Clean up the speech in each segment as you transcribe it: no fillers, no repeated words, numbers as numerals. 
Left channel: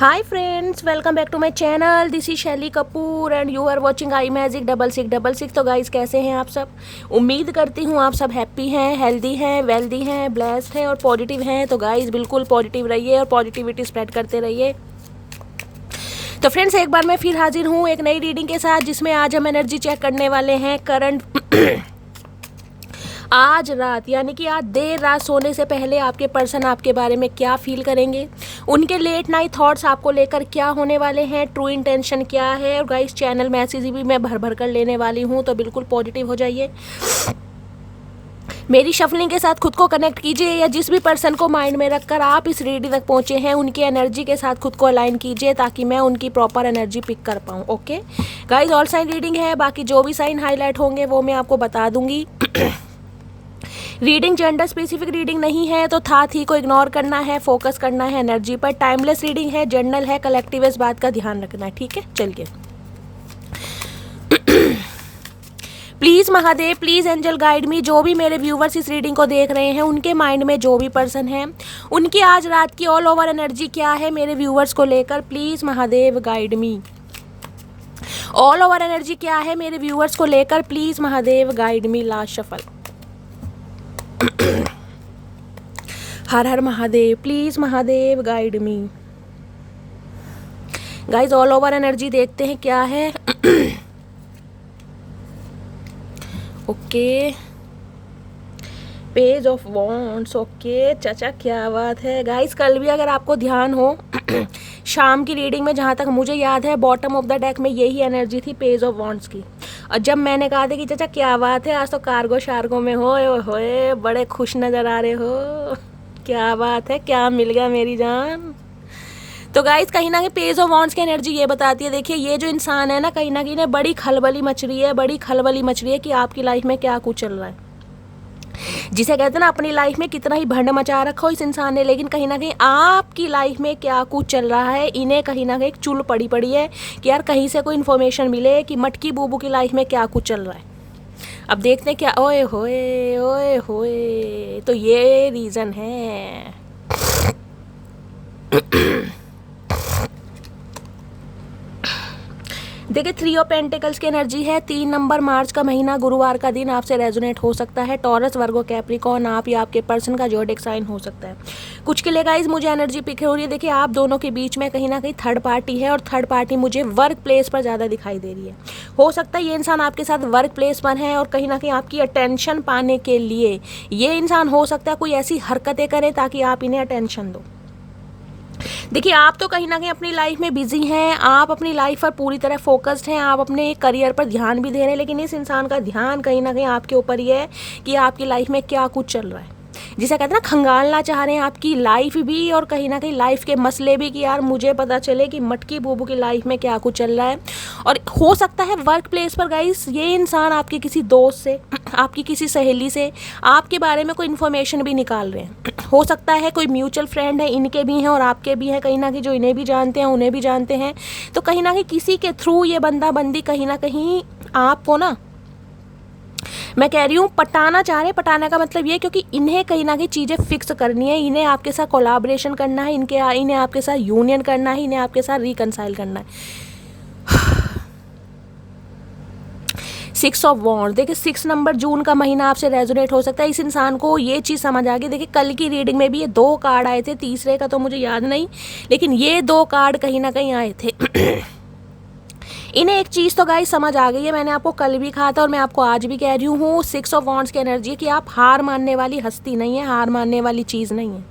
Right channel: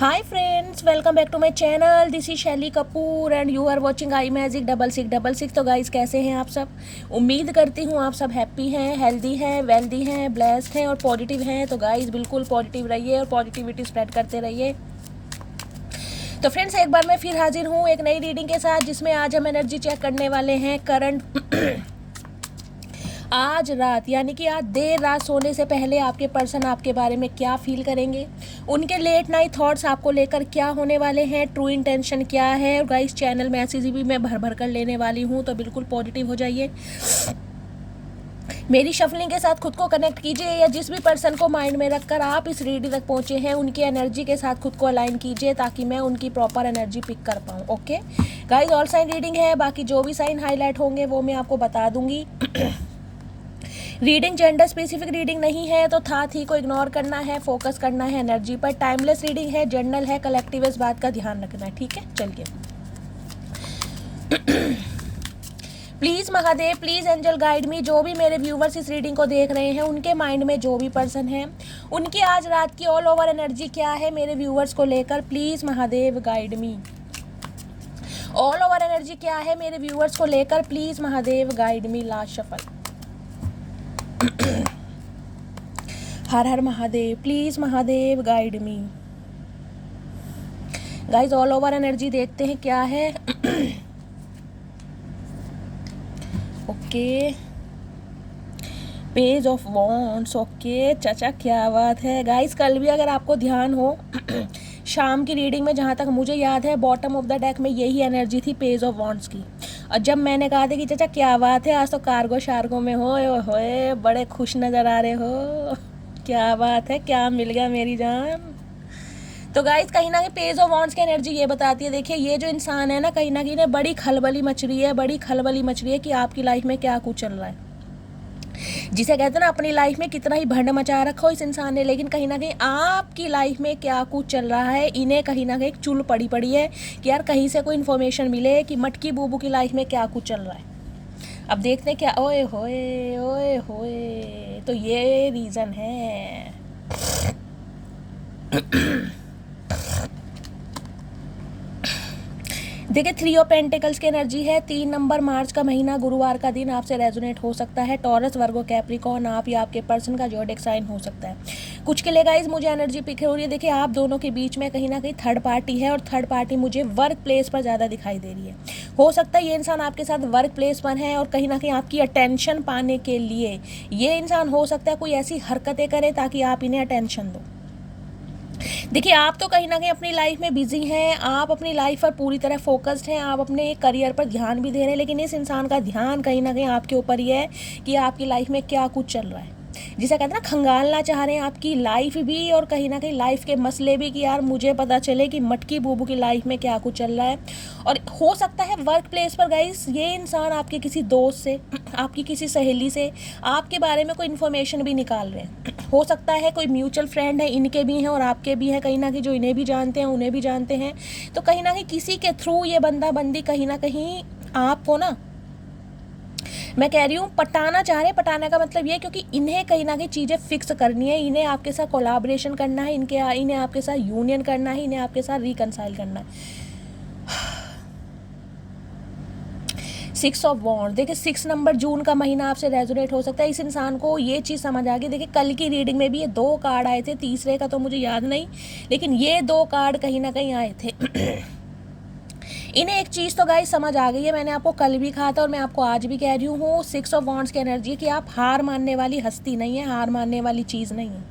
Hi friends, welcome back to my channel. This is Shaily Kapoor and you are watching I magic 6666। तो guys, कैसे हैं आप सब? उम्मीद करती हूँ आप सब हैप्पी हैं, हेल्दी हैं, वेल्दी हैं, ब्लेस्ड हैं और पॉजिटिव हैं। तो गाइस, बिल्कुल पॉजिटिव रहिए और पॉजिटिविटी स्प्रेड करते रहिए। तो फ्रेंड्स, एक बार मैं फिर हाजिर हूँ एक नई रीडिंग के साथ, जिसमें आज हम एनर्जी चेक करने वाले हैं करंट आज रात, यानी कि आज देर रात सोने से पहले आपके पर्सन आपके बारे में क्या फील करेंगे, उनके लेट नाइट थॉट्स आपको लेकर क्या होने वाले हैं, ट्रू इंटेंशन क्या है। और गाइस, चैनल मैसेज भी मैं भर भर कर लेने वाली हूँ, तो बिल्कुल पॉजिटिव हो जाइए। मेरी शफलिंग के साथ खुद को कनेक्ट कीजिए, या जिस भी पर्सन को माइंड में रखकर आप इस रीडिंग तक पहुंचे हैं उनकी एनर्जी के साथ खुद को अलाइन कीजिए, ताकि मैं उनकी प्रॉपर एनर्जी पिक कर पाऊँ। Okay guys, all sign reading है, बाकी जो भी साइन हाईलाइट होंगे वो मैं आपको बता दूंगी। रीडिंग जेंडर स्पेसिफिक रीडिंग नहीं है, तो था थी को इग्नोर करना है, फोकस करना है एनर्जी पर। टाइमलेस रीडिंग है, जर्नल है, कलेक्टिव है, इस बात का ध्यान रखना है। ठीक है, चलिए। Please Mahadev, please angel guide me. जो भी मेरे व्यूवर्स इस रीडिंग को देख रहे हैं, उनके माइंड में जो भी पर्सन है, उनकी आज रात की ऑल ओवर एनर्जी क्या है मेरे व्यूवर्स को लेकर। Please Mahadev guide me. All over energy क्या है मेरे व्यूवर्स को लेकर, please Mahadev guide me. Last shuffle. Her her Mahadev, please Mahadev guide me. Guys, all over energy देखते हैं क्या है। Okay, page of wands. Okay चाचा, क्या बात है। गाइस, कल भी अगर आपको ध्यान हो शाम की रीडिंग में, जहाँ तक मुझे याद है, बॉटम ऑफ द डेक में यही एनर्जी थी, पेज ऑफ वॉन्ड्स की। और जब मैंने कहा था कि चाचा क्या बात है, आज तो कार्गो शार्गो में होए बड़े खुश नज़र आ रहे हो, क्या बात है, क्या मिल गया मेरी जान। तो गाइस, कहीं ना कहीं पेज ऑफ वॉन्ड्स की एनर्जी ये बताती है, देखिए ये जो इंसान है ना, कहीं ना कहीं बड़ी खलबली मच रही है, बड़ी खलबली मच रही है कि आपकी लाइफ में क्या कुछ चल रहा है। जिसे कहते हैं ना, अपनी लाइफ में कितना ही भंड मचा रखा हो इस इंसान ने, लेकिन कहीं ना कहीं आपकी लाइफ में क्या कुछ चल रहा है, इन्हें कहीं ना कहीं एक चुल पड़ी पड़ी है कि यार कहीं से कोई इन्फॉर्मेशन मिले कि मटकी बूबू की लाइफ में क्या कुछ चल रहा है। अब देखते हैं क्या। ओए होए, ओए होए, तो ये रीज़न है। देखिए, 3 ऑफ पेंटिकल्स की एनर्जी है। 3 नंबर, मार्च का महीना, गुरुवार का दिन आपसे रेजोनेट हो सकता है। टॉरस, वर्गो, कैप्रिकॉर्न, आप या आपके पर्सन का ज़ोडिएक साइन हो सकता है। कुछ के लिए गाइस मुझे एनर्जी पिक हो रही है। देखिए, आप दोनों के बीच में कहीं ना कहीं थर्ड पार्टी है, और थर्ड पार्टी मुझे वर्क प्लेस पर ज़्यादा दिखाई दे रही है। हो सकता है ये इंसान आपके साथ वर्क प्लेस पर है, और कहीं ना कहीं आपकी अटेंशन पाने के लिए ये इंसान हो सकता है कोई ऐसी हरकतें करे ताकि आप इन्हें अटेंशन दो। देखिए, आप तो कहीं ना कहीं अपनी लाइफ में बिजी हैं, आप अपनी लाइफ पर पूरी तरह फोकस्ड हैं, आप अपने करियर पर ध्यान भी दे रहे हैं, लेकिन इस इंसान का ध्यान कहीं ना कहीं आपके ऊपर ही है कि आपकी लाइफ में क्या कुछ चल रहा है। जिसे कहते हैं ना, खंगालना चाह रहे हैं आपकी लाइफ भी, और कहीं ना कहीं लाइफ के मसले भी, कि यार मुझे पता चले कि मटकी बूबू की लाइफ में क्या कुछ चल रहा है। और हो सकता है वर्क प्लेस पर गाइस ये इंसान आपके किसी दोस्त से, आपकी किसी सहेली से आपके बारे में कोई इन्फॉर्मेशन भी निकाल रहे हैं। हो सकता है कोई म्यूचुअल फ्रेंड है, इनके भी हैं और आपके भी हैं, कहीं ना कहीं जो इन्हें भी जानते हैं उन्हें भी जानते हैं। तो कहीं ना कहीं किसी के थ्रू ये बंदा बंदी कहीं ना कहीं आपको ना, मैं कह रही हूँ, पटाना चाह रहे हैं। पटाने का मतलब ये, क्योंकि इन्हें कहीं ना कहीं चीज़ें फिक्स करनी है, इन्हें आपके साथ कोलैबोरेशन करना है, इन्हें आपके साथ यूनियन करना है, इन्हें आपके साथ रिकनसाइल करना है। 6 ऑफ वॉन्ड्स। देखिए, 6 नंबर, जून का महीना आपसे रेजोनेट हो सकता है। इस इंसान को ये चीज़ समझ आ गई। देखिए, कल की रीडिंग में भी ये 2 कार्ड आए थे, तीसरे का तो मुझे याद नहीं, लेकिन ये 2 कार्ड कहीं ना कहीं आए थे। इन्हें एक चीज़ तो गाइस समझ आ गई है, मैंने आपको कल भी कहा था और मैं आपको आज भी कह रही हूँ, 6 ऑफ वॉन्ड्स की एनर्जी है कि आप हार मानने वाली हस्ती नहीं है, हार मानने वाली चीज़ नहीं है।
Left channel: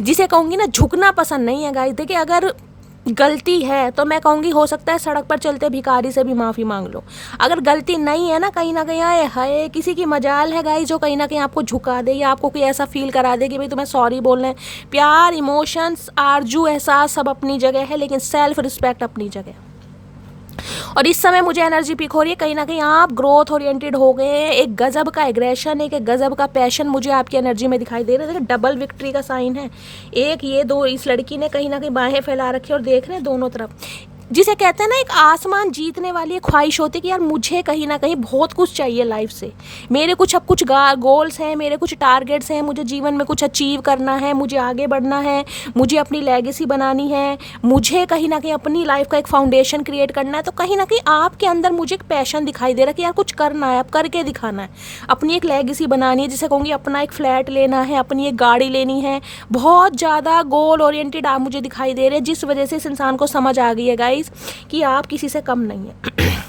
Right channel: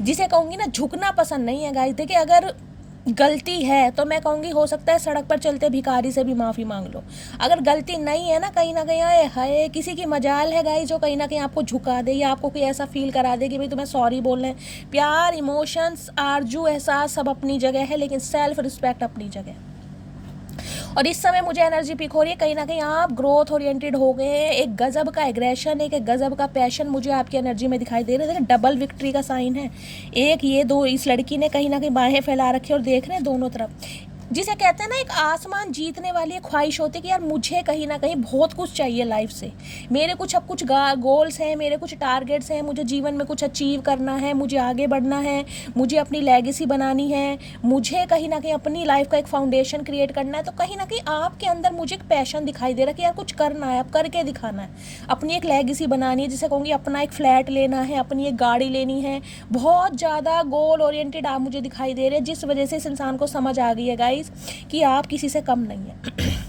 जिसे कहूँगी ना, झुकना पसंद नहीं है गाइस। देखिए, अगर गलती है तो मैं कहूँगी हो सकता है सड़क पर चलते भिखारी से भी माफ़ी मांग लो। अगर गलती नहीं है ना, कहीं ना कहीं आए हाय किसी की मजाल है गाइस, जो कहीं ना कहीं आपको झुका दे, या आपको कोई ऐसा फील करा दे कि भाई तुम्हें सॉरी बोलना है। प्यार, इमोशंस, आरजू, एहसास सब अपनी जगह है, लेकिन सेल्फ रिस्पेक्ट अपनी जगह। और इस समय मुझे एनर्जी पिक हो रही है, कहीं ना कहीं आप ग्रोथ ओरिएंटेड हो गए हैं। एक गजब का एग्रेशन, एक गजब का पैशन मुझे आपकी एनर्जी में दिखाई दे रहा है। देखिए, डबल विक्ट्री का साइन है। एक ये, दो, इस लड़की ने कहीं ना कहीं बाहें फैला रखी और देख रहे हैं दोनों तरफ। जिसे कहते हैं ना एक आसमान जीतने वाली एक ख्वाहिश होती है कि यार मुझे कहीं ना कहीं बहुत कुछ चाहिए लाइफ से, मेरे कुछ अब कुछ गोल्स हैं, मेरे कुछ टारगेट्स हैं, मुझे जीवन में कुछ अचीव करना है, मुझे आगे बढ़ना है, मुझे अपनी लेगेसी बनानी है, मुझे कहीं ना कहीं अपनी लाइफ का एक फाउंडेशन क्रिएट करना है। तो कहीं ना कहीं आपके अंदर मुझे एक पैशन दिखाई दे रहा है कि यार कुछ करना है, अब करके दिखाना है, अपनी एक लेगेसी बनानी है, जिसे कहूँगी अपना एक फ्लैट लेना है, अपनी एक गाड़ी लेनी है। बहुत ज़्यादा गोल ओरिएंटेड आप मुझे दिखाई दे रहे हैं, जिस वजह से इस इंसान को समझ आ गई है गाइस कि आप किसी से कम नहीं है।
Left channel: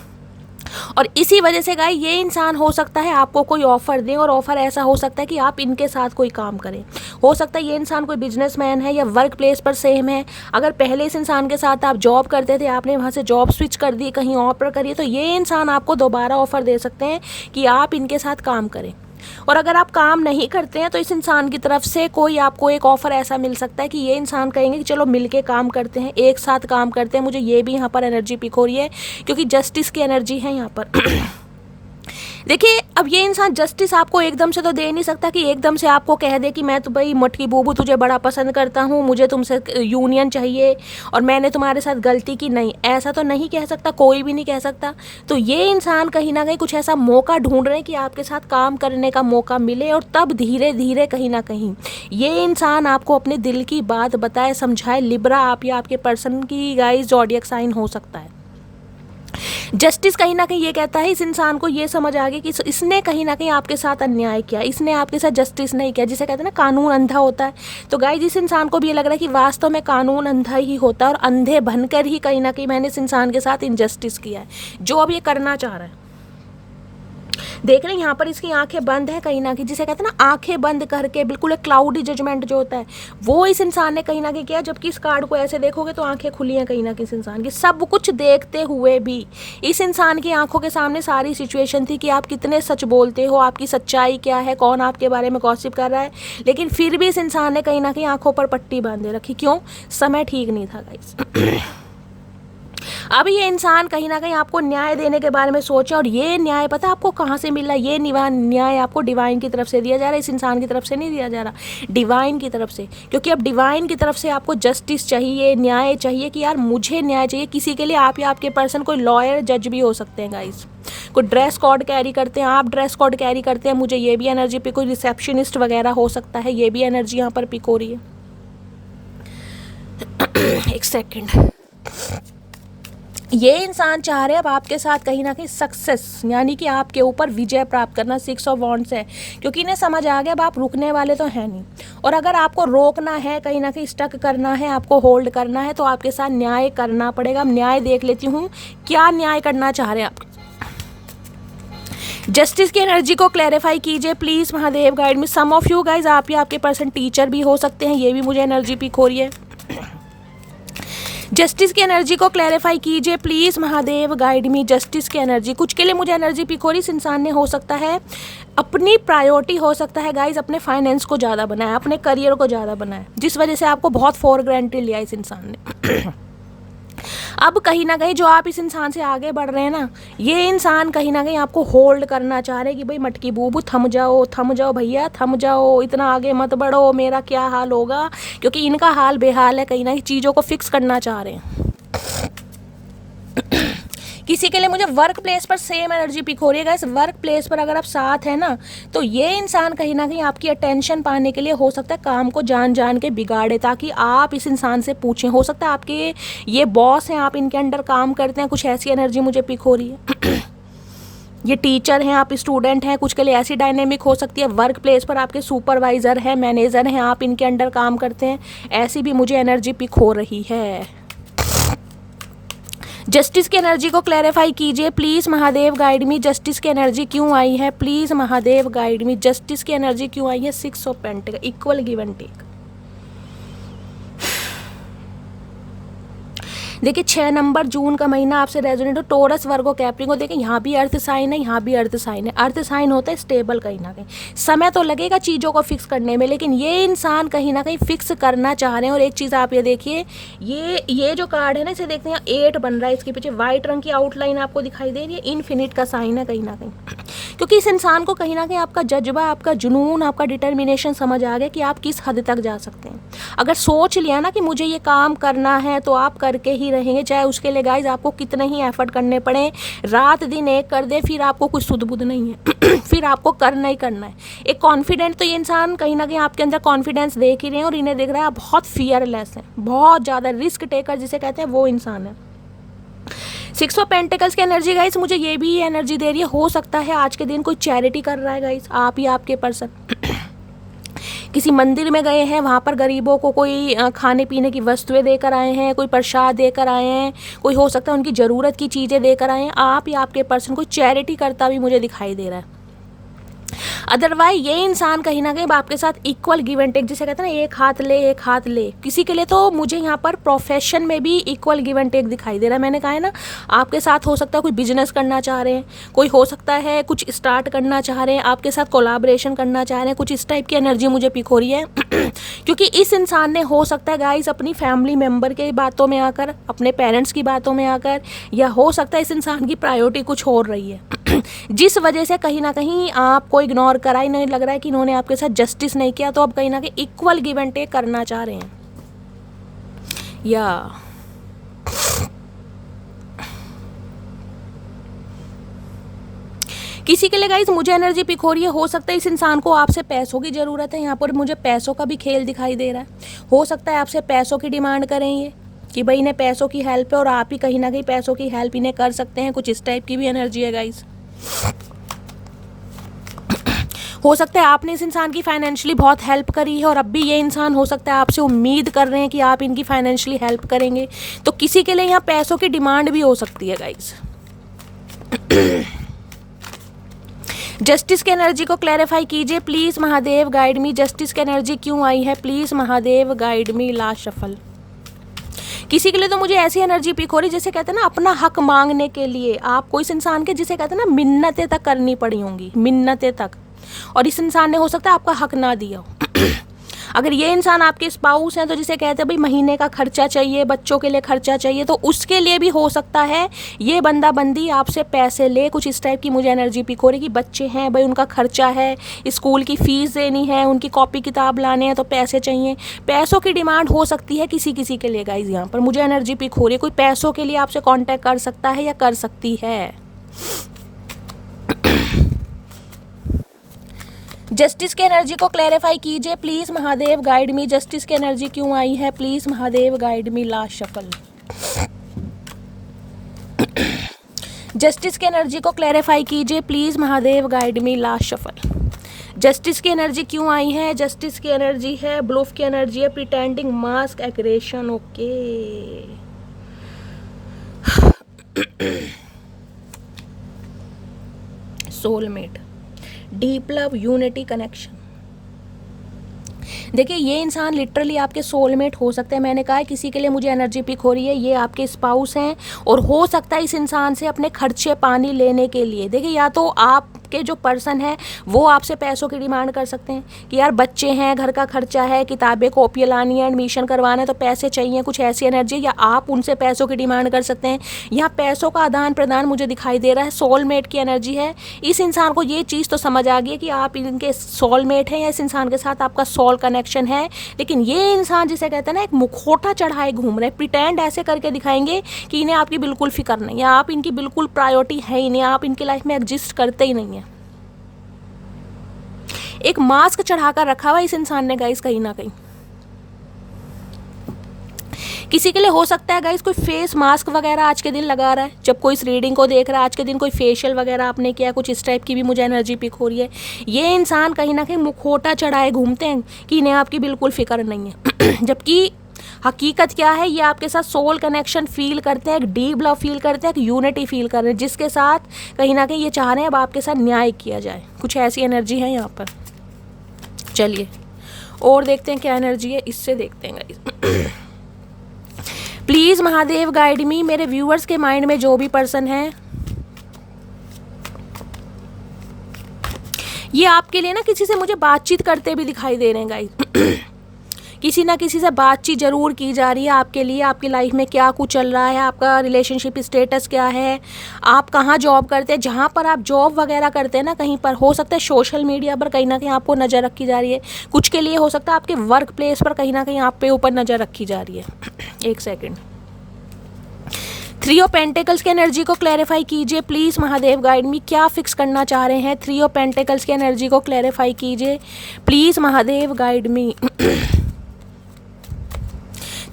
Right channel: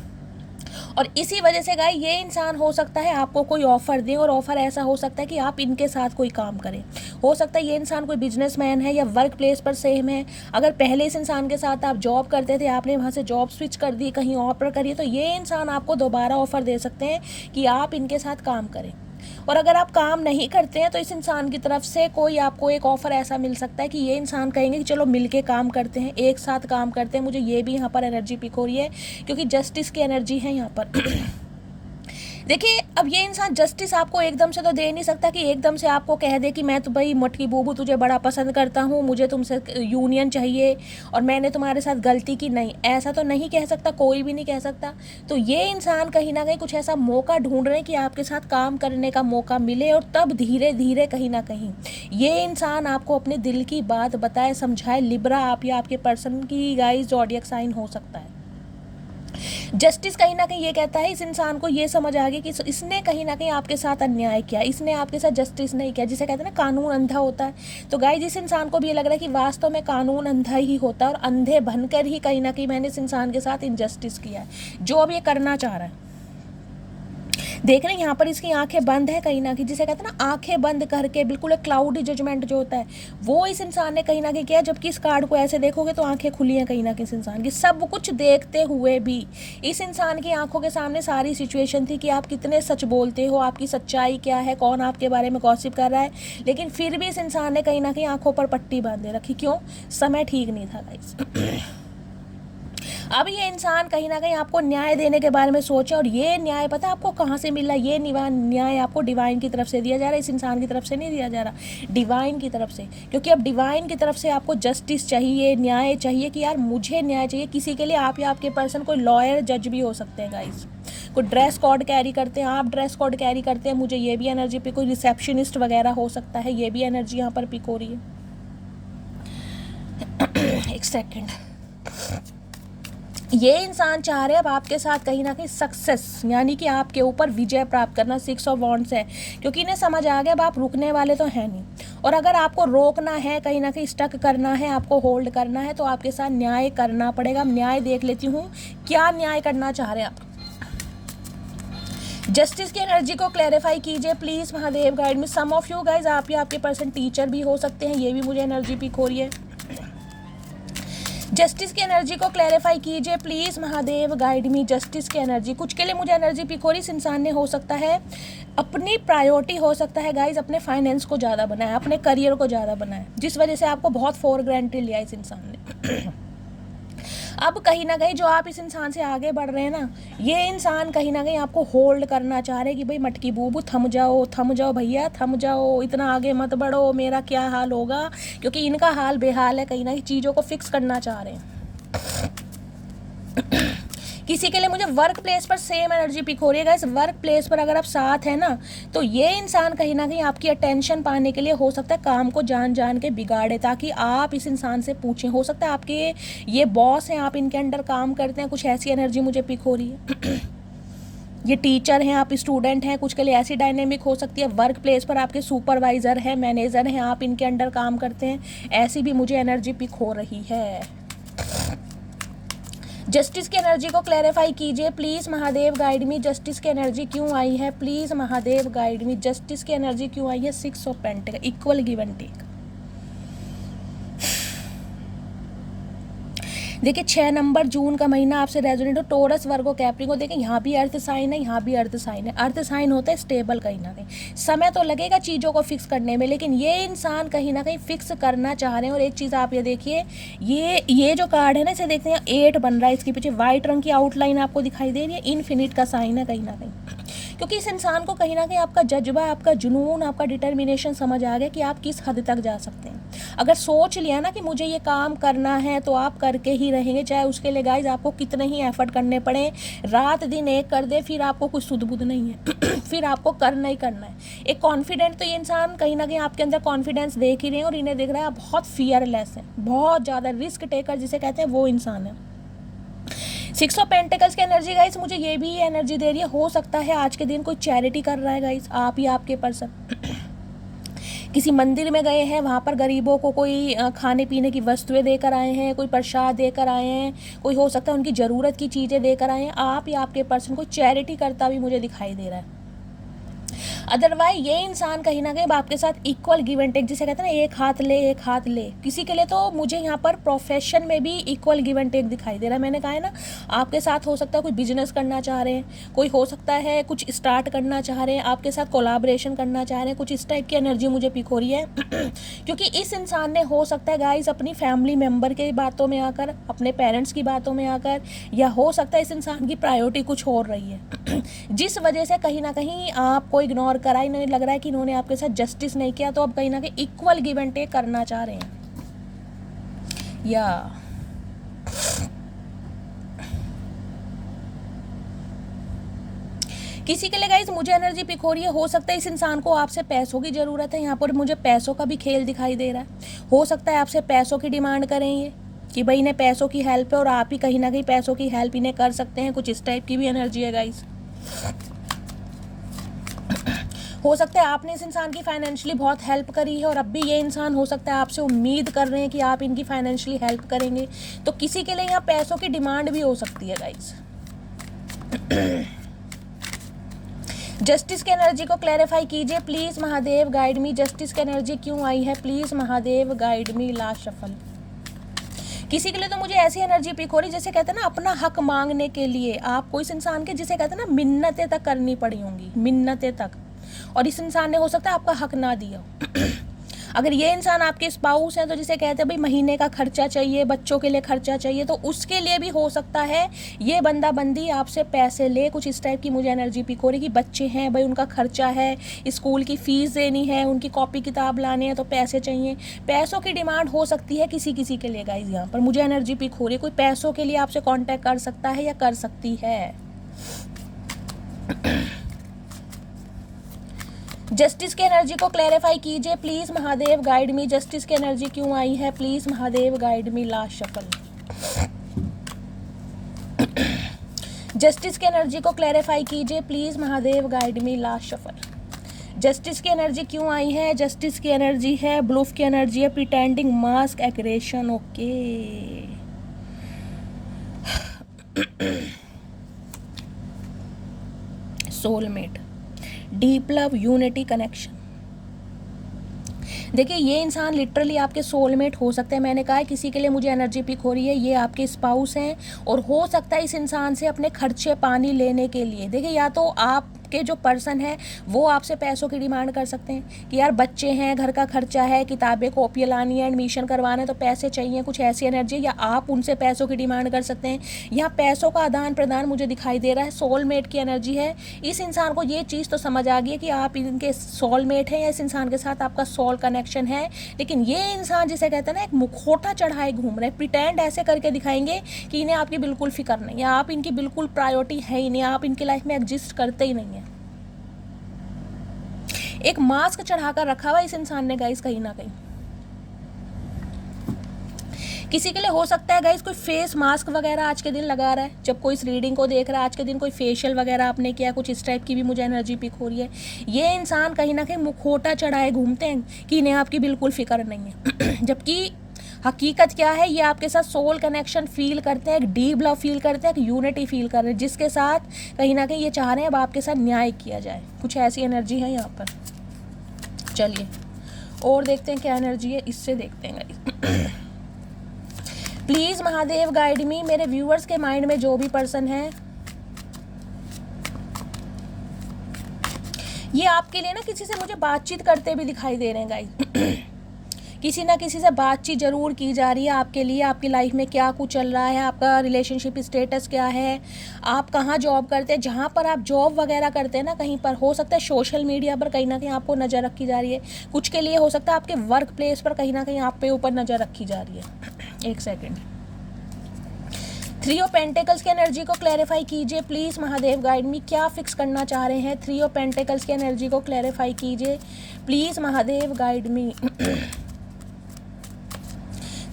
और इसी वजह से गाइस ये इंसान हो सकता है आपको कोई ऑफर दे, और ऑफर ऐसा हो सकता है कि आप इनके साथ कोई काम करें। हो सकता है ये इंसान कोई बिजनेसमैन है या वर्क प्लेस पर सेम है। अगर पहले इस इंसान के साथ आप जॉब करते थे, आपने वहाँ से जॉब स्विच कर दी, कहीं और पर करिए, तो ये इंसान आपको दोबारा ऑफर दे सकते हैं कि आप इनके साथ काम करें। और अगर आप काम नहीं करते हैं तो इस इंसान की तरफ से कोई आपको एक ऑफ़र ऐसा मिल सकता है कि ये इंसान कहेंगे कि चलो मिलके काम करते हैं, एक साथ काम करते हैं। मुझे ये भी यहाँ पर एनर्जी पिक हो रही है क्योंकि जस्टिस की एनर्जी है यहाँ पर। देखिए, अब ये इंसान जस्टिस आपको एकदम से तो दे नहीं सकता कि एकदम से आपको कह दे कि मैं तो भाई मटकी बूबू तुझे बड़ा पसंद करता हूँ, मुझे तुमसे यूनियन चाहिए और मैंने तुम्हारे साथ गलती की। नहीं, ऐसा तो नहीं कह सकता, कोई भी नहीं कह सकता। तो ये इंसान कहीं ना कहीं कुछ ऐसा मौका ढूंढ रहे हैं कि आपके साथ काम करने का मौका मिले, और तब धीरे धीरे कहीं ना कहीं ये इंसान आपको अपने दिल की बात बताए, समझाए। लिब्रा आप या आपके पर्सन की गाइस ज़ोडिएक साइन हो सकता है। जस्टिस कहीं ना कहीं ये कहता है, इस इंसान को ये समझ आ गई कि इसने कहीं ना कहीं आपके साथ अन्याय किया, इसने आपके साथ जस्टिस नहीं किया, जिसे कहते हैं ना कानून अंधा होता है। तो गाइस इस इंसान को भी ये लग रहा है कि वास्तव में कानून अंधा ही होता है, और अंधे बनकर ही कहीं ना कहीं मैंने इस इंसान के साथ इनजस्टिस किया है, जो अब ये करना चाह रहा है। देख रहे हैं यहाँ पर इसकी आंखें बंद है कहीं ना कहीं, जिसे कहते हैं ना आंखें बंद करके बिल्कुल एक क्लाउडी जजमेंट जो होता है वो इस इंसान ने कहीं ना कहीं किया। जबकि इस कार्ड को ऐसे देखोगे तो आंखें खुली हैं कहीं ना कहीं इस इंसान की। सब कुछ देखते हुए भी इस इंसान की आंखों के सामने सारी सिचुएशन थी कि आप कितने सच बोलते हो, आपकी सच्चाई क्या है, कौन आपके बारे में गॉसिप कर रहा है। लेकिन फिर भी इस इंसान ने कहीं ना कहीं आंखों पर पट्टी बांधे रखी। क्यों? समय ठीक नहीं था गाइस। अब ये इंसान कहीं ना कहीं आपको न्याय देने के बारे में सोचा, और ये न्याय पता आपको कहाँ से मिल रहा है? ये न्याय आपको डिवाइन की तरफ से दिया जा रहा है, इस इंसान की तरफ से नहीं दिया जा रहा, डिवाइन की तरफ से। क्योंकि अब डिवाइन की तरफ से आपको जस्टिस चाहिए, न्याय चाहिए कि यार मुझे न्याय चाहिए किसी के लिए। आप या आपके पर्सन कोई लॉयर जज भी हो सकते हैं गाइस, कोई ड्रेस कोड कैरी करते हैं, आप ड्रेस कोड कैरी करते हैं, मुझे ये भी एनर्जी पे कोई रिसेप्शनिस्ट वगैरह हो सकता है, ये भी एनर्जी यहाँ पर पिक हो रही है। एक सेकेंड। ये इंसान चाह रहे हैं अब आपके साथ कहीं ना कहीं सक्सेस, यानी कि आपके ऊपर विजय प्राप्त करना। 6 ऑफ वॉन्ड्स है, क्योंकि इन्हें समझ आ गया अब आप रुकने वाले तो हैं नहीं। और अगर आपको रोकना है, कहीं ना कहीं स्टक करना है, आपको होल्ड करना है, तो आपके साथ न्याय करना पड़ेगा। न्याय देख लेती हूँ क्या न्याय करना चाह रहे हैं आप। जस्टिस की एनर्जी को क्लैरिफाई कीजिए please Mahadev guide me. Some of you guys आप या आपके पर्सन टीचर भी हो सकते हैं, ये भी मुझे एनर्जी पिक हो रही है। जस्टिस की एनर्जी को क्लैरिफाई कीजिए please Mahadev guide me. Justice की एनर्जी कुछ के लिए मुझे एनर्जी पिक हो रही। इस इंसान ने हो सकता है अपनी प्रायोरिटी हो सकता है गाइज अपने फाइनेंस को ज़्यादा बनाया, अपने करियर को ज़्यादा बनाया, जिस वजह से आपको बहुत फॉर ग्रांटेड लिया इस इंसान ने। अब कहीं ना कहीं जो आप इस इंसान से आगे बढ़ रहे हैं ना, ये इंसान कहीं ना कहीं आपको होल्ड करना चाह रहे हैं कि भाई मटकी बूबू थम जाओ भैया, थम जाओ, इतना आगे मत बढ़ो, मेरा क्या हाल होगा। क्योंकि इनका हाल बेहाल है, कहीं ना कहीं चीज़ों को फिक्स करना चाह रहे हैं। किसी के लिए मुझे वर्क प्लेस पर सेम एनर्जी पिक हो रही है गाइस। वर्क प्लेस पर अगर आप साथ हैं ना, तो ये इंसान कहीं ना कहीं आपकी अटेंशन पाने के लिए हो सकता है काम को जान जान के बिगाड़े, ताकि आप इस इंसान से पूछें। हो सकता है आपके ये बॉस हैं, आप इनके अंडर काम करते हैं, कुछ ऐसी एनर्जी मुझे पिक हो रही है। ये टीचर हैं, आप स्टूडेंट हैं, कुछ के लिए ऐसी डायनेमिक हो सकती है। वर्क प्लेस पर आपके सुपरवाइजर हैं, मैनेजर हैं, आप इनके अंडर काम करते हैं, ऐसी भी मुझे एनर्जी पिक हो रही है। जस्टिस की एनर्जी को क्लैरिफाई कीजिए please Mahadev guide me. Justice की एनर्जी क्यों आई है please Mahadev guide me. Justice की एनर्जी क्यों आई है? 6 of pentacles, equal give and take. देखिए 6 नंबर जून का महीना आपसे रेजोनेट हो। टोरस वर्गो कैप्रिको, देखिए यहाँ भी अर्थ साइन है, यहाँ भी अर्थ साइन है। अर्थ साइन होता है स्टेबल, कहीं ना कहीं समय तो लगेगा चीज़ों को फिक्स करने में, लेकिन ये इंसान कहीं ना कहीं फिक्स करना चाह रहे हैं। और एक चीज़ आप ये देखिए, ये जो कार्ड है ना, इसे देखते हैं 8 बन रहा है, इसके पीछे वाइट रंग की आउटलाइन आपको दिखाई दे रही है, इन्फिनिट का साइन है कहीं ना कहीं। क्योंकि इस इंसान को कहीं ना कहीं आपका जज्बा, आपका जुनून, आपका डिटर्मिनेशन समझ आ गया कि आप किस हद तक जा सकते हैं। अगर सोच लिया ना कि मुझे ये काम करना है, तो आप करके ही ही रहेंगे, चाहे उसके लिए गाइज आपको कितने ही एफर्ट करने पड़े, रात दिन एक कर दे, फिर आपको कुछ सुध बुध नहीं है फिर आपको करना ही करना है। एक कॉन्फिडेंट, तो ये इंसान कहीं ना कहीं आपके अंदर कॉन्फिडेंस देख ही रहे हैं और इन्हें देख रहा है आप बहुत फियरलेस हैं, बहुत ज़्यादा रिस्क टेकर जिसे कहते हैं, वो इंसान है। 6 ऑफ पेंटिकल्स की एनर्जी गाइस मुझे ये भी एनर्जी दे रही है, हो सकता है आज के दिन कोई चैरिटी कर रहा है गाइस, आप या आपके पर्सन किसी मंदिर में गए हैं, वहाँ पर गरीबों को कोई खाने पीने की वस्तुएं देकर आए हैं, कोई प्रसाद देकर आए हैं, कोई हो सकता है उनकी ज़रूरत की चीज़ें देकर आए हैं, आप या आपके पर्सन कोई चैरिटी करता भी मुझे दिखाई दे रहा है। अदरवाइज ये इंसान कहीं ना कहीं आपके साथ इक्वल गिव एंड टेक, जिसे कहते हैं ना एक हाथ ले एक हाथ ले, किसी के लिए तो मुझे यहाँ पर प्रोफेशन में भी इक्वल गिव एंड टेक दिखाई दे रहा है। मैंने कहा है ना, आपके साथ हो सकता है कोई बिजनेस करना चाह रहे हैं, कोई हो सकता है कुछ स्टार्ट करना चाह रहे हैं, आपके साथ कोलाब्रेशन करना चाह रहे हैं, कुछ इस टाइप की एनर्जी मुझे पिक हो रही है क्योंकि इस इंसान ने हो सकता है गाइस अपनी फैमिली मेम्बर के बातों में आकर, अपने पेरेंट्स की बातों में आकर, या हो सकता है इस इंसान की प्रायोरिटी कुछ और रही है जिस वजह से कहीं ना कहीं आपको इग्नोर करा, ही नहीं लग रहा है कि इन्होंने आपके साथ जस्टिस नहीं किया, तो अब कहीं ना कहीं इक्वल गिव एंड टेक करना चाह रहे हैं। या किसी के लिए गाइस मुझे एनर्जी पिक हो रही है, हो सकता है इस इंसान को आपसे पैसों की ज़रूरत है, यहाँ पर मुझे पैसों का भी खेल दिखाई दे रहा है, हो सकता है आपसे पैसों की डिमांड करें ये कि भाई इन्हें पैसों की हेल्प है और आप ही कहीं ना कहीं पैसों की हेल्प इन्हें कर सकते हैं, कुछ इस टाइप की भी एनर्जी है गाइस। हो सकता है आपने इस इंसान की फाइनेंशियली बहुत हेल्प करी है और अब भी ये इंसान हो सकता है आपसे उम्मीद कर रहे हैं कि आप इनकी फाइनेंशियली हेल्प करेंगे, तो किसी के लिए यहाँ पैसों की डिमांड भी हो सकती है गाइस। जस्टिस की एनर्जी को क्लैरिफाई कीजिए please Mahadev, guide me. Justice की एनर्जी क्यों आई है please Mahadev, guide me. Last shuffle. किसी के लिए तो मुझे ऐसी एनर्जी पिक हो रही जैसे कहते हैं ना, अपना हक मांगने के लिए आपको इस इंसान के, जिसे कहते हैं ना, मिन्नतें तक करनी पड़ी होंगी, मिन्नतें तक, और इस इंसान ने हो सकता है आपका हक ना दिया हो। अगर ये इंसान आपके स्पाउस हैं तो जिसे कहते हैं भाई महीने का खर्चा चाहिए, बच्चों के लिए खर्चा चाहिए, तो उसके लिए भी हो सकता है ये बंदा बंदी आपसे पैसे ले, कुछ इस टाइप की मुझे एनर्जी पिक हो रही कि बच्चे हैं भाई, उनका खर्चा है, स्कूल की फीस देनी है, उनकी कॉपी किताब लाने हैं, तो पैसे चाहिए, पैसों की डिमांड हो सकती है किसी किसी के लिए गाइज। यहाँ पर मुझे एनर्जी पिक हो रही है कोई पैसों के लिए आपसे कॉन्टैक्ट कर सकता है या कर सकती है। जस्टिस की एनर्जी को क्लैरिफाई कीजिए please Mahadev, guide me. Justice की एनर्जी क्यों आई है please Mahadev, guide me. Last shuffle. Justice की एनर्जी को क्लैरिफाई कीजिए please Mahadev, guide me. Last shuffle. Justice की एनर्जी क्यों आई है? जस्टिस की एनर्जी है, ब्लूफ की एनर्जी है, pretending, mask, aggression. Okay, soulmate, deep love, unity, connection. देखिए ये इंसान लिटरली आपके सोलमेट हो सकते हैं। मैंने कहा है किसी के लिए मुझे एनर्जी पिक हो रही है, ये आपके स्पाउस हैं और हो सकता है इस इंसान से अपने खर्चे पानी लेने के लिए, देखिए या तो आपके जो पर्सन है वो आपसे पैसों की डिमांड कर सकते हैं कि यार बच्चे हैं, घर का खर्चा है, किताबें कॉपियाँ लानी है, एडमिशन करवाना है, तो पैसे चाहिए, कुछ ऐसी एनर्जी, या आप उनसे पैसों की डिमांड कर सकते हैं। यहाँ पैसों का आदान प्रदान मुझे दिखाई दे रहा है, सोलमेट की एनर्जी है। इस इंसान को ये चीज़ तो समझ आ गई है कि आप इनके सोलमेट हैं या इस इंसान के साथ आपका सोल कनेक्शन है, लेकिन ये इंसान जिसे कहते हैं ना एक मुखौटा चढ़ाए घूम रहे, प्रिटेंड ऐसे करके दिखाएंगे कि इन्हें आपकी बिल्कुल फिक्र नहीं है, आप इनकी बिल्कुल प्रायोरिटी है ही नहीं, आप इनकी लाइफ में एग्जिस्ट करते ही नहीं है। एक मास्क चढ़ाकर रखा हुआ इस इंसान ने गाइस कहीं ना कहीं। किसी के लिए हो सकता है गाइस कोई फेस मास्क वगैरह आज के दिन लगा रहा है, जब कोई इस रीडिंग को देख रहा है आज के दिन कोई फेशियल वगैरह आपने किया, कुछ इस टाइप की भी मुझे एनर्जी पिक हो रही है। ये इंसान कहीं ना कहीं मुखौटा चढ़ाए घूमते हैं कि इन्हें आपकी बिल्कुल फिक्र नहीं है जबकि हकीकत क्या है, ये आपके साथ सोल कनेक्शन फील करते हैं, एक डीप लव फील करते हैं, एक यूनिटी फील कर रहे हैं, जिसके साथ कहीं ना कहीं ये चाह रहे हैं अब आपके साथ न्याय किया जाए, कुछ ऐसी एनर्जी है यहाँ पर। चलिए और देखते हैं क्या एनर्जी है, इससे देखते हैं गाइस। प्लीज़ महादेव गाइड मी, मेरे व्यूअर्स के माइंड में जो भी पर्सन है, ये आपके लिए ना किसी से मुझे बातचीत करते भी दिखाई दे रहे हैं गाइस। किसी ना किसी से बातचीत जरूर की जा रही है आपके लिए, आपकी लाइफ में क्या कुछ चल रहा है, आपका रिलेशनशिप स्टेटस क्या है, आप कहाँ जॉब करते हैं, जहाँ पर आप जॉब वगैरह करते हैं ना, कहीं पर हो सकता है सोशल मीडिया पर कहीं ना कहीं आपको नज़र रखी जा रही है, कुछ के लिए हो सकता है आपके वर्क प्लेस पर कहीं ना कहीं आप पे ऊपर नज़र रखी जा रही है। एक सेकेंड, थ्री ऑफ पेंटिकल्स की एनर्जी को क्लैरिफाई कीजिए प्लीज़ महादेव गाइड मी, क्या फिक्स करना चाह रहे हैं। थ्री ऑफ पेंटिकल्स की एनर्जी को क्लैरिफाई कीजिए please Mahadev guide me.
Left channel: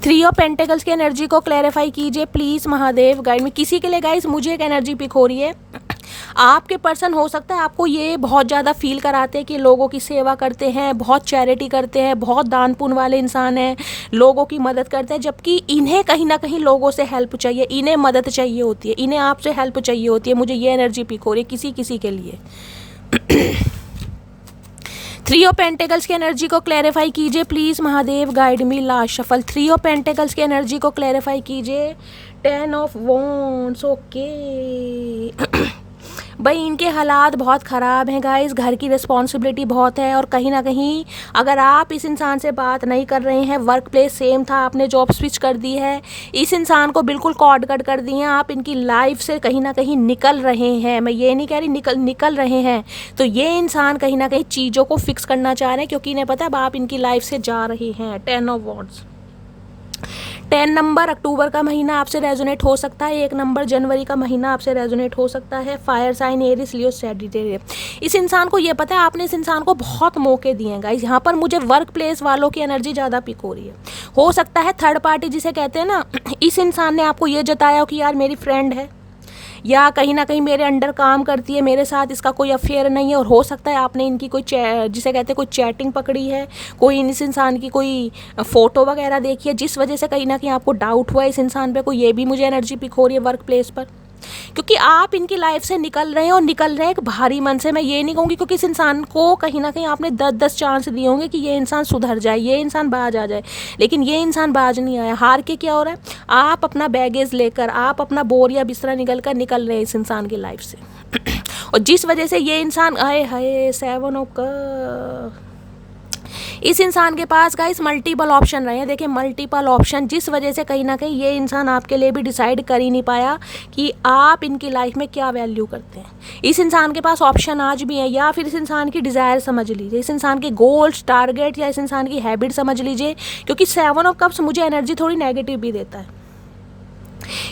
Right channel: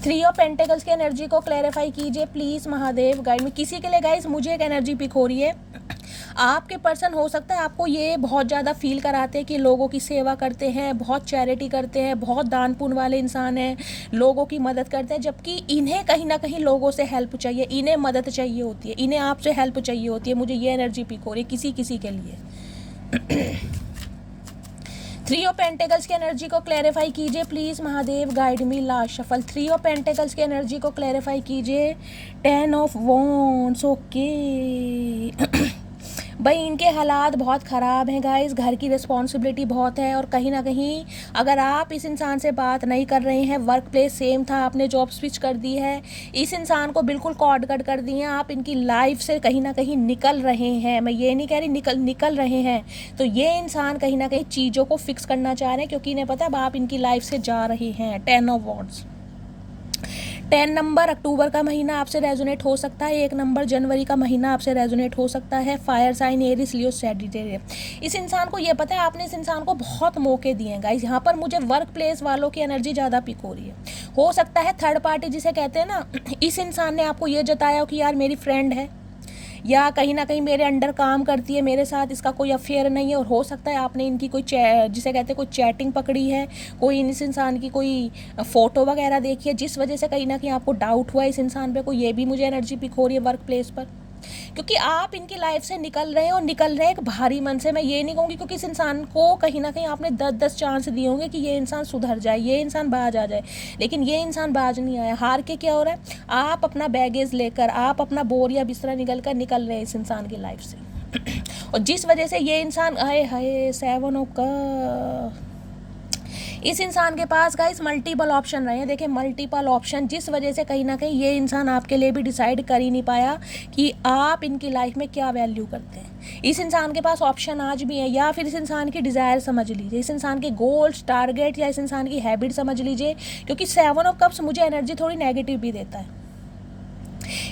Three of pentacles की एनर्जी को क्लैरिफाई कीजिए प्लीज़ महादेव गाइड मी। किसी के लिए गाइस मुझे एक एनर्जी पिक हो रही है, आपके पर्सन हो सकता है आपको ये बहुत ज़्यादा फील कराते हैं कि लोगों की सेवा करते हैं, बहुत चैरिटी करते हैं, बहुत दान पुण्य वाले इंसान हैं, लोगों की मदद करते हैं, जबकि इन्हें कहीं ना कहीं लोगों से हेल्प चाहिए, इन्हें मदद चाहिए होती है, इन्हें आपसे हेल्प चाहिए होती है। मुझे ये एनर्जी पिक हो रही है किसी किसी के लिए। थ्री ऑफ पेंटिकल्स की एनर्जी को क्लैरिफाई कीजिए please Mahadev guide me. Last shuffle. Three of pentacles की एनर्जी को क्लैरिफाई कीजिए। Ten of wands. ओके भाई इनके हालात बहुत ख़राब हैं गाइस, घर की रिस्पॉन्सिबिलिटी बहुत है, और कहीं ना कहीं अगर आप इस इंसान से बात नहीं कर रहे हैं, वर्क प्लेस सेम था, आपने जॉब स्विच कर दी है, इस इंसान को बिल्कुल कॉर्ड कट कर दिए हैं, आप इनकी लाइफ से कहीं ना कहीं निकल रहे हैं। मैं ये नहीं कह रही निकल रहे हैं, तो ये इंसान कहीं ना कहीं चीज़ों को फिक्स करना चाह रहे हैं, क्योंकि इन्हें पता है अब आप इनकी लाइफ से जा रहे हैं। 10 ऑफ वॉन्ड्स। 10 नंबर अक्टूबर का महीना आपसे रेजोनेट हो सकता है, 1 नंबर जनवरी का महीना आपसे रेजोनेट हो सकता है। Fire sign Aries Leo Sagittarius. इस इंसान को ये पता है आपने इस इंसान को बहुत मौके दिए हैं गाइस। यहाँ पर मुझे वर्क प्लेस वालों की एनर्जी ज़्यादा पिक हो रही है। हो सकता है थर्ड पार्टी जिसे कहते हैं ना, इस इंसान ने आपको ये जताया कि यार मेरी फ्रेंड है, या कहीं ना कहीं मेरे अंडर काम करती है, मेरे साथ इसका कोई अफेयर नहीं है, और हो सकता है आपने इनकी कोई जिसे कहते हैं कोई चैटिंग पकड़ी है, कोई इस इंसान की कोई फ़ोटो वगैरह देखी है, जिस वजह से कहीं ना कहीं आपको डाउट हुआ है इस इंसान पे कोई। ये भी मुझे एनर्जी पिक हो रही है वर्क प्लेस पर, क्योंकि आप इनकी लाइफ से निकल रहे हैं, और निकल रहे हैं एक भारी मन से। मैं ये नहीं कहूँगी, क्योंकि इस इंसान को कहीं ना कहीं आपने 10-10 चांस दिए होंगे कि ये इंसान सुधर जाए, ये इंसान बाज आ जाए, लेकिन ये इंसान बाज नहीं आया। हार के क्या हो रहा है, आप अपना बैगेज लेकर, आप अपना बोरिया बिस्तरा निकल रहे हैं इस इंसान की लाइफ से। और जिस वजह से ये इंसान आए हाय 7 ऑफ कप, इस इंसान के पास गाइस मल्टीपल ऑप्शन रहे हैं। देखिए मल्टीपल ऑप्शन, जिस वजह से कहीं ना कहीं ये इंसान आपके लिए भी डिसाइड कर ही नहीं पाया कि आप इनकी लाइफ में क्या वैल्यू करते हैं। इस इंसान के पास ऑप्शन आज भी है, या फिर इस इंसान की डिज़ायर समझ लीजिए, इस इंसान के गोल्स टारगेट, या इस इंसान की हैबिट समझ लीजिए, क्योंकि 7 ऑफ कप्स मुझे एनर्जी थोड़ी नेगेटिव भी देता है।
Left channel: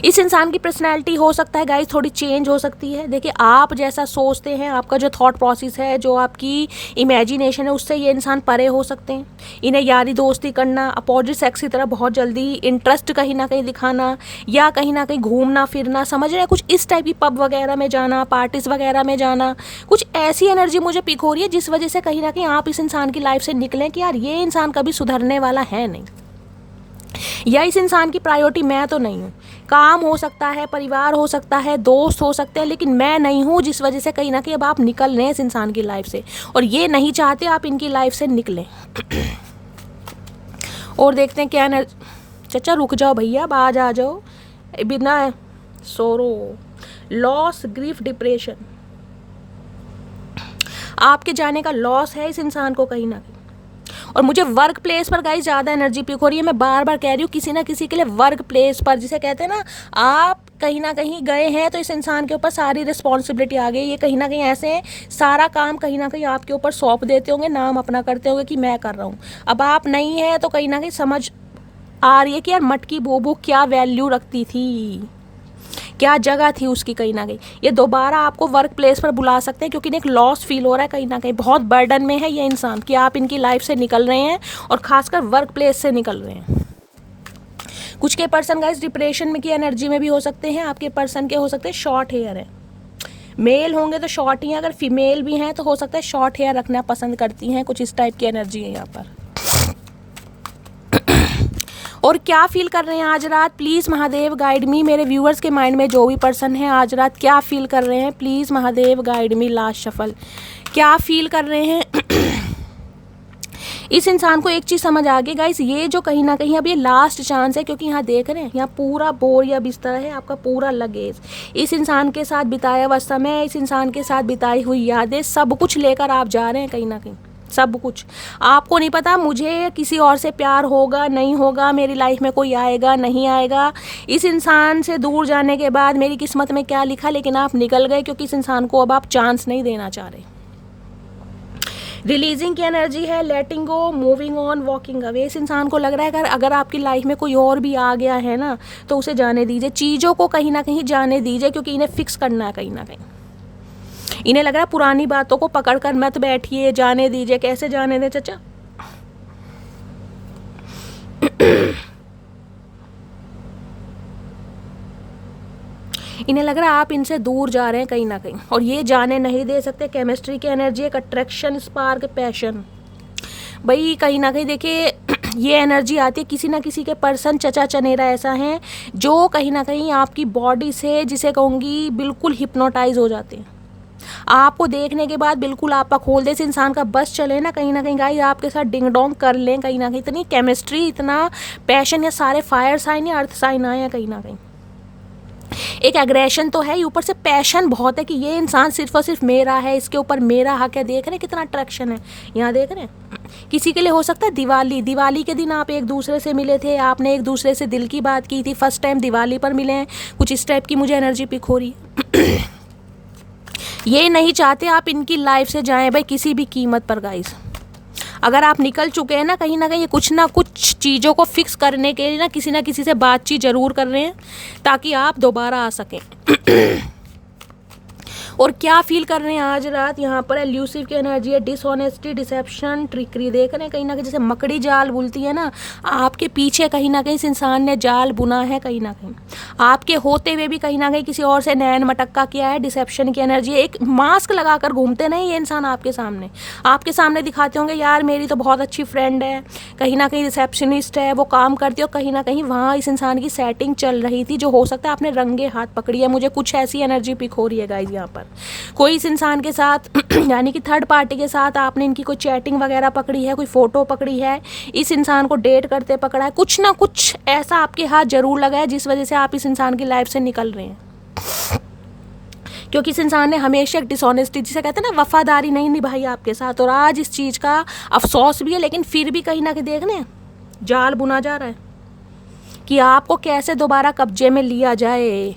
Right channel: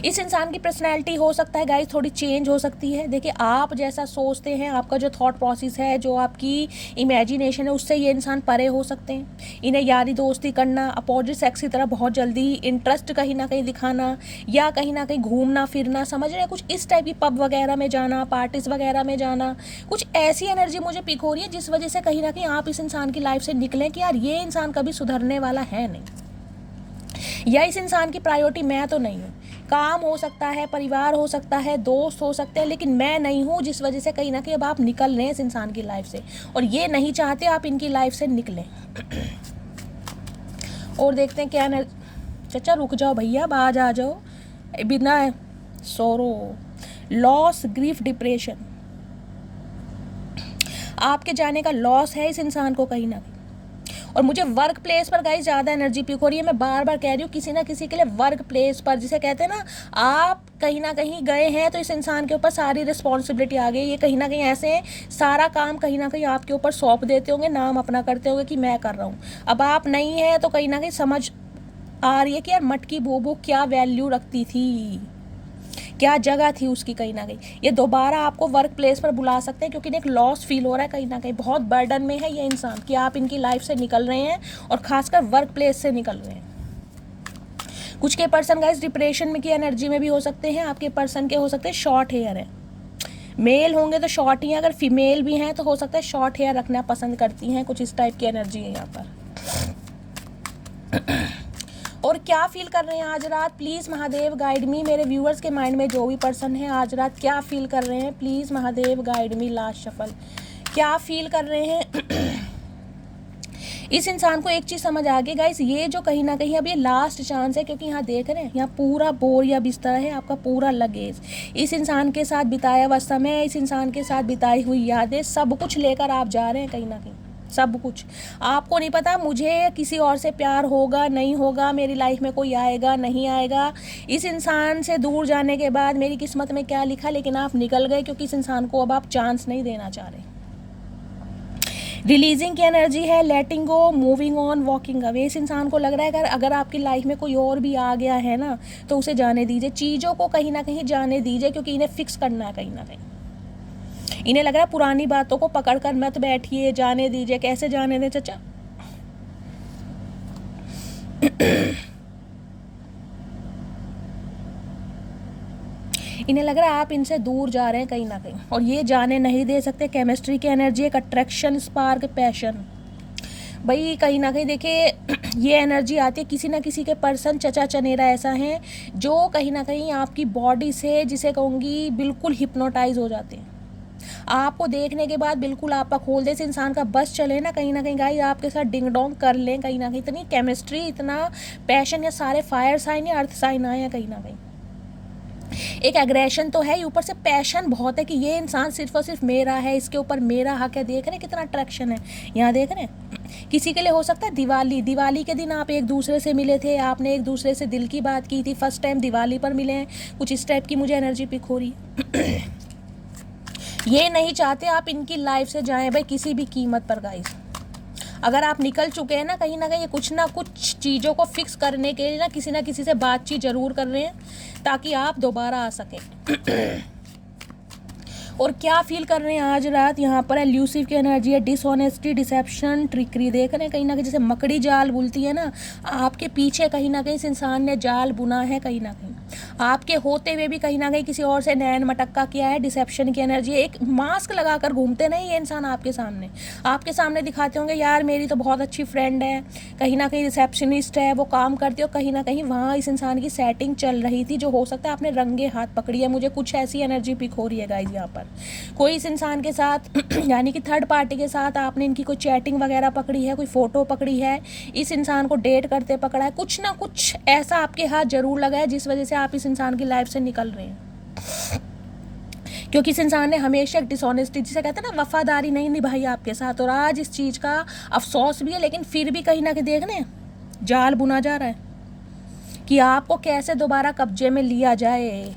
इस इंसान की पर्सनैलिटी हो सकता है गाइस थोड़ी चेंज हो सकती है। देखिए आप जैसा सोचते हैं, आपका जो थॉट प्रोसेस है, जो आपकी इमेजिनेशन है, उससे ये इंसान परे हो सकते हैं। इन्हें यारी दोस्ती करना, अपोजिट सेक्स की तरह बहुत जल्दी इंटरेस्ट कहीं ना कहीं दिखाना, या कहीं ना कहीं घूमना फिरना, समझ रहे हैं, कुछ इस टाइप की पब वगैरह में जाना, पार्टीज वगैरह में जाना, कुछ ऐसी एनर्जी मुझे पिक हो रही है, जिस वजह से कहीं ना कहीं आप इस इंसान की लाइफ से निकलें कि यार ये इंसान कभी सुधरने वाला है नहीं, या इस इंसान की प्रायोरिटी मैं तो नहीं हूँ। काम हो सकता है, परिवार हो सकता है, दोस्त हो सकते हैं, लेकिन मैं नहीं हूँ, जिस वजह से कहीं ना कहीं अब आप निकल रहे हैं इस इंसान की लाइफ से, और ये नहीं चाहते आप इनकी लाइफ से निकलें। और देखते हैं क्या चाचा रुक जाओ भैया, बाज आ जाओ। बिना सोरो, लॉस, ग्रीफ, डिप्रेशन, आपके जाने का लॉस है इस इंसान को कहीं ना कहीं। और मुझे वर्क प्लेस पर गाइस ज़्यादा एनर्जी पिक हो रही है। मैं बार बार कह रही हूँ, किसी ना किसी के लिए वर्क प्लेस पर, जिसे कहते हैं ना, आप कहीं ना कहीं गए हैं तो इस इंसान के ऊपर सारी रिस्पॉन्सिबिलिटी आ गई। ये कहीं ना कहीं ऐसे सारा काम कहीं ना कहीं आपके ऊपर सौंप देते होंगे, नाम अपना करते होंगे कि मैं कर रहा हूँ। अब आप नहीं है तो कहीं ना कहीं समझ आ रही है कि यार मटकी बोबो क्या वैल्यू रखती थी, क्या जगह थी उसकी। कहीं ना कहीं ये दोबारा आपको वर्क प्लेस पर बुला सकते हैं, क्योंकि एक लॉस फील हो रहा है, कहीं ना कहीं बहुत बर्डन में है ये इंसान कि आप इनकी लाइफ से निकल रहे हैं, और खासकर वर्क प्लेस से निकल रहे हैं। कुछ के पर्सन गाइस डिप्रेशन में की एनर्जी में भी हो सकते हैं। आपके पर्सन के हो सकते हैं शॉर्ट हेयर है, मेल होंगे तो शॉर्ट ही हैं, अगर फीमेल भी हैं तो हो सकता है शॉर्ट हेयर रखना पसंद करती हैं। कुछ इस टाइप की एनर्जी है यहाँ पर। और क्या फील कर रहे हैं आज रात, प्लीज़ महादेव गाइड मी। मेरे व्यूअर्स के माइंड में जो भी पर्सन है आज रात क्या फील कर रहे हैं, please Mahadev guide me. Last shuffle, क्या फील कर रहे हैं। इस इंसान को एक चीज़ समझ आ गई गाइस, ये जो कहीं ना कहीं अब ये लास्ट चांस है, क्योंकि यहाँ देख रहे हैं यहाँ पूरा बोरिया बिस्तर है, आपका पूरा लगेज, इस इंसान के साथ बिताया हुआ समय, इस इंसान के साथ बिताई हुई यादें, सब कुछ लेकर आप जा रहे हैं कहीं ना कहीं। सब कुछ आपको नहीं पता मुझे किसी और से प्यार होगा नहीं होगा, मेरी लाइफ में कोई आएगा नहीं आएगा, इस इंसान से दूर जाने के बाद मेरी किस्मत में क्या लिखा, लेकिन आप निकल गए क्योंकि इस इंसान को अब आप चांस नहीं देना चाह रहे। रिलीजिंग की एनर्जी है, लेटिंग गो, मूविंग ऑन, वॉकिंग अवे। इस इंसान को लग रहा है अगर आपकी लाइफ में कोई और भी आ गया है ना तो उसे जाने दीजिए, चीज़ों को कहीं ना कहीं जाने दीजिए, क्योंकि इन्हें फिक्स करना है कहीं ना कहीं। इन्हें लग रहा है पुरानी बातों को पकड़ कर मत बैठिए, जाने दीजिए। कैसे जाने दें चाचा? इन्हें लग रहा है आप इनसे दूर जा रहे हैं कहीं ना कहीं, और ये जाने नहीं दे सकते। केमिस्ट्री की एनर्जी, एक अट्रैक्शन, स्पार्क, पैशन। भाई कहीं ना कहीं देखिए ये एनर्जी आती है, किसी ना किसी के पर्सन चचा चनेरा ऐसा है जो कहीं ना कहीं आपकी बॉडी से, जिसे कहूँगी, बिल्कुल हिप्नोटाइज हो जाते हैं। आपको देखने के बाद बिल्कुल आपका खोल दे, इस इंसान का बस चले ना कहीं गाइस आपके साथ डिंग डोंग कर लें कहीं ना कहीं। इतनी केमिस्ट्री, इतना पैशन, या सारे फायर साइन या अर्थ साइन आए हैं कहीं ना कहीं। एक एग्रेशन तो है, ऊपर से पैशन बहुत है कि ये इंसान सिर्फ और सिर्फ मेरा है, इसके ऊपर मेरा हक है। देख रहे हैं कितना अट्रैक्शन है, यहाँ देख रहे हैं। किसी के लिए हो सकता है दिवाली के दिन आप एक दूसरे से मिले थे, आपने एक दूसरे से दिल की बात की थी, फर्स्ट टाइम दिवाली पर मिले हैं। कुछ इस टाइप की मुझे एनर्जी पिक हो रही है। ये नहीं चाहते आप इनकी लाइफ से जाएं भाई किसी भी कीमत पर गाइस। अगर आप निकल चुके हैं ना कहीं ये कुछ ना कुछ चीज़ों को फिक्स करने के लिए ना किसी से बातचीत जरूर कर रहे हैं ताकि आप दोबारा आ सकें। और क्या फील कर रहे हैं आज रात? यहाँ पर एल्यूसिव की एनर्जी है, डिसऑनेस्टी, डिसेप्शन, ट्रिकरी। देख रहे हैं कहीं ना कहीं जैसे मकड़ी जाल बुनती है ना, आपके पीछे कहीं ना कहीं इस इंसान ने जाल बुना है कहीं ना कहीं। आपके होते हुए भी कहीं ना कहीं किसी और से नैन मटक्का किया है। डिसेप्शन की एनर्जी, एक मास्क लगाकर घूमते नहीं ये इंसान आपके सामने दिखाते होंगे यार मेरी तो बहुत अच्छी फ्रेंड है, कहीं ना कहीं रिसेप्शनिस्ट है, वो काम करती है, और कहीं ना कहीं वहाँ इस इंसान की सेटिंग चल रही थी, जो हो सकता है आपने रंगे हाथ पकड़ी है। मुझे कुछ ऐसी एनर्जी पिक हो रही है गाइस यहाँ पर। कोई इस इंसान के साथ यानी कि थर्ड पार्टी के साथ आपने इनकी कोई चैटिंग वगैरह पकड़ी है, कोई फोटो पकड़ी है, इस इंसान को डेट करते पकड़ा है। कुछ ना कुछ ऐसा आपके हाथ जरूर लगा है जिस वजह से आप इस इंसान की लाइफ से निकल रहे हैं, क्योंकि इस इंसान ने हमेशा एक डिसऑनेस्टी, जिसे कहते हैं ना, वफादारी नहीं निभाई आपके साथ। और आज इस चीज़ का अफसोस भी है, लेकिन फिर भी कहीं ना कहीं देख रहे हैं जाल बुना जा रहा है कि आपको कैसे दोबारा कब्जे में लिया जाए।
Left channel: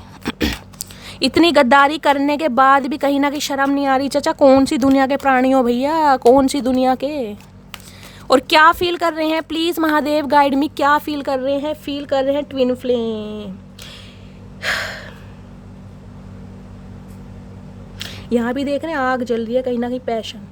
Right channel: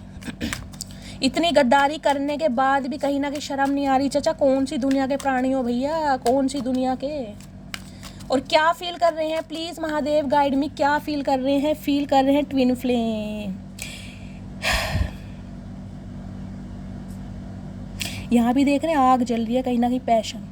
इतनी गद्दारी करने के बाद भी कहीं ना कहीं शर्म नहीं आ रही चाचा? कौन सी दुनिया के प्राणी हो भैया, कौन सी दुनिया के? और क्या फील कर रहे हैं प्लीज महादेव गाइड मी, क्या फील कर रहे हैं? फील कर रहे हैं ट्विन फ्लेम। यहाँ भी देख रहे हैं आग जल रही है कहीं ना कहीं, पैशन।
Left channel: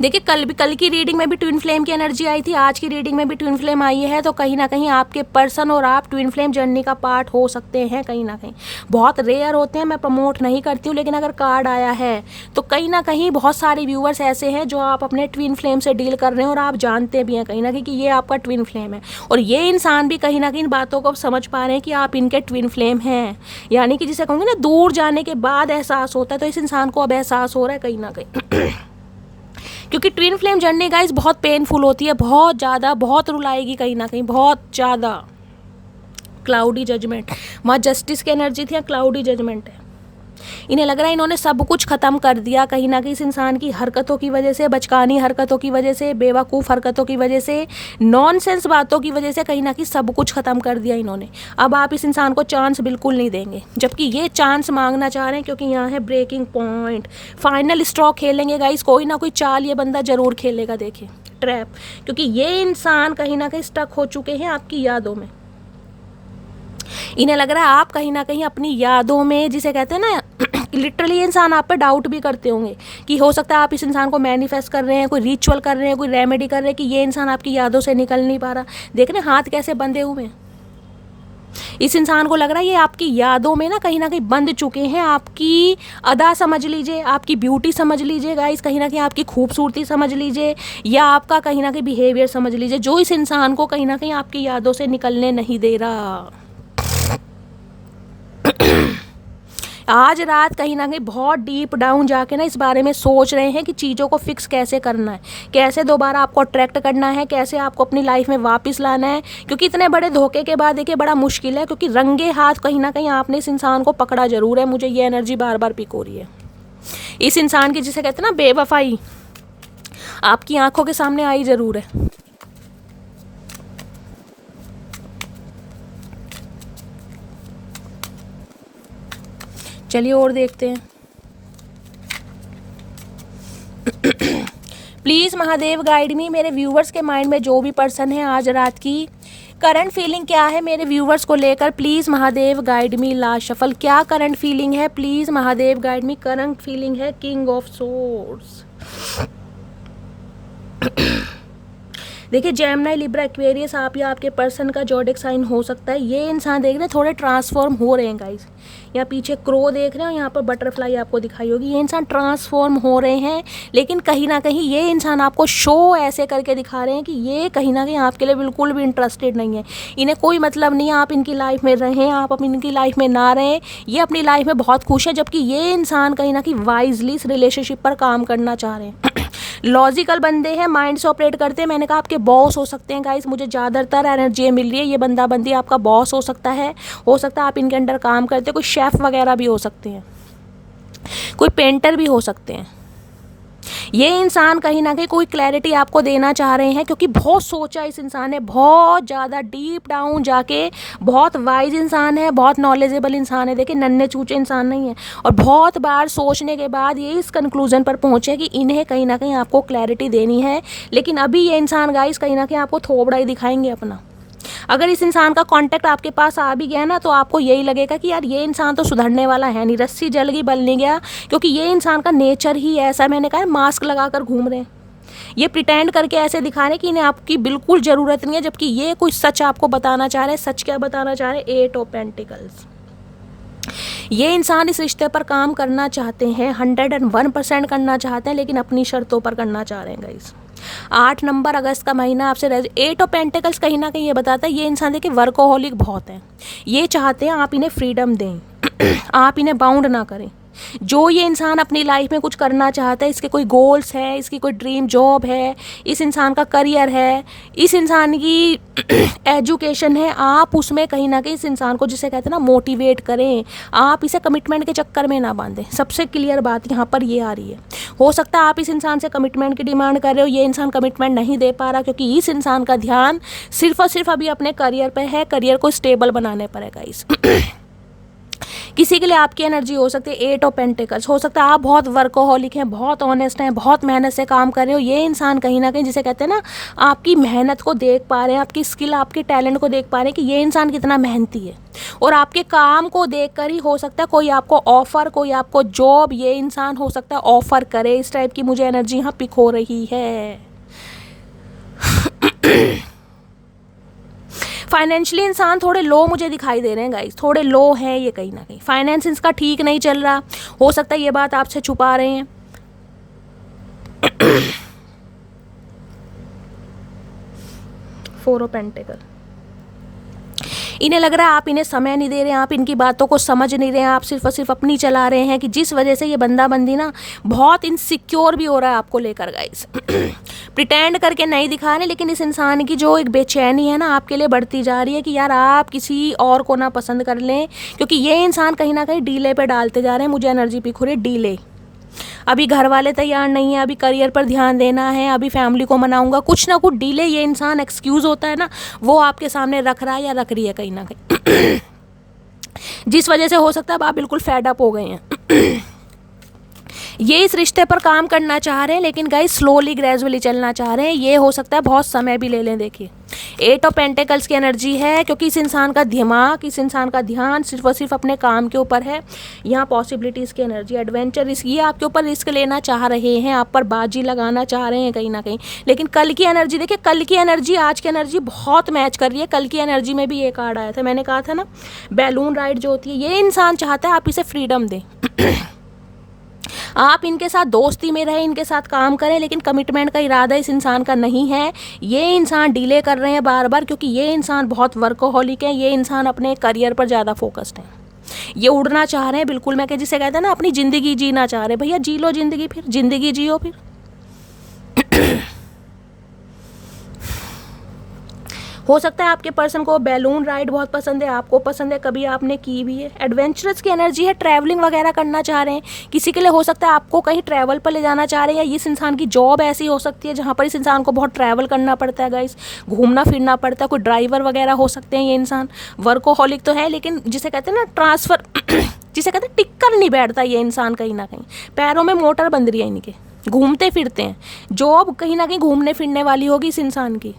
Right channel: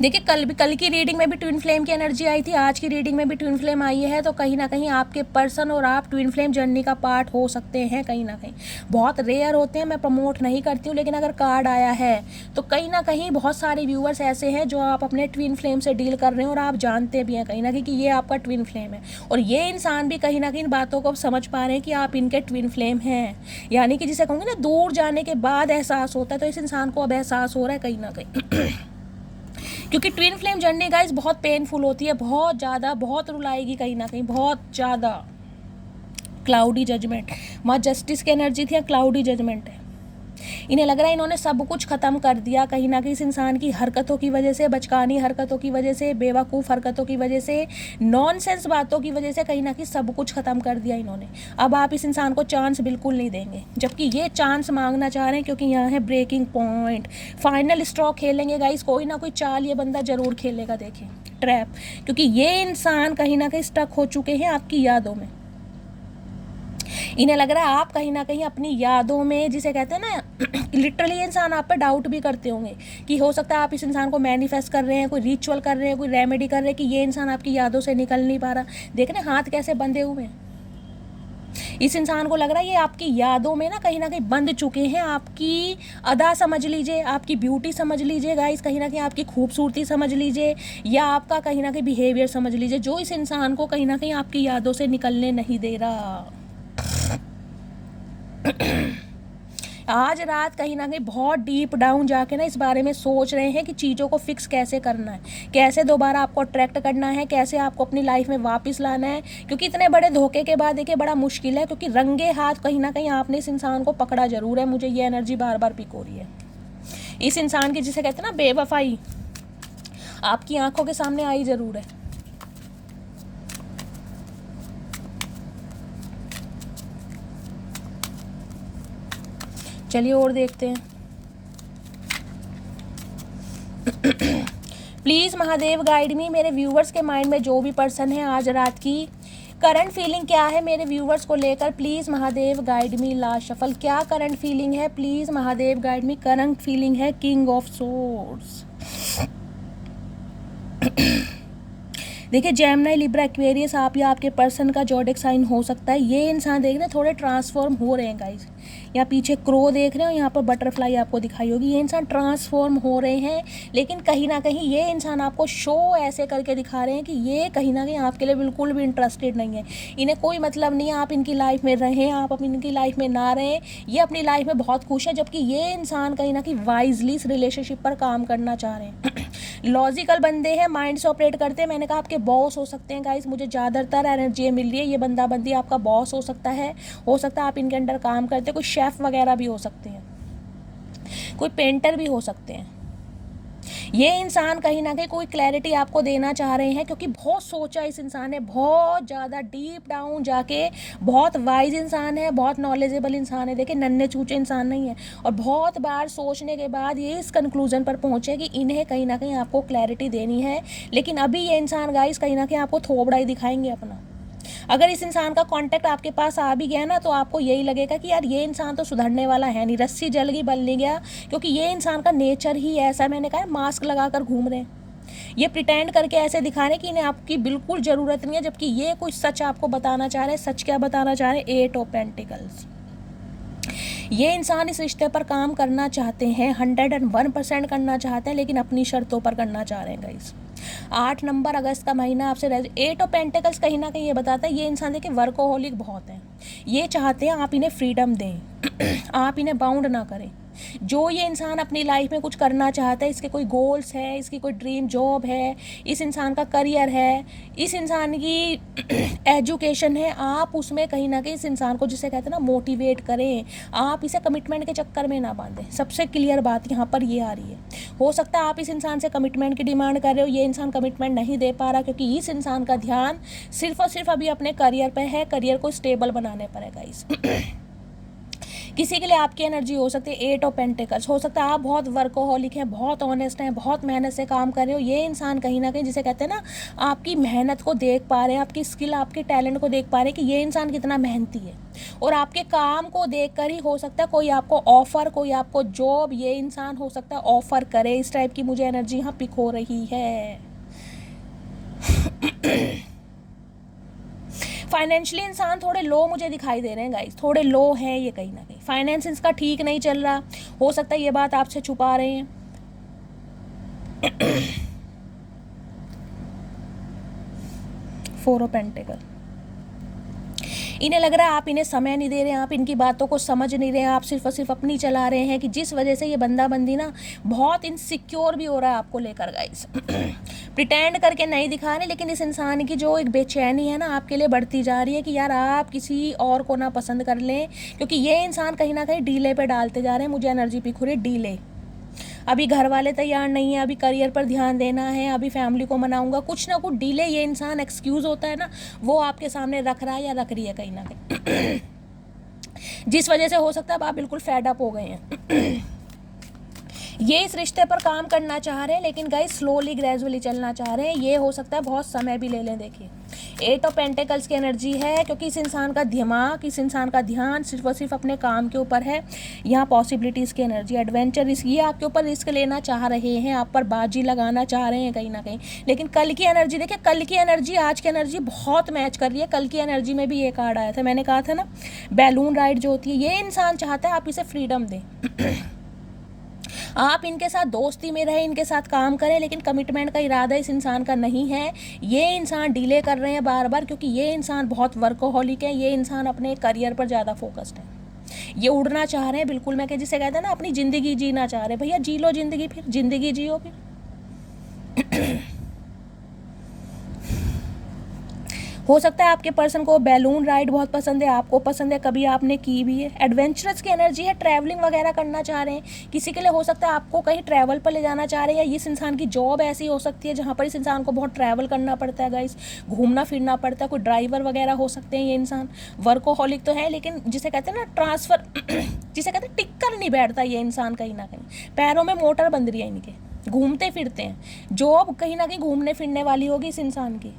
देखिए कल की रीडिंग में भी ट्विन फ्लेम की एनर्जी आई थी, आज की रीडिंग में भी ट्विन फ्लेम आई है, तो कहीं ना कहीं आपके पर्सन और आप ट्विन फ्लेम जर्नी का पार्ट हो सकते हैं कहीं ना कहीं। बहुत रेयर होते हैं, मैं प्रमोट नहीं करती हूँ, लेकिन अगर कार्ड आया है तो कहीं ना कहीं बहुत सारे व्यूअर्स ऐसे हैं जो आप अपने ट्विन फ्लेम से डील कर रहे हैं और आप जानते भी हैं कहीं ना कहीं कि ये आपका ट्विन फ्लेम है। और ये इंसान भी कहीं ना कहीं इन बातों को समझ पा रहे हैं कि आप इनके ट्विन फ्लेम हैं, यानी कि जिसे कहूँगी ना दूर जाने के बाद एहसास होता है, तो इस इंसान को अब एहसास हो रहा है कहीं ना कहीं। क्योंकि ट्विन फ्लेम जर्नी गाइस बहुत पेनफुल होती है, बहुत ज़्यादा, बहुत रुलाएगी कहीं ना कहीं, बहुत ज़्यादा। क्लाउडी जजमेंट, माँ जस्टिस की एनर्जी थी या क्लाउडी जजमेंट है। इन्हें लग रहा है इन्होंने सब कुछ ख़त्म कर दिया कहीं ना कहीं इस इंसान की हरकतों की वजह से, बचकानी हरकतों की वजह से, बेवकूफ़ हरकतों की वजह से, नॉनसेंस बातों की वजह से कहीं ना कहीं सब कुछ ख़त्म कर दिया इन्होंने। अब आप इस इंसान को चांस बिल्कुल नहीं देंगे, जबकि ये चांस मांगना चाह रहे हैं, क्योंकि यहाँ है ब्रेकिंग पॉइंट। फाइनल स्ट्रोक खेलेंगे गाइस, कोई ना कोई चाल ये बंदा जरूर खेलेगा, देखिए ट्रैप, क्योंकि ये इंसान कहीं ना कहीं स्टक हो चुके हैं आपकी यादों में। इन्हें लग रहा है आप कहीं ना कहीं अपनी यादों में, जिसे कहते हैं ना, लिटरली इंसान आप पे डाउट भी करते होंगे कि हो सकता है आप इस इंसान को मैनिफेस्ट कर रहे हैं, कोई रिचुअल कर रहे हैं, कोई रेमेडी कर रहे हैं कि ये इंसान आपकी यादों से निकल नहीं पा रहा। देख रहे हाथ कैसे बंधे हुए हैं। इस इंसान को लग रहा है ये आपकी यादों में ना कहीं बंध चुके हैं। आपकी अदा समझ लीजिए, आपकी ब्यूटी समझ लीजिए गाइस, कहीं ना कहीं आपकी खूबसूरती समझ लीजिए, या आपका कहीं ना कहीं बिहेवियर समझ लीजिए, जो इस इंसान को कहीं ना कहीं आपकी यादों से निकलने नहीं दे रहा। आज रात कहीं ना कहीं बहुत डीप डाउन जाके ना इस बारे में सोच रहे हैं कि चीज़ों को फिक्स कैसे करना है, कैसे दोबारा आपको अट्रैक्ट करना है, कैसे आपको अपनी लाइफ में वापस लाना है। क्योंकि इतने बड़े धोखे के बाद देखिए बड़ा मुश्किल है, क्योंकि रंगे हाथ कहीं ना कहीं आपने इस इंसान को पकड़ा जरूर है। मुझे ये एनर्जी बार बार पिक हो रही है। इस इंसान की, जिसे कहते हैं ना, बेवफाई आपकी आंखों के सामने आई जरूर है। चलिए और देखते हैं। प्लीज़ महादेव गाइड मी, मेरे व्यूवर्स के माइंड में जो भी पर्सन है आज रात की करंट फीलिंग क्या है मेरे व्यूवर्स को लेकर, please Mahadev guide me. Last shuffle, क्या करंट फीलिंग है, please Mahadev guide me. Current feeling है किंग ऑफ सोर्ड्स। देखिए जेमिनी, लिब्रा, एक्वेरियस, आप या आपके पर्सन का ज़ोडिएक साइन हो सकता है। ये इंसान देख रहे हैं थोड़े ट्रांसफॉर्म हो रहे हैं गाइस। यहाँ पीछे क्रो देख रहे हो, यहाँ पर बटरफ्लाई आपको दिखाई होगी। ये इंसान ट्रांसफॉर्म हो रहे हैं, लेकिन कहीं ना कहीं ये इंसान आपको शो ऐसे करके दिखा रहे हैं कि ये कहीं ना कहीं आपके लिए बिल्कुल भी इंटरेस्टेड नहीं है। इन्हें कोई मतलब नहीं है आप इनकी लाइफ में रहें, आप इनकी लाइफ में ना रहें। ये अपनी लाइफ में बहुत खुश है, जबकि ये इंसान कहीं ना कहीं वाइजली इस रिलेशनशिप पर काम करना चाह रहे हैं। लॉजिकल बंदे हैं, माइंड से ऑपरेट करते हैं। मैंने कहा आपके बॉस हो सकते हैं गाइस, मुझे ज़्यादातर एनर्जी मिल रही है। ये बंदा बंदी आपका बॉस हो सकता है आप इनके अंडर काम करते हैं। कोई शेफ़ वगैरह भी हो सकते हैं, कोई पेंटर भी हो सकते हैं। ये इंसान कहीं ना कहीं कोई क्लैरिटी आपको देना चाह रहे हैं, क्योंकि बहुत सोचा इस इंसान ने, बहुत ज़्यादा डीप डाउन जाके। बहुत वाइज इंसान है, बहुत नॉलेजेबल इंसान है। देखिए नन्हे चूचे इंसान नहीं है, और बहुत बार सोचने के बाद ये इस कंक्लूजन पर पहुंचे कि इन्हें कहीं ना कहीं आपको क्लैरिटी देनी है। लेकिन अभी ये इंसान गाइस कहीं ना कहीं आपको थोबड़ा ही दिखाएंगे अपना। अगर इस इंसान का कांटेक्ट आपके पास आ भी गया ना, तो आपको यही लगेगा कि यार ये इंसान तो सुधरने वाला है नहीं, रस्सी जल गई बल नहीं गया, क्योंकि ये इंसान का नेचर ही ऐसा है। मैंने कहा मास्क लगा कर घूम रहे हैं, ये प्रिटेंड करके ऐसे दिखा रहे हैं कि इन्हें आपकी बिल्कुल ज़रूरत नहीं है, जबकि ये कुछ सच आपको बताना चाह रहे हैं। सच क्या बताना चाह रहे हैं? 8 ऑफ पेंटिकल्स। ये इंसान इस रिश्ते पर काम करना चाहते हैं, 101% करना चाहते हैं, लेकिन अपनी शर्तों पर करना चाह रहे हैं गाइस। 8 नंबर अगस्त का महीना आपसे 8 ऑफ पेंटिकल्स कहीं ना कहीं ये बताता है ये इंसान देखिए वर्कोहॉलिक बहुत है। ये चाहते हैं आप इन्हें फ्रीडम दें, आप इन्हें बाउंड ना करें। जो ये इंसान अपनी लाइफ में कुछ करना चाहता है, इसके कोई गोल्स है, इसकी कोई ड्रीम जॉब है, इस इंसान का करियर है, इस इंसान की एजुकेशन है, आप उसमें कहीं ना कहीं इस इंसान को, जिसे कहते हैं ना, मोटिवेट करें। आप इसे कमिटमेंट के चक्कर में ना बांधें। सबसे क्लियर बात यहाँ पर ये आ रही है। हो सकता है आप इस इंसान से कमिटमेंट की डिमांड कर रहे हो, ये इंसान कमिटमेंट नहीं दे पा रहा, क्योंकि इस इंसान का ध्यान सिर्फ और सिर्फ अभी अपने करियर पर है, करियर को स्टेबल बनाने पर है गाइस। किसी के लिए आपकी एनर्जी हो सकती है 8 ऑफ पेंटिकल्स। हो सकता है आप बहुत वर्कोहॉलिक हैं, बहुत ऑनेस्ट हैं, बहुत मेहनत से काम कर रहे हो। ये इंसान कहीं ना कहीं, जिसे कहते हैं ना, आपकी मेहनत को देख पा रहे हैं, आपकी स्किल, आपके टैलेंट को देख पा रहे हैं कि ये इंसान कितना मेहनती है। और आपके काम को देख कर ही हो सकता है कोई आपको ऑफर, कोई आपको जॉब, ये इंसान हो सकता है ऑफर करे। इस टाइप की मुझे एनर्जी यहाँ पिक हो रही है। फाइनेंशियली इंसान थोड़े लो मुझे दिखाई दे रहे हैं गाइस, थोड़े लो है ये कहीं ना कहीं। फाइनेंस इसका ठीक नहीं चल रहा, हो सकता है ये बात आपसे छुपा रहे हैं। 4 ऑफ पेंटिकल। इन्हें लग रहा है आप इन्हें समय नहीं दे रहे हैं, आप इनकी बातों को समझ नहीं रहे हैं, आप सिर्फ और सिर्फ अपनी चला रहे हैं, कि जिस वजह से ये बंदा बंदी ना बहुत इनसिक्योर भी हो रहा है आपको लेकर गाइस। प्रिटेंड करके नहीं दिखा रहे, लेकिन इस इंसान की जो एक बेचैनी है ना आपके लिए बढ़ती जा रही है कि यार आप किसी और को ना पसंद कर लें, क्योंकि ये इंसान कहीं ना कहीं डीले पे डालते जा रहे हैं। मुझे एनर्जी पिक हो रही है डीले। अभी घर वाले तैयार नहीं है, अभी करियर पर ध्यान देना है, अभी फैमिली को मनाऊंगा, कुछ ना कुछ डीले ये इंसान एक्सक्यूज़ होता है ना, वो आपके सामने रख रहा है या रख रही है कहीं ना कहीं। जिस वजह से हो सकता है आप बिल्कुल फेड अप हो गए हैं। ये इस रिश्ते पर काम करना चाह रहे हैं, लेकिन गाइस स्लोली ग्रेजुअली चलना चाह रहे हैं। ये हो सकता है बहुत समय भी ले लें। देखिए 8 ऑफ पेंटिकल्स की एनर्जी है, क्योंकि इस इंसान का दिमाग, इस इंसान का ध्यान सिर्फ और सिर्फ अपने काम के ऊपर है। यहाँ पॉसिबिलिटीज़ की एनर्जी, एडवेंचर, ये आपके ऊपर रिस्क लेना चाह रहे हैं, आप पर बाजी लगाना चाह रहे हैं कहीं ना कहीं। लेकिन कल की एनर्जी देखिए, कल की एनर्जी आज की एनर्जी बहुत मैच कर रही है। कल की एनर्जी में भी ये कार्ड आया था, मैंने कहा था ना, बैलून राइड जो होती है, ये इंसान चाहता है आप इसे फ्रीडम दें। आप इनके साथ दोस्ती में रहें, इनके साथ काम करें, लेकिन कमिटमेंट का इरादा इस इंसान का नहीं है। ये इंसान डिले कर रहे हैं बार बार, क्योंकि ये इंसान बहुत वर्कोहॉलिक है। ये इंसान अपने करियर पर ज़्यादा फोकस्ड है। ये उड़ना चाह रहे हैं बिल्कुल, मैं जिसे कहते हैं ना, अपनी ज़िंदगी जीना चाह रहे हैं। भैया जी लो ज़िंदगी, फिर ज़िंदगी जियो फिर। हो सकता है आपके पर्सन को बैलून राइड बहुत पसंद है, आपको पसंद है, कभी आपने की भी है। एडवेंचरस की एनर्जी है, ट्रैवलिंग वगैरह करना चाह रहे हैं। किसी के लिए हो सकता है आपको कहीं ट्रैवल पर ले जाना चाह रहे हैं, या इस इंसान की जॉब ऐसी हो सकती है जहाँ पर इस इंसान को बहुत ट्रैवल करना पड़ता है गाइस, घूमना फिरना पड़ता है। कोई ड्राइवर वगैरह हो सकते हैं। ये इंसान वर्कोहॉलिक तो है, लेकिन जिसे कहते हैं ना ट्रांसफ़र, जिसे कहते हैं टिक्कर नहीं बैठता ये इंसान कहीं ना कहीं, पैरों में मोटर बंध रही है इनके। घूमते फिरते हैं, जॉब कहीं ना कहीं घूमने फिरने वाली होगी इस इंसान की।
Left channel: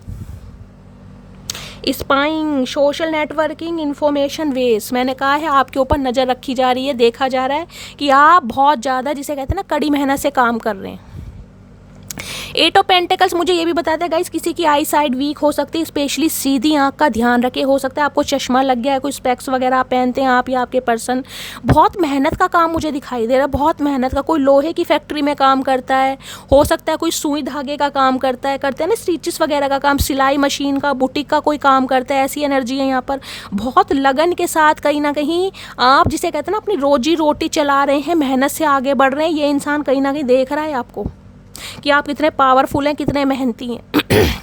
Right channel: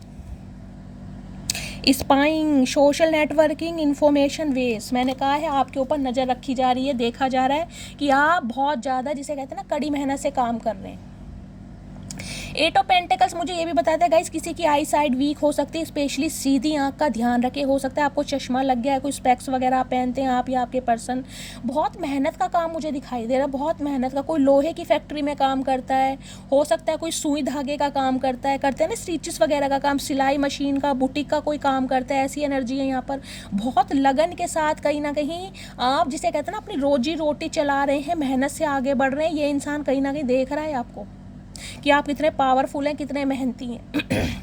Spying, social networking, information waste, मैंने कहा है आपके ऊपर नज़र रखी जा रही है, देखा जा रहा है कि आप बहुत ज़्यादा जिसे कहते हैं ना कड़ी मेहनत से काम कर रहे हैं। 8 ऑफ पेंटिकल्स मुझे ये भी बताता है गाइस किसी की आई साइड वीक हो सकती है, स्पेशली सीधी आंख का ध्यान रखे, हो सकता है आपको चश्मा लग गया है, कोई स्पेक्स वगैरह आप पहनते हैं आप या आपके पर्सन। बहुत मेहनत का काम मुझे दिखाई दे रहा है, बहुत मेहनत का, कोई लोहे की फैक्ट्री में काम करता है, हो सकता है कोई सुई धागे का काम करता है, करते हैं ना स्टिचेस वगैरह का काम, सिलाई मशीन का, बुटीक का कोई काम करता है, ऐसी एनर्जी है यहाँ पर। बहुत लगन के साथ कहीं ना कहीं आप जिसे कहते हैं ना अपनी रोजी रोटी चला रहे हैं, मेहनत से आगे बढ़ रहे हैं। ये इंसान कहीं ना कहीं देख रहा है आपको कि आप कितने पावरफुल हैं, कितने मेहनती हैं।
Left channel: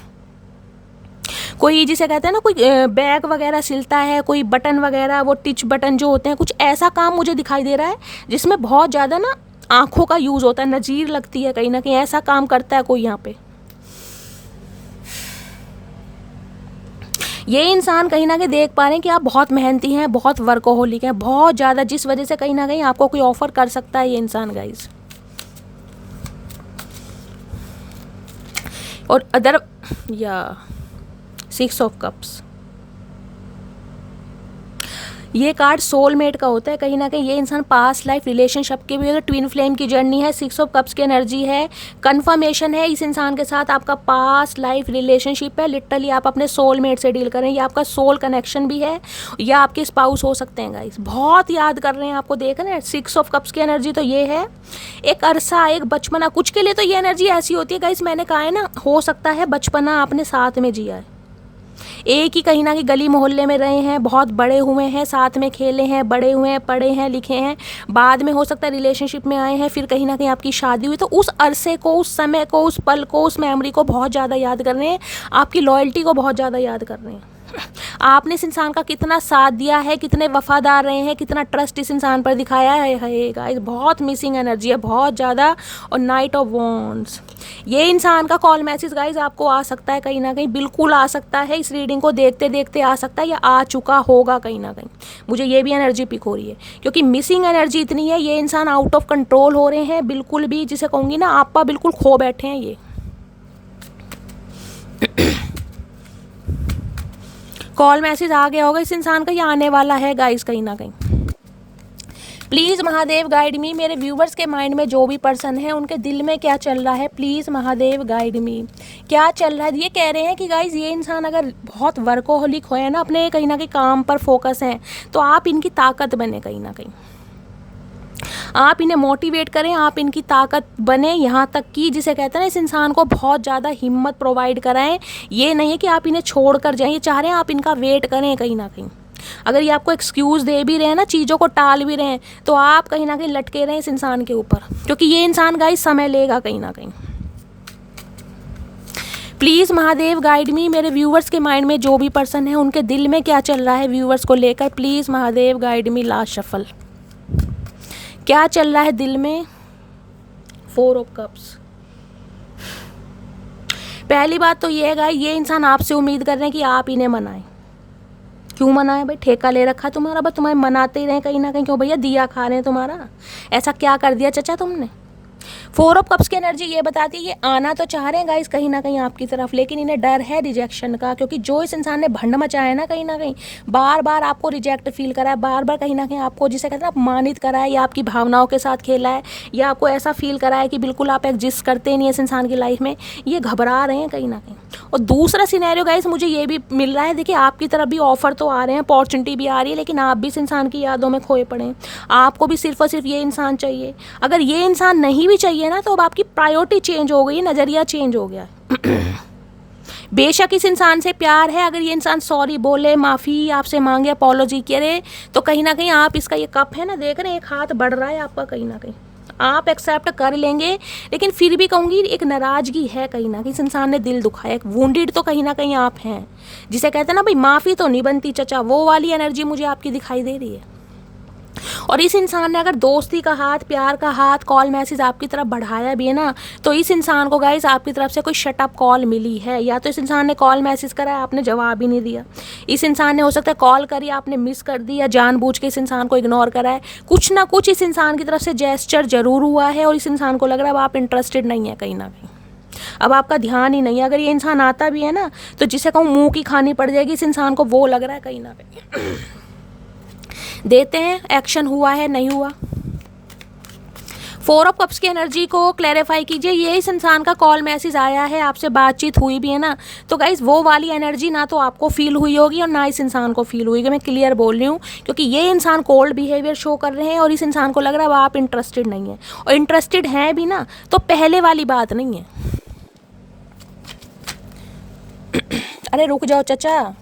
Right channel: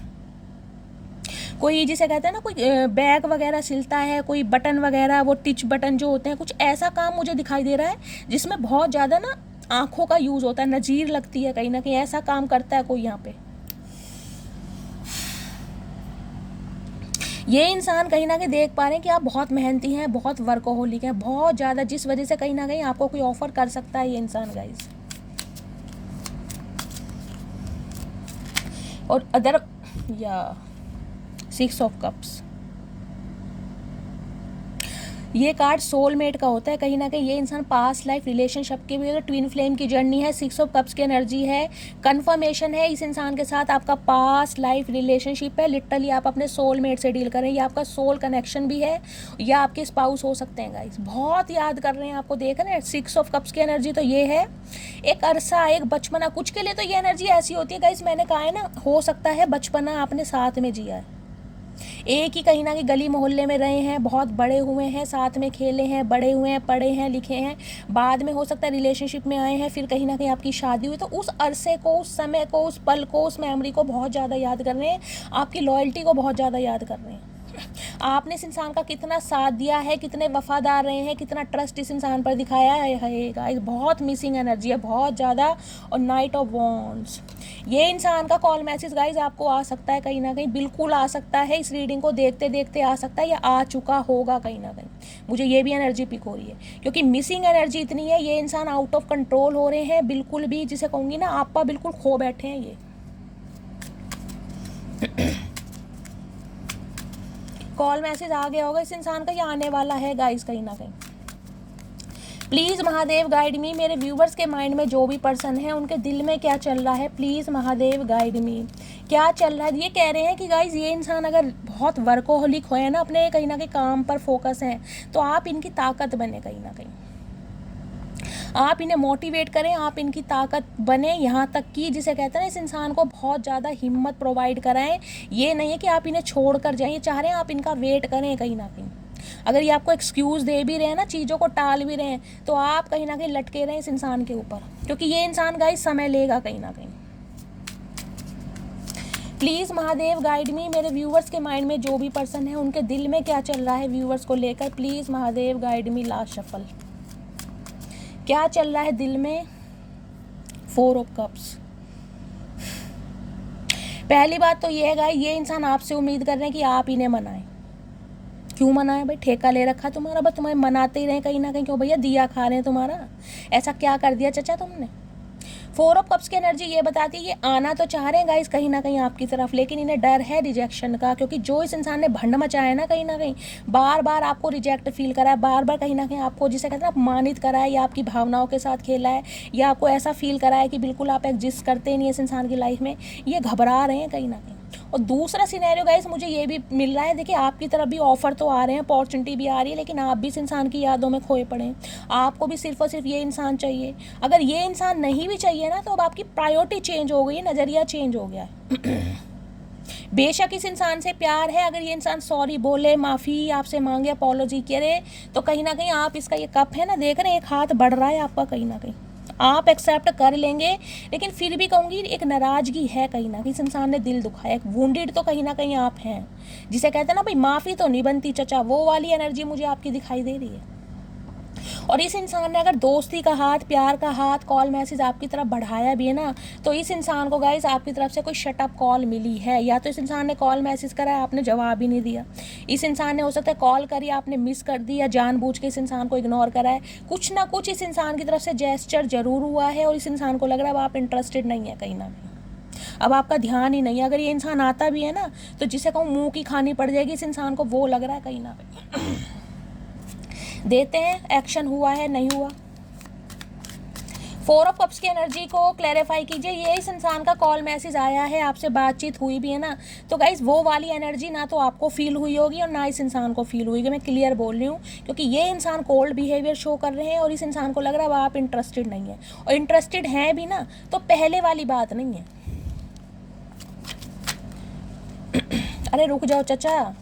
कोई जिसे कहते हैं ना कोई बैग वगैरह सिलता है, कोई बटन वगैरह, वो टिच बटन जो होते हैं, कुछ ऐसा काम मुझे दिखाई दे रहा है जिसमें बहुत ज़्यादा ना आँखों का यूज़ होता है, नज़ीर लगती है, कहीं ना कहीं ऐसा काम करता है कोई यहाँ पे। ये इंसान कहीं ना कहीं देख पा रहे हैं कि आप बहुत मेहनती हैं, बहुत वर्कोहोलिक हैं, बहुत ज़्यादा, जिस वजह से कहीं ना कहीं आपको कोई ऑफर कर सकता है ये इंसान गाइज। और अदर या 6 ऑफ कप्स, ये कार्ड सोलमेट का होता है, कहीं ना कहीं ये इंसान पास्ट लाइफ रिलेशनशिप के भी, ट्विन फ्लेम की जर्नी है। 6 ऑफ कप्स की एनर्जी है, कंफर्मेशन है इस इंसान के साथ आपका पास्ट लाइफ रिलेशनशिप है। लिटरली आप अपने सोलमेट से डील करें, ये आपका सोल कनेक्शन भी है, या आपके स्पाउस हो सकते हैं गाइस, बहुत याद कर रहे हैं आपको, देख रहे हैं। 6 ऑफ कप्स की एनर्जी तो ये है एक अरसा, एक बचपना, कुछ के लिए तो ये एनर्जी ऐसी होती है गाइस, मैंने कहा है ना, हो सकता है बचपना आपने साथ में जिया है, एक ही कहीं ना कहीं गली मोहल्ले में रहे हैं, बहुत बड़े हुए हैं, साथ में खेले हैं, बड़े हुए हैं, पढ़े हैं, लिखे हैं, बाद में हो सकता है रिलेशनशिप में आए हैं, फिर कहीं ना कहीं आपकी शादी हुई, तो उस अरसे को, उस समय को, उस पल को, उस मेमोरी को बहुत ज़्यादा याद कर रहे हैं, आपकी लॉयल्टी को बहुत ज़्यादा याद कर रहे हैं, आपने इस इंसान का कितना साथ दिया है, कितने वफादार रहे हैं, कितना ट्रस्ट इस इंसान पर दिखाया है गाइस। बहुत मिसिंग एनर्जी है, बहुत ज़्यादा। और नाइट ऑफ वॉन्ड्स, ये इंसान का कॉल मैसेज गाइस आपको आ सकता है, कहीं ना कहीं बिल्कुल आ सकता है, इस रीडिंग को देखते देखते आ सकता है, या आ चुका होगा कहीं ना कहीं, मुझे ये भी एनर्जी पिक हो रही है, क्योंकि मिसिंग एनर्जी इतनी है, ये इंसान आउट ऑफ कंट्रोल हो रहे हैं, बिल्कुल भी जिसे कहूँगी ना आपा बिल्कुल खो बैठे हैं ये। कॉल मैसेज आ गया होगा इस इंसान का, या आने वाला है गाइस कहीं ना कहीं। प्लीज़ महादेव गाइड मी, मेरे व्यूवर्स के माइंड में जो भी पर्सन है उनके दिल में क्या चल रहा है, प्लीज़ महादेव गाइड मी, क्या चल रहा है। ये कह रहे हैं कि गाइस ये इंसान अगर बहुत वर्कोहोलिक हो है ना, अपने कहीं ना कहीं काम पर फोकस हैं, तो आप इनकी ताकत बने, कहीं ना कहीं आप इन्हें मोटिवेट करें, आप इनकी ताकत बने, यहाँ तक कि जिसे कहते हैं ना इस इंसान को बहुत ज़्यादा हिम्मत प्रोवाइड कराएं। ये नहीं है कि आप इन्हें छोड़ कर जाएं, ये चाह रहे हैं आप इनका वेट करें कहीं ना कहीं। अगर ये आपको एक्सक्यूज़ दे भी रहे हैं ना, चीज़ों को टाल भी रहे हैं, तो आप कहीं ना कहीं लटके रहें इस इंसान के ऊपर, क्योंकि ये इंसान गाइस समय लेगा कहीं ना कहीं। प्लीज़ महादेव गाइड मी, मेरे व्यूवर्स के माइंड में जो भी पर्सन है उनके दिल में क्या चल रहा है व्यूवर्स को लेकर, please Mahadev guide me. Last shuffle, क्या चल रहा है दिल में। 4 ऑफ कप्स, पहली बात तो ये है ये इंसान आपसे उम्मीद कर रहे हैं कि आप इन्हें मनाएं। क्यों मनाए भाई, ठेका ले रखा तुम्हारा, बस तुम्हें मनाते ही रहे कहीं ना कहीं, क्यों भैया दिया खा रहे हैं तुम्हारा, ऐसा क्या कर दिया चचा तुमने। 4 ऑफ कप्स की एनर्जी ये बताती है ये आना तो चाह रहे हैं गाइस कहीं ना कहीं आपकी तरफ, लेकिन इन्हें डर है रिजेक्शन का, क्योंकि जो इस इंसान ने भंड मचाया है ना, कहीं ना कहीं बार बार आपको रिजेक्ट फील करा है, बार बार कहीं ना कहीं आपको जिसे कहते हैं अपमानित करा है, या आपकी भावनाओं के साथ खेला है, या आपको ऐसा फील करा है कि बिल्कुल आप एग्जिस्ट करते नहीं इस इंसान की लाइफ में, ये घबरा रहे हैं कहीं ना कहीं। और दूसरा सिनेरियो गाइस मुझे ये भी मिल रहा है, देखिए आपकी तरफ भी ऑफर तो आ रहे हैं, अपॉर्चुनिटी भी आ रही है, लेकिन आप भी इस इंसान की यादों में खोए पड़े हैं, आपको भी सिर्फ और सिर्फ ये इंसान चाहिए। अगर ये इंसान नहीं भी चाहिए ना, तो अब आपकी प्रायोरिटी चेंज हो गई, नज़रिया चेंज हो गया है। बेशक इस इंसान से प्यार है, अगर ये इंसान सॉरी बोले, माफ़ी आपसे मांगे, अपॉलॉजी करे, तो कहीं ना कहीं आप इसका ये कप है ना, देख रहे हैं एक हाथ बढ़ रहा है आपका, कहीं ना कहीं आप एक्सेप्ट कर लेंगे, लेकिन फिर भी कहूँगी एक नाराज़गी है कहीं ना कहीं, इस इंसान ने दिल दुखाया, एक वुंडेड तो कहीं ना कहीं आप हैं, जिसे कहते हैं ना भाई माफ़ी तो नहीं बनती चचा, वो वाली एनर्जी मुझे आपकी दिखाई दे रही है। और इस इंसान ने अगर दोस्ती का हाथ, प्यार का हाथ, कॉल मैसेज आपकी तरफ बढ़ाया भी है ना, तो इस इंसान को गाइस आपकी तरफ से कोई शटअप कॉल मिली है, या तो इस इंसान ने कॉल मैसेज करा है, आपने जवाब ही नहीं दिया। इस इंसान ने हो सकता है कॉल करी, आपने मिस कर दी, या जानबूझ के इस इंसान को इग्नोर करा है। कुछ ना कुछ इस इंसान की तरफ से जेस्चर जरूर हुआ है, और इस इंसान को लग रहा है अब आप इंटरेस्टेड नहीं है कहीं ना कहीं, अब आपका ध्यान ही नहीं है। अगर ये इंसान आता भी है ना, तो जिसे कहूँ मुंह की खानी पड़ जाएगी, इस इंसान को वो लग रहा है कहीं ना कहीं। देते हैं, एक्शन हुआ है नहीं हुआ। 4 ऑफ कप्स की एनर्जी को क्लैरिफाई कीजिए। ये इस इंसान का कॉल मैसेज आया है, आपसे बातचीत हुई भी है ना, तो गाइज वो वाली एनर्जी ना तो आपको फील हुई होगी और ना इस इंसान को फील हुई होगी। मैं क्लियर बोल रही हूँ, क्योंकि ये इंसान कोल्ड बिहेवियर शो कर रहे हैं और इस इंसान को लग रहा है अब आप इंटरेस्टेड नहीं है, और इंटरेस्टेड हैं भी ना तो पहले वाली बात नहीं है। अरे रुक जाओ चाचा।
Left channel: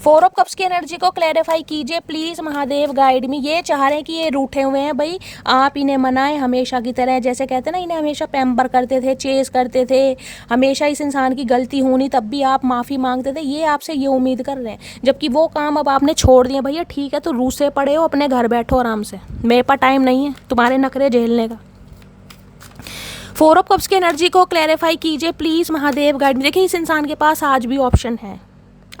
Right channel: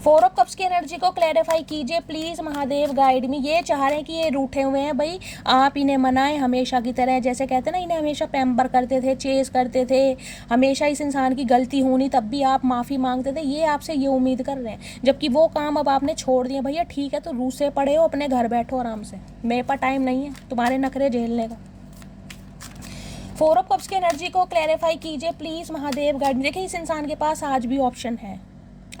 4 ऑफ कप्स की एनर्जी को क्लैरिफाई कीजिए प्लीज़ महादेव गाइड में। ये चाह रहे हैं कि ये रूठे हुए हैं भाई, आप इन्हें मनाएं हमेशा की तरह, जैसे कहते हैं ना इन्हें हमेशा पैम्पर करते थे, चेस करते थे, हमेशा इस इंसान की गलती होनी तब भी आप माफ़ी मांगते थे, ये आपसे ये उम्मीद कर रहे हैं, जबकि वो काम अब आपने छोड़ दिया। भैया ठीक है, तो रूसे पड़े हो, अपने घर बैठो आराम से, मेरे पास टाइम नहीं है तुम्हारे नखरे झेलने का। 4 ऑफ कप्स की एनर्जी को क्लैरिफाई कीजिए प्लीज़ महादेव गाइड। देखिए इस इंसान के पास आज भी ऑप्शन है,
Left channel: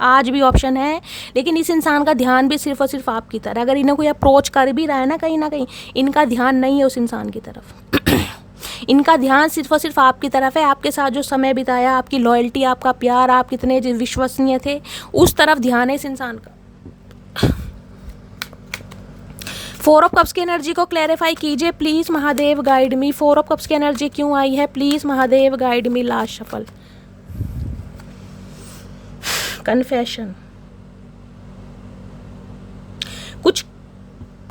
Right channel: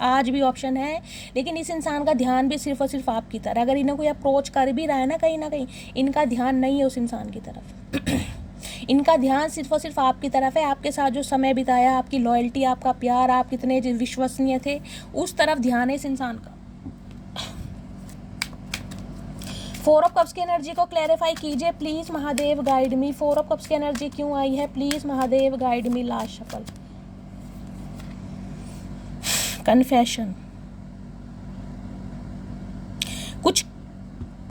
आज भी ऑप्शन है, लेकिन इस इंसान का ध्यान भी सिर्फ और सिर्फ आपकी तरफ। अगर इन्हें कोई अप्रोच कर भी रहा है ना कहीं, इनका ध्यान नहीं है उस इंसान की तरफ। इनका ध्यान सिर्फ और सिर्फ आपकी तरफ है। आपके साथ जो समय बिताया, आपकी लॉयल्टी, आपका प्यार, आप कितने विश्वसनीय थे, उस तरफ ध्यान है इस इंसान का। 4 ऑफ कप्स की एनर्जी को क्लैरिफाई कीजिए please Mahadev guide me. 4 of cups की एनर्जी क्यों आई है, please Mahadev guide me. Last shuffle, confession, कुछ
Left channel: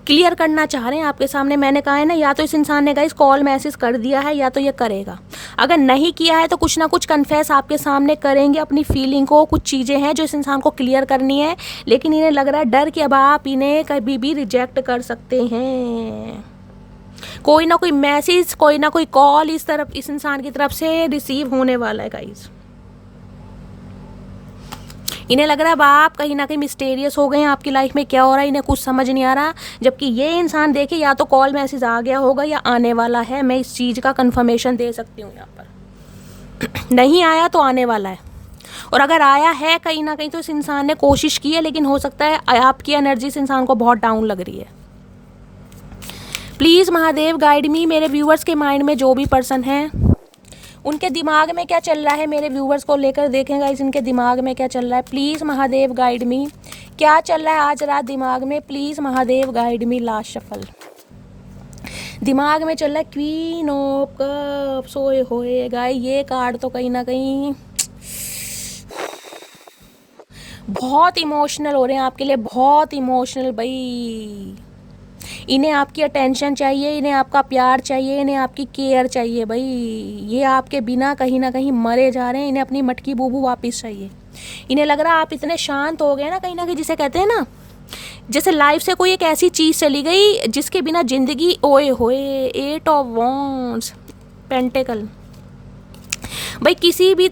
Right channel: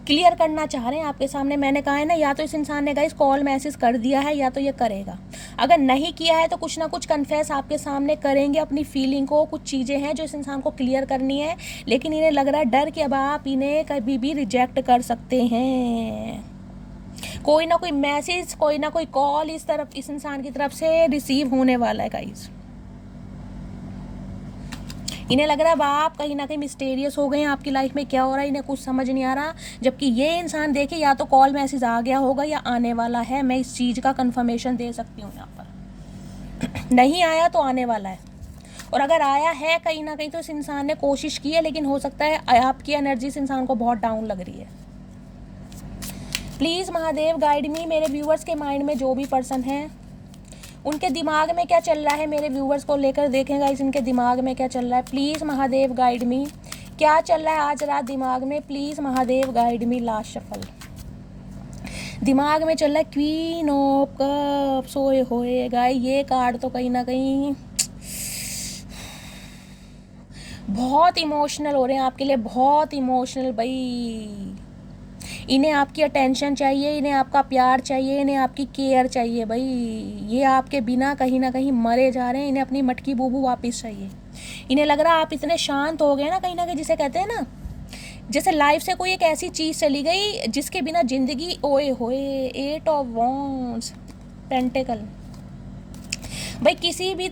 क्लियर करना चाह रहे हैं आपके सामने। मैंने कहा है ना, या तो इस इंसान ने गाइस कॉल मैसेज कर दिया है, या तो ये करेगा। अगर नहीं किया है तो कुछ ना कुछ कन्फेस आपके सामने करेंगे अपनी फीलिंग को। कुछ चीज़ें हैं जो इस इंसान को क्लियर करनी है, लेकिन इन्हें लग रहा है डर कि अब आप इन्हें कभी भी रिजेक्ट कर सकते हैं। कोई ना कोई मैसेज, कोई ना कोई कॉल इस इंसान की तरफ से रिसीव होने वाला है गाइस। इन्हें लग रहा है अब आप कहीं ना कहीं मिस्टीरियस हो गए हैं, आपकी लाइफ में क्या हो रहा है इन्हें कुछ समझ नहीं आ रहा, जबकि ये इंसान देखिए या तो कॉल मैसेज आ गया होगा या आने वाला है। मैं इस चीज़ का कंफर्मेशन दे सकती हूँ यहाँ पर। नहीं आया तो आने वाला है, और अगर आया है कहीं ना कहीं तो इस इंसान ने कोशिश की है, लेकिन हो सकता है आपकी एनर्जी इस इंसान को बहुत डाउन लग रही है। प्लीज़ महादेव गाइड मी। मेरे व्यूअर्स के माइंड में जो भी पर्सन हैं, उनके दिमाग में क्या चल रहा है, मेरे व्यूवर्स को लेकर देखेंगे इस इनके दिमाग में क्या चल रहा है। प्लीज़ महादेव गाइड मी, क्या चल रहा है आज रात दिमाग में, please Mahadev guide me. Last shuffle, दिमाग में चल रहा है क्वीन ऑफ कप्स। सोए होएगा ये कार्ड तो कहीं ना कहीं बहुत इमोशनल हो रहे हैं आपके लिए, बहुत इमोशनल भाई। इन्हें आपकी अटेंशन चाहिए, इन्हें आपका प्यार चाहिए, इन्हें आपकी केयर चाहिए भाई। ये आपके बिना कहीं ना कहीं मरे जा रहे हैं, इन्हें अपनी मटकी बूबू वापस चाहिए। इन्हें लग रहा है आप इतने शांत हो गए ना कहीं, जिसे कहते हैं ना जैसे लाइफ से कोई एक ऐसी चीज़ चली गई जिसके बिना ज़िंदगी, ओए होए 8 ऑफ वॉन्ड्स, पेंटिकल। भाई किसी भी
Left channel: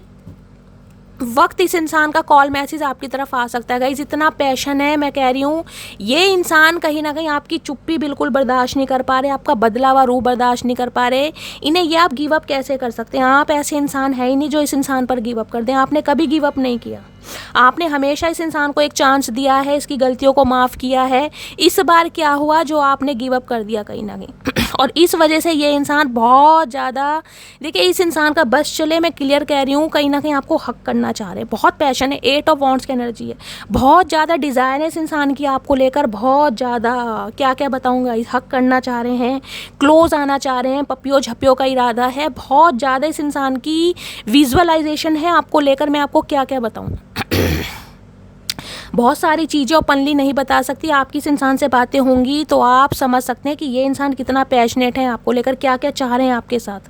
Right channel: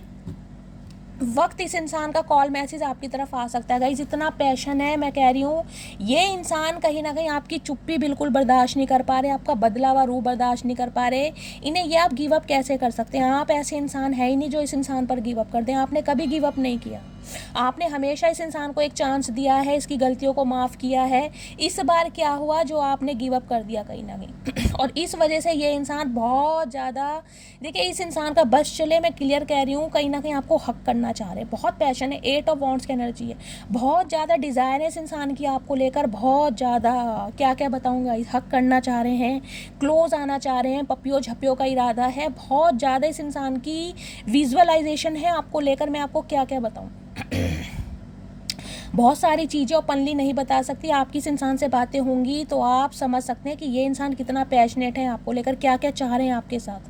वक्त इस इंसान का कॉल मैसेज आपकी तरफ आ सकता है गाइस, इतना पैशन है। मैं कह रही हूँ ये इंसान कहीं ना कहीं आपकी चुप्पी बिल्कुल बर्दाश्त नहीं कर पा रहे, आपका बदला हुआ रूह बर्दाश्त नहीं कर पा रहे। इन्हें ये आप गिव अप कैसे कर सकते हैं? आप ऐसे इंसान है ही नहीं जो इस इंसान पर गिव अप कर दें। आपने कभी गिव अप नहीं किया, आपने हमेशा इस इंसान को एक चांस दिया है, इसकी गलतियों को माफ़ किया है। इस बार क्या हुआ जो आपने गिव अप कर दिया कहीं ना कहीं, और इस वजह से ये इंसान बहुत ज़्यादा, देखिए इस इंसान का बस चले, मैं क्लियर कह रही हूँ, कहीं ना कहीं आपको हक करना चाह रहे हैं। बहुत पैशन है, 8 ऑफ वॉन्ड्स की एनर्जी है, बहुत ज़्यादा डिज़ायर है इस इंसान की आपको लेकर, बहुत ज़्यादा, क्या क्या बताऊँगा। हक करना चाह रहे हैं, क्लोज आना चाह रहे हैं, पपियो झपियो का इरादा है, बहुत ज़्यादा इस इंसान की विजुअलाइजेशन है आपको लेकर। मैं आपको क्या क्या बताऊँ, बहुत सारी चीज़ें ओपनली नहीं बता सकती। आपकी इस इंसान से बातें होंगी तो आप समझ सकते हैं कि ये इंसान कितना पैशनेट है आपको लेकर, क्या क्या चाह रहे हैं आपके साथ,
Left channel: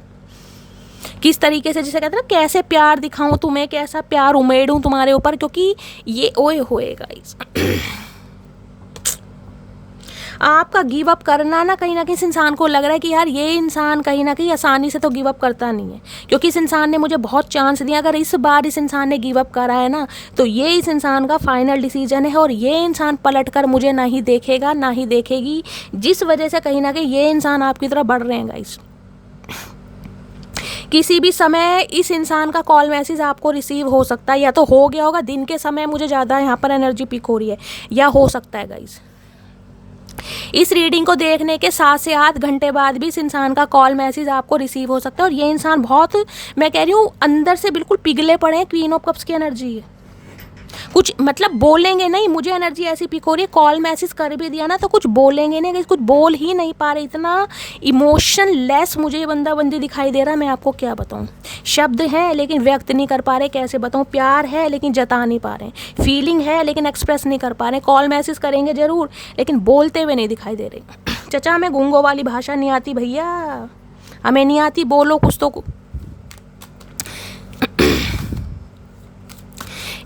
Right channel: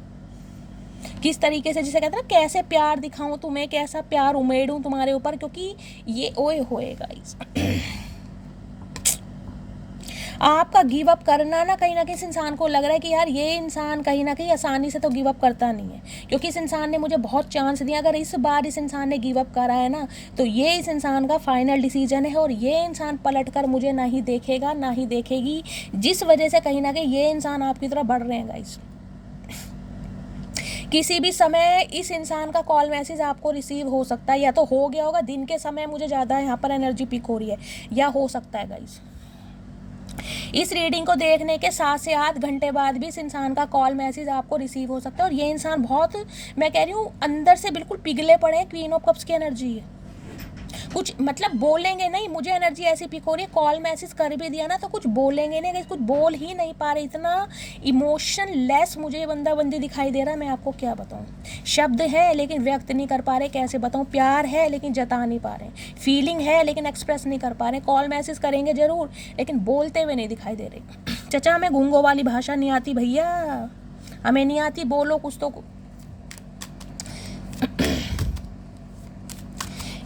किस तरीके से, जैसे कहते हैं ना कैसे प्यार दिखाऊं तुम्हें, कैसा प्यार उमेड़ूं तुम्हारे ऊपर, क्योंकि ये ओए होए गाइस आपका गिव अप करना ना कहीं इस इंसान को लग रहा है कि यार ये इंसान कहीं ना कहीं आसानी से तो गिव अप करता नहीं है, क्योंकि इस इंसान ने मुझे बहुत चांस दिया। अगर इस बार इस इंसान ने गिव अप करा है ना, तो ये इस इंसान का फाइनल डिसीजन है और ये इंसान पलट कर मुझे ना ही देखेगा ना ही देखेगी, जिस वजह से कहीं ना कहीं ये इंसान आपकी तरफ बढ़ रहे हैं गाइस। किसी भी समय इस इंसान का कॉल मैसेज आपको रिसीव हो सकता है, या तो हो गया होगा दिन के समय, मुझे ज़्यादा यहाँ पर एनर्जी पिक हो रही है, या हो सकता है गाइस इस रीडिंग को देखने के 7 से 8 घंटे बाद भी इस इंसान का कॉल मैसेज आपको रिसीव हो सकता है। और ये इंसान बहुत, मैं कह रही हूँ, अंदर से बिल्कुल पिघले पड़े हैं। क्वीन ऑफ कप्स की एनर्जी है, कुछ मतलब बोलेंगे नहीं। मुझे एनर्जी ऐसी पिक हो रही है, कॉल मैसेज कर भी दिया ना तो कुछ बोलेंगे नहीं, कुछ बोल ही नहीं पा रहे। इतना इमोशन लेस मुझे ये बंदा बंदी दिखाई दे रहा है, मैं आपको क्या बताऊं। शब्द है लेकिन व्यक्त नहीं कर पा रहे, कैसे बताऊं। प्यार है लेकिन जता नहीं पा रहे, फीलिंग है लेकिन एक्सप्रेस नहीं कर पा रहे। कॉल मैसेज करेंगे ज़रूर लेकिन बोलते हुए नहीं दिखाई दे रहे। चचा हमें गूंगों वाली भाषा नहीं आती भैया, हमें नहीं आती, बोलो कुछ तो।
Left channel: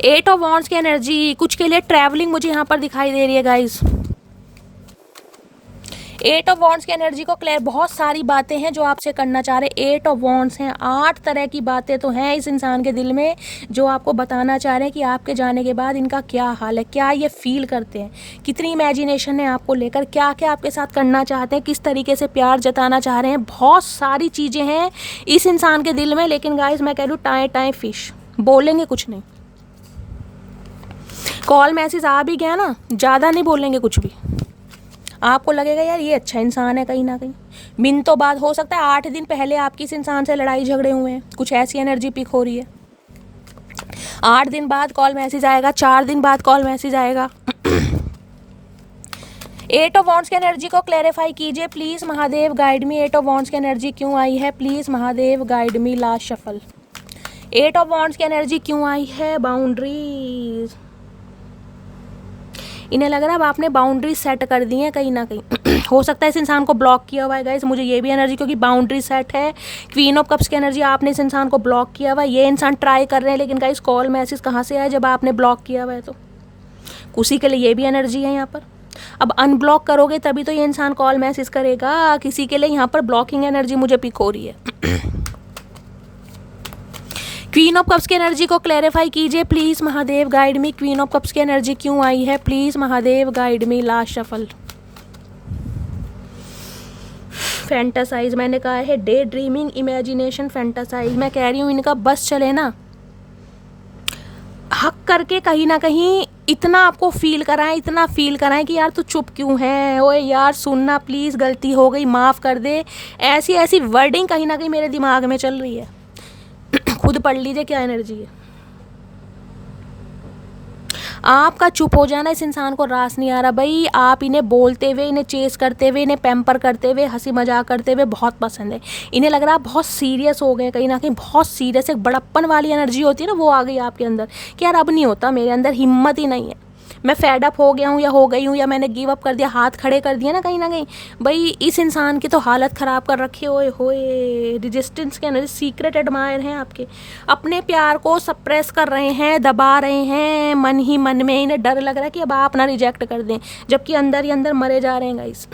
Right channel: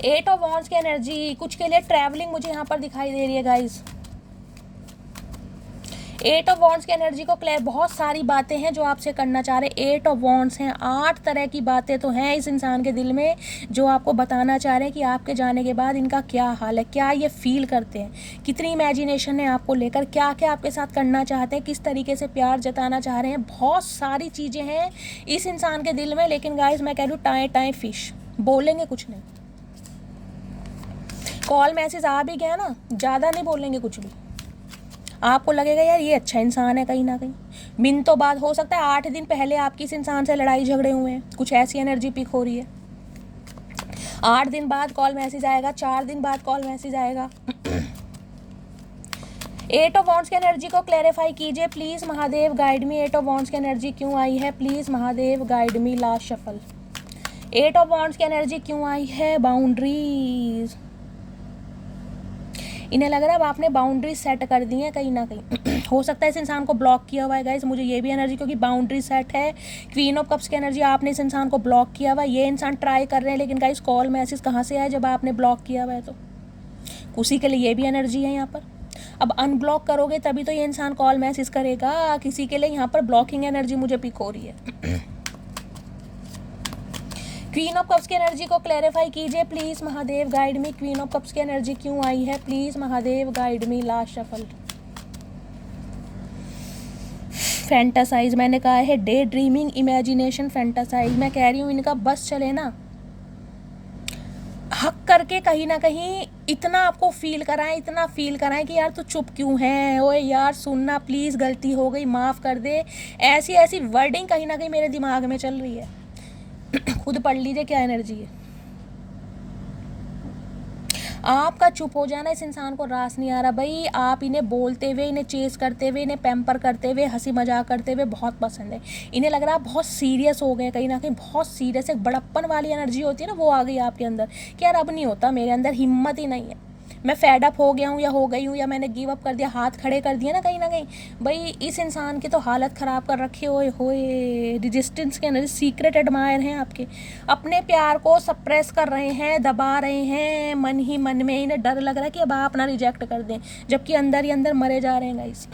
8 ऑफ वॉन्ड्स की एनर्जी कुछ के लिए ट्रैवलिंग मुझे यहाँ पर दिखाई दे रही है गाइस। 8 ऑफ वॉन्ड्स की एनर्जी को क्लियर, बहुत सारी बातें हैं जो आपसे करना चाह रहे हैं। 8 ऑफ वॉन्ड्स हैं, 8 तरह की बातें तो हैं इस इंसान के दिल में जो आपको बताना चाह रहे हैं कि आपके जाने के बाद इनका क्या हाल है, क्या ये फील करते हैं, कितनी इमेजिनेशन है आपको लेकर, क्या क्या आपके साथ करना चाहते हैं, किस तरीके से प्यार जताना चाह रहे हैं। बहुत सारी चीज़ें हैं इस इंसान के दिल में, लेकिन गाइस मैं कह रही हूँ टाए टाए फिश, बोलेंगे कुछ नहीं। कॉल मैसेज आ भी गया ना, ज़्यादा नहीं बोलेंगे कुछ भी। आपको लगेगा यार ये अच्छा इंसान है, कहीं ना कहीं मिनटों बाद, हो सकता है 8 दिन पहले आपकी इस इंसान से लड़ाई झगड़े हुए हैं, कुछ ऐसी एनर्जी पिक हो रही है। 8 दिन बाद कॉल मैसेज आएगा, 4 दिन बाद कॉल मैसेज आएगा। 8 ऑफ वॉन्ड्स की एनर्जी को क्लैरिफाई कीजिए please Mahadev, guide me. 8 of wands की एनर्जी क्यों आई है please Mahadev, guide me. Last shuffle. 8 of wands की एनर्जी क्यों आई है? बाउंड्रीज। इन्हें लग रहा है अब आपने बाउंड्री सेट कर दी है कहीं ना कहीं। हो सकता है इस इंसान को ब्लॉक किया हुआ है गाइस, मुझे ये भी एनर्जी, क्योंकि बाउंड्री सेट है। क्वीन ऑफ कप्स की एनर्जी, आपने इस इंसान को ब्लॉक किया हुआ है, ये इंसान ट्राई कर रहे हैं, लेकिन गाइस कॉल मैसेज कहाँ से आए जब आपने ब्लॉक किया हुआ है? तो उसी के लिए ये भी एनर्जी है यहाँ पर। अब अनब्लॉक करोगे तभी तो ये इंसान कॉल मैसेज करेगा, किसी के लिए यहाँ पर ब्लॉकिंग एनर्जी मुझे पिक हो रही है। क्वीन ऑफ कप्स की एनर्जी को क्लैरिफाई कीजिए please Mahadev, guide me. Queen of cups की एनर्जी क्यों आई है please Mahadev, guide me. Last shuffle. Fantasize, मैंने कहा है डे ड्रीमिंग, इमेजिनेशन, फैंटासाइज। मैं कह रही हूँ इनका बस चले ना, हक करके कहीं ना कहीं इतना आपको फील कराएं, इतना फील कराएं कि यार तू चुप क्यों है, ओए यार सुनना प्लीज़, गलती हो गई माफ़ कर दे। ऐसी ऐसी वर्डिंग कहीं ना कहीं मेरे दिमाग में चल रही है। खुद पढ़ लीजिए क्या एनर्जी है। आपका चुप हो जाना इस इंसान को रास नहीं आ रहा भाई। आप इन्हें बोलते हुए, इन्हें चेस करते हुए, इन्हें पैम्पर करते हुए, हंसी मजाक करते हुए बहुत पसंद है। इन्हें लग रहा है आप बहुत सीरियस हो गए, कहीं ना कहीं बहुत सीरियस, एक बड़प्पन वाली एनर्जी होती है ना, वो आ गई आपके अंदर कि यार अब नहीं होता, मेरे अंदर हिम्मत ही नहीं है, मैं फेड अप हो गया हूँ या हो गई हूँ, या मैंने गिव अप कर दिया, हाथ खड़े कर दिया ना कहीं ना कहीं। भाई इस इंसान की तो हालत ख़राब कर रखी है। होए रेजिस्टेंस के एनर्जी, सीक्रेट एडमायर हैं आपके, अपने प्यार को सप्रेस कर रहे हैं, दबा रहे हैं मन ही मन में। इन्हें डर लग रहा है कि अब आप ना रिजेक्ट कर दें, जबकि अंदर ही अंदर मरे जा रहे हैं गाइस।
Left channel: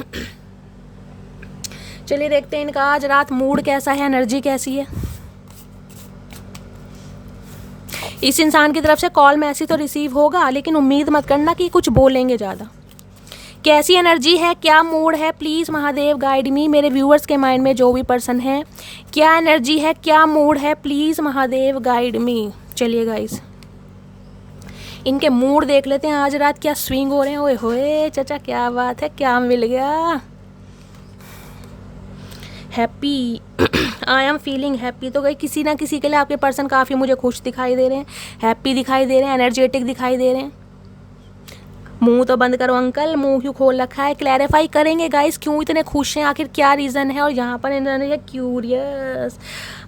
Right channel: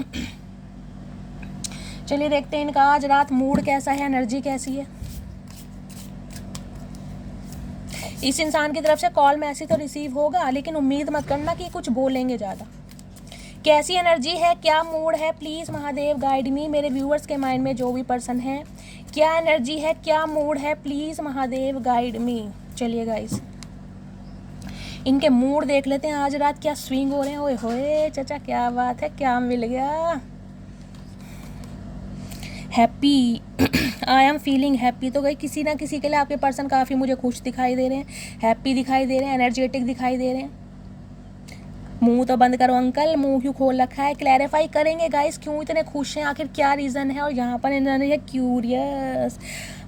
चलिए देखते हैं इनका आज रात मूड कैसा है, एनर्जी कैसी है। इस इंसान की तरफ से कॉल मैसेज तो रिसीव होगा, लेकिन उम्मीद मत करना कि कुछ बोलेंगे ज़्यादा। कैसी एनर्जी है, क्या मूड है, प्लीज़ महादेव गाइड मी। मेरे व्यूअर्स के माइंड में जो भी पर्सन है, क्या एनर्जी है, क्या मूड है, प्लीज़ महादेव गाइड मी। चलिए गाइस इनके मूड देख लेते हैं आज रात क्या स्विंग हो रहे हैं। ओए होए चाचा क्या बात है, क्या मिल गया। Happy, I am feeling happy. तो गई किसी ना किसी के लिए आपके पर्सन काफ़ी मुझे खुश दिखाई दे रहे हैं, हैप्पी दिखाई दे रहे हैं, एनर्जेटिक दिखाई दे रहे हैं। मुंह तो बंद करो अंकल, मुंह क्यों खोल रखा है। क्लैरिफाई करेंगे गाइस क्यों इतने खुश हैं, आखिर क्या रीज़न है। और यहाँ पर इन्होंने क्यूरियस,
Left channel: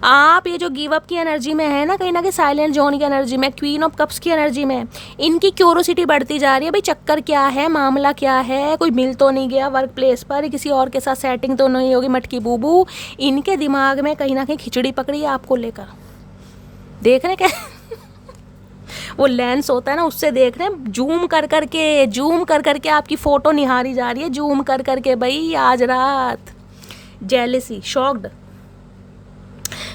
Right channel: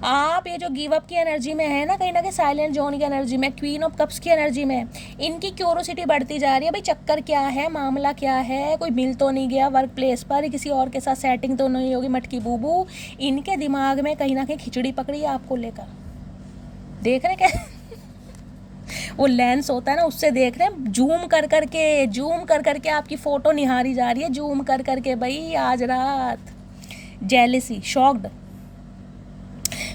आप ये जो गिव अप की एनर्जी में है ना, कहीं ना कहीं साइलेंट जोन की एनर्जी में, क्वीन ऑफ कप्स की एनर्जी में, इनकी क्यूरोसिटी बढ़ती जा रही है। भाई चक्कर क्या है, मामला क्या है, कोई मिल तो नहीं गया वर्क प्लेस पर, किसी और के साथ सेटिंग तो नहीं होगी मटकी बूबू। इनके दिमाग में कहीं ना कहीं खिचड़ी पकड़ी है आपको लेकर, देख रहे क्या। वो लेंस होता है ना, उससे देख रहे हैं, जूम कर करके आपकी फ़ोटो निहारी जा रही है, जूम कर करके भाई आज रात। Jealousy, shocked.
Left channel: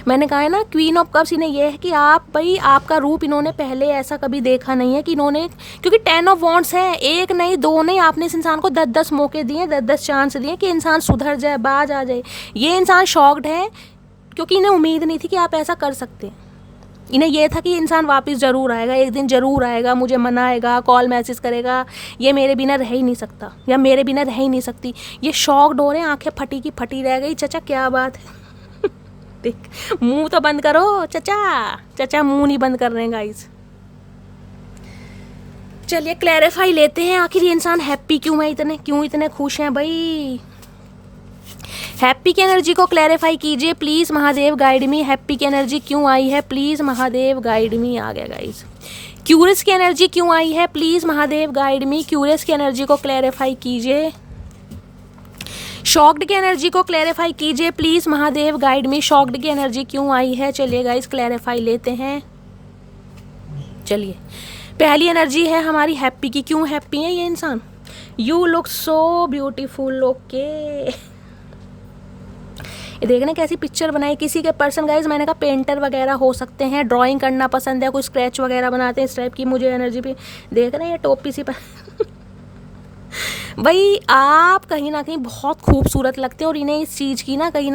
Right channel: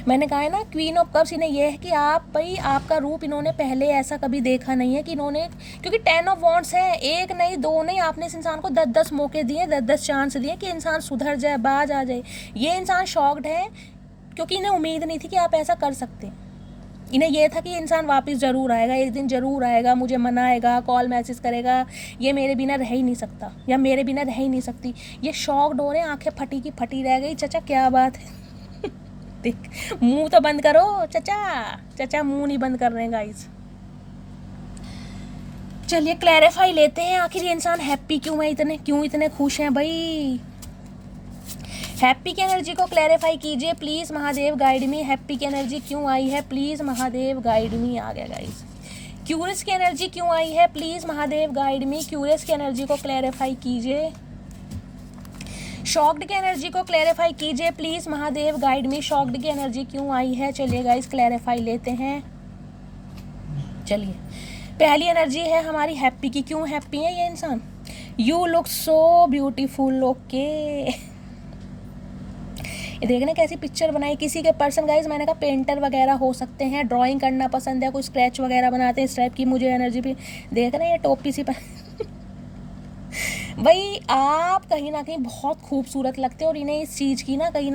मैंने कहा है ना क्वीन ऑफ कप्स इन्हें ये है कि आप भाई आपका रूप इन्होंने पहले ऐसा कभी देखा नहीं है कि इन्होंने, क्योंकि 10 ऑफ वॉन्ड्स है, एक नहीं दो नहीं, आपने इस इंसान को 10-10 मौके दिए, 10-10 चांस दिए कि इंसान सुधर जाए, बाज आ जाए। ये इंसान शॉक्ड है क्योंकि इन्हें उम्मीद नहीं थी कि आप ऐसा कर सकते हैं। इन्हें यह था कि ये इंसान वापस ज़रूर आएगा, एक दिन ज़रूर आएगा, मुझे मनाएगा, कॉल मैसेज करेगा, ये मेरे बिना रह ही नहीं सकता या मेरे बिना रह ही नहीं सकती। ये शॉक्ड हो रहे हैं, आंखें फटी की फटी रह गई। चचा क्या बात है? देख मुंह तो बंद करो चचा मुंह नहीं बंद कर रहे हैं गाइस। चलिए क्लैरिफाई लेते हैं, आखिर ये इंसान हैप्पी क्यों है, क्यों इतने खुश हैं भाई। हैप्पी की एनर्जी को क्लैरिफाई कीजिए please, Mahadev guide me. Happy की एनर्जी क्यों आई है प्लीज़, महादेव गाइड मी। आ गया गाइस। क्यूरियस की एनर्जी क्यों आई है please, Mahadev guide me. Curious की एनर्जी को क्लैरिफाई कीजिए। शॉक्ड की एनर्जी को क्लैरिफाई कीजिए please, Mahadev guide me. Shocked की एनर्जी क्यों आई है, चलिए गाइस क्लैरिफाई लेते हैं। चलिए पहली एनर्जी है हमारी हैप्पी की। क्यों हैप्पी है ये इंसान? You look so beautiful. Okay, देखने कैसी पिक्चर बनाई किसी के पर्सन गाइज। मैंने कहा पेंटर वगैरह हो सकते हैं, ड्राइंग करना पसंद है, कोई स्क्रैच वगैरह बनाते हैं, इस टाइप की मुझे एनर्जी भी देख रहे हैं। ये टोपी सी भाई आप कहीं ना कहीं बहुत खूबसूरत लगते हैं और इन्हें इस चीज़ की ना कहीं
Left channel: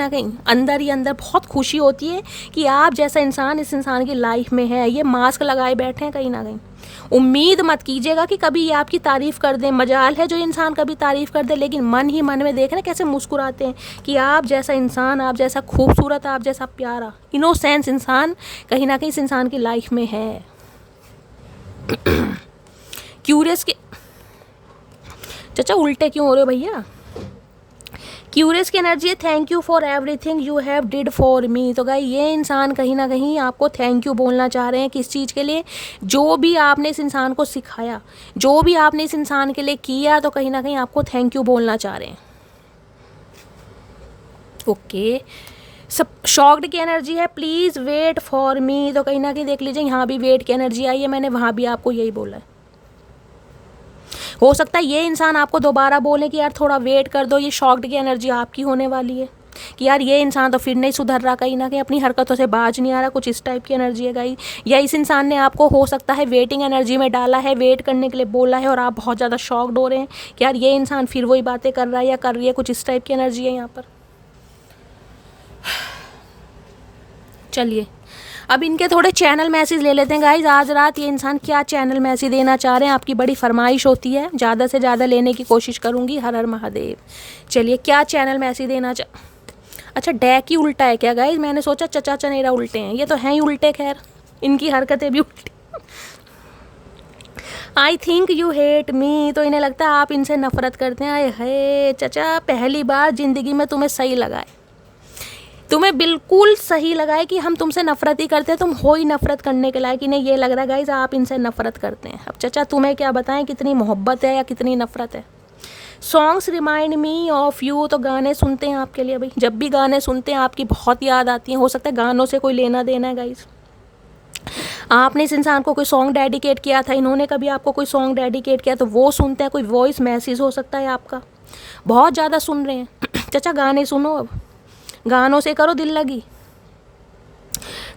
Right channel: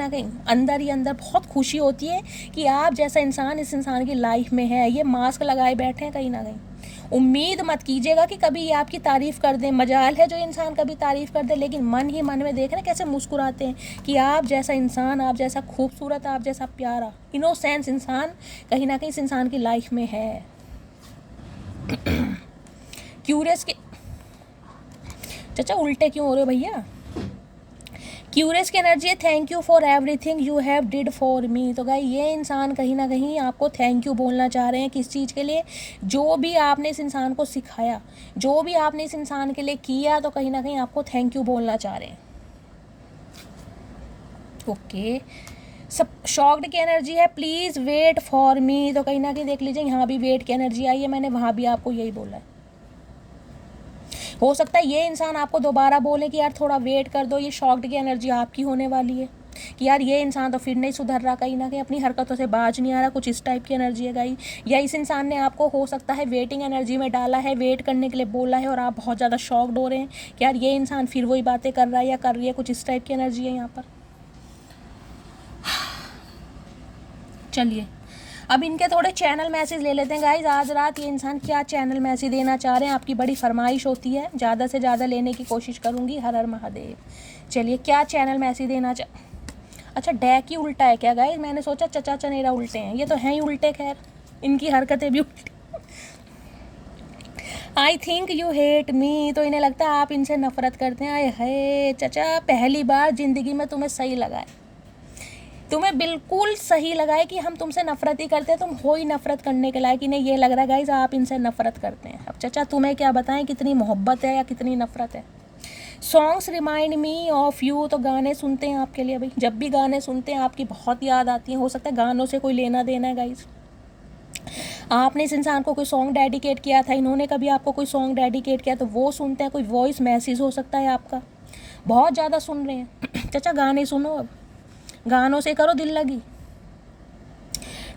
अंदर ही अंदर बहुत खुशी होती है कि आप जैसा इंसान इस इंसान की लाइफ में है। ये मास्क लगाए बैठे हैं कहीं ना कहीं। उम्मीद मत कीजिएगा कि कभी ये आपकी तारीफ़ कर दें, मजाल है जो इंसान कभी तारीफ़ कर दे, लेकिन मन ही मन में देख रहे कैसे मुस्कुराते हैं कि आप जैसा इंसान, आप जैसा खूबसूरत, आप जैसा प्यारा इनोसेंस इंसान कहीं ना कहीं इस इंसान की लाइफ में है। क्यूरियस के चाचा उल्टे क्यों हो रहे हो भैया? क्यूरियस की एनर्जी है thank you for everything you have did for me. तो गाइस ये इंसान कहीं ना कहीं आपको थैंक यू बोलना चाह रहे हैं। किस चीज़ के लिए? जो भी आपने इस इंसान को सिखाया, जो भी आपने इस इंसान के लिए किया, तो कहीं ना कहीं आपको थैंक यू बोलना चाह रहे हैं। ओके, सब शॉक्ड की एनर्जी है प्लीज़ वेट फॉर मी। तो कहीं ना कहीं देख लीजिए यहाँ भी वेट की एनर्जी आई है, मैंने वहाँ भी आपको यही बोला है। हो सकता है ये इंसान आपको दोबारा बोले कि यार थोड़ा वेट कर दो। ये शॉक्ड की एनर्जी आपकी होने वाली है कि यार ये इंसान तो फिर नहीं सुधर रहा, कहीं ना कहीं अपनी हरकतों से बाज नहीं आ रहा, कुछ इस टाइप की एनर्जी है गाइस। या इस इंसान ने आपको हो सकता है वेटिंग एनर्जी में डाला है, वेट करने के लिए बोला है और आप बहुत ज़्यादा शॉक्ड हो रहे हैं कि यार ये इंसान फिर वही बातें कर रहा है या कर रही है, कुछ इस टाइप की एनर्जी है यहाँ पर। चलिए अब इनके थोड़े चैनल मैसेज ले लेते हैं गाइज। आज रात ये इंसान क्या चैनल मैसेज देना चाह रहे हैं? आपकी बड़ी फरमाइश होती है, ज़्यादा से ज़्यादा लेने की कोशिश करूँगी। हर हर महादेव। चलिए क्या चैनल मैसेज देना अच्छा डैक ही उल्टा है क्या गाइज? मैंने सोचा चचा चनेरा उल्टे हैं, ये तो हैं ही उल्टे। खैर इनकी हरकतें भी उल्टी। I think you hate me. तो इन्हें लगता है आप इनसे नफरत करते हैं। आए है चचा, पहली बार ज़िंदगी में तुम्हें सही लगाए, तुम्हें बिल्कुल सही लगा है कि हम तुमसे नफरत ही करते हैं, तुम हो ही नफरत करने के लायक। इन्हें ये लग रहा है गाइज आप इनसे नफरत करते हैं। अब चचा तुम्हें क्या बताएं कितनी मोहब्बत है या कितनी नफरत है। Songs remind me of you. तो गाने सुनते हैं आपके लिए भाई, जब भी गाने सुनते हैं आपकी बहुत याद आती है। हो सकता है गानों से कोई लेना देना है गाइज। आपने इस इंसान को कोई सॉन्ग डेडिकेट किया था, इन्होंने कभी आपको कोई सॉन्ग डेडिकेट किया, तो वो सुनते हैं। कोई वॉइस मैसेज हो सकता है आपका, बहुत ज़्यादा सुन रहे हैं। चचा गाने सुनो, अब गानों से करो दिल लगी।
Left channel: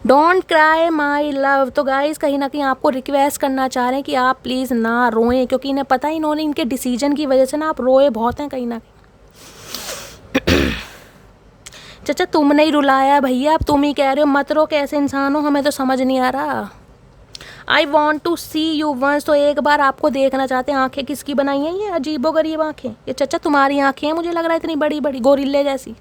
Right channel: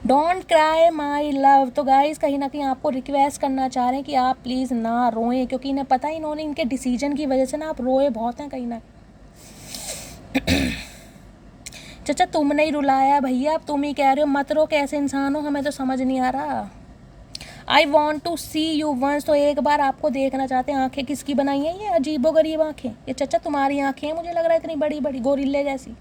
Don't cry my love. तो गाइस कहीं ना कहीं आपको रिक्वेस्ट करना चाह रहे हैं कि आप प्लीज़ ना रोएं, क्योंकि इन्हें पता है इन्होंने इनके डिसीजन की वजह से ना आप रोए बहुत हैं कहीं ना कहीं। चचा तुम नहीं रुलाया भैया, अब तुम ही कह रहे हो मत रो। कैसे इंसान हो, हमें तो समझ नहीं आ रहा। I want to see you once. तो एक बार आपको देखना चाहते हैं। आंखें किसकी बनाई हैं ये अजीबोगरीब आंखें? ये चचा तुम्हारी आंखें हैं, मुझे लग रहा है इतनी बड़ी बड़ी गोरिल्ले जैसी।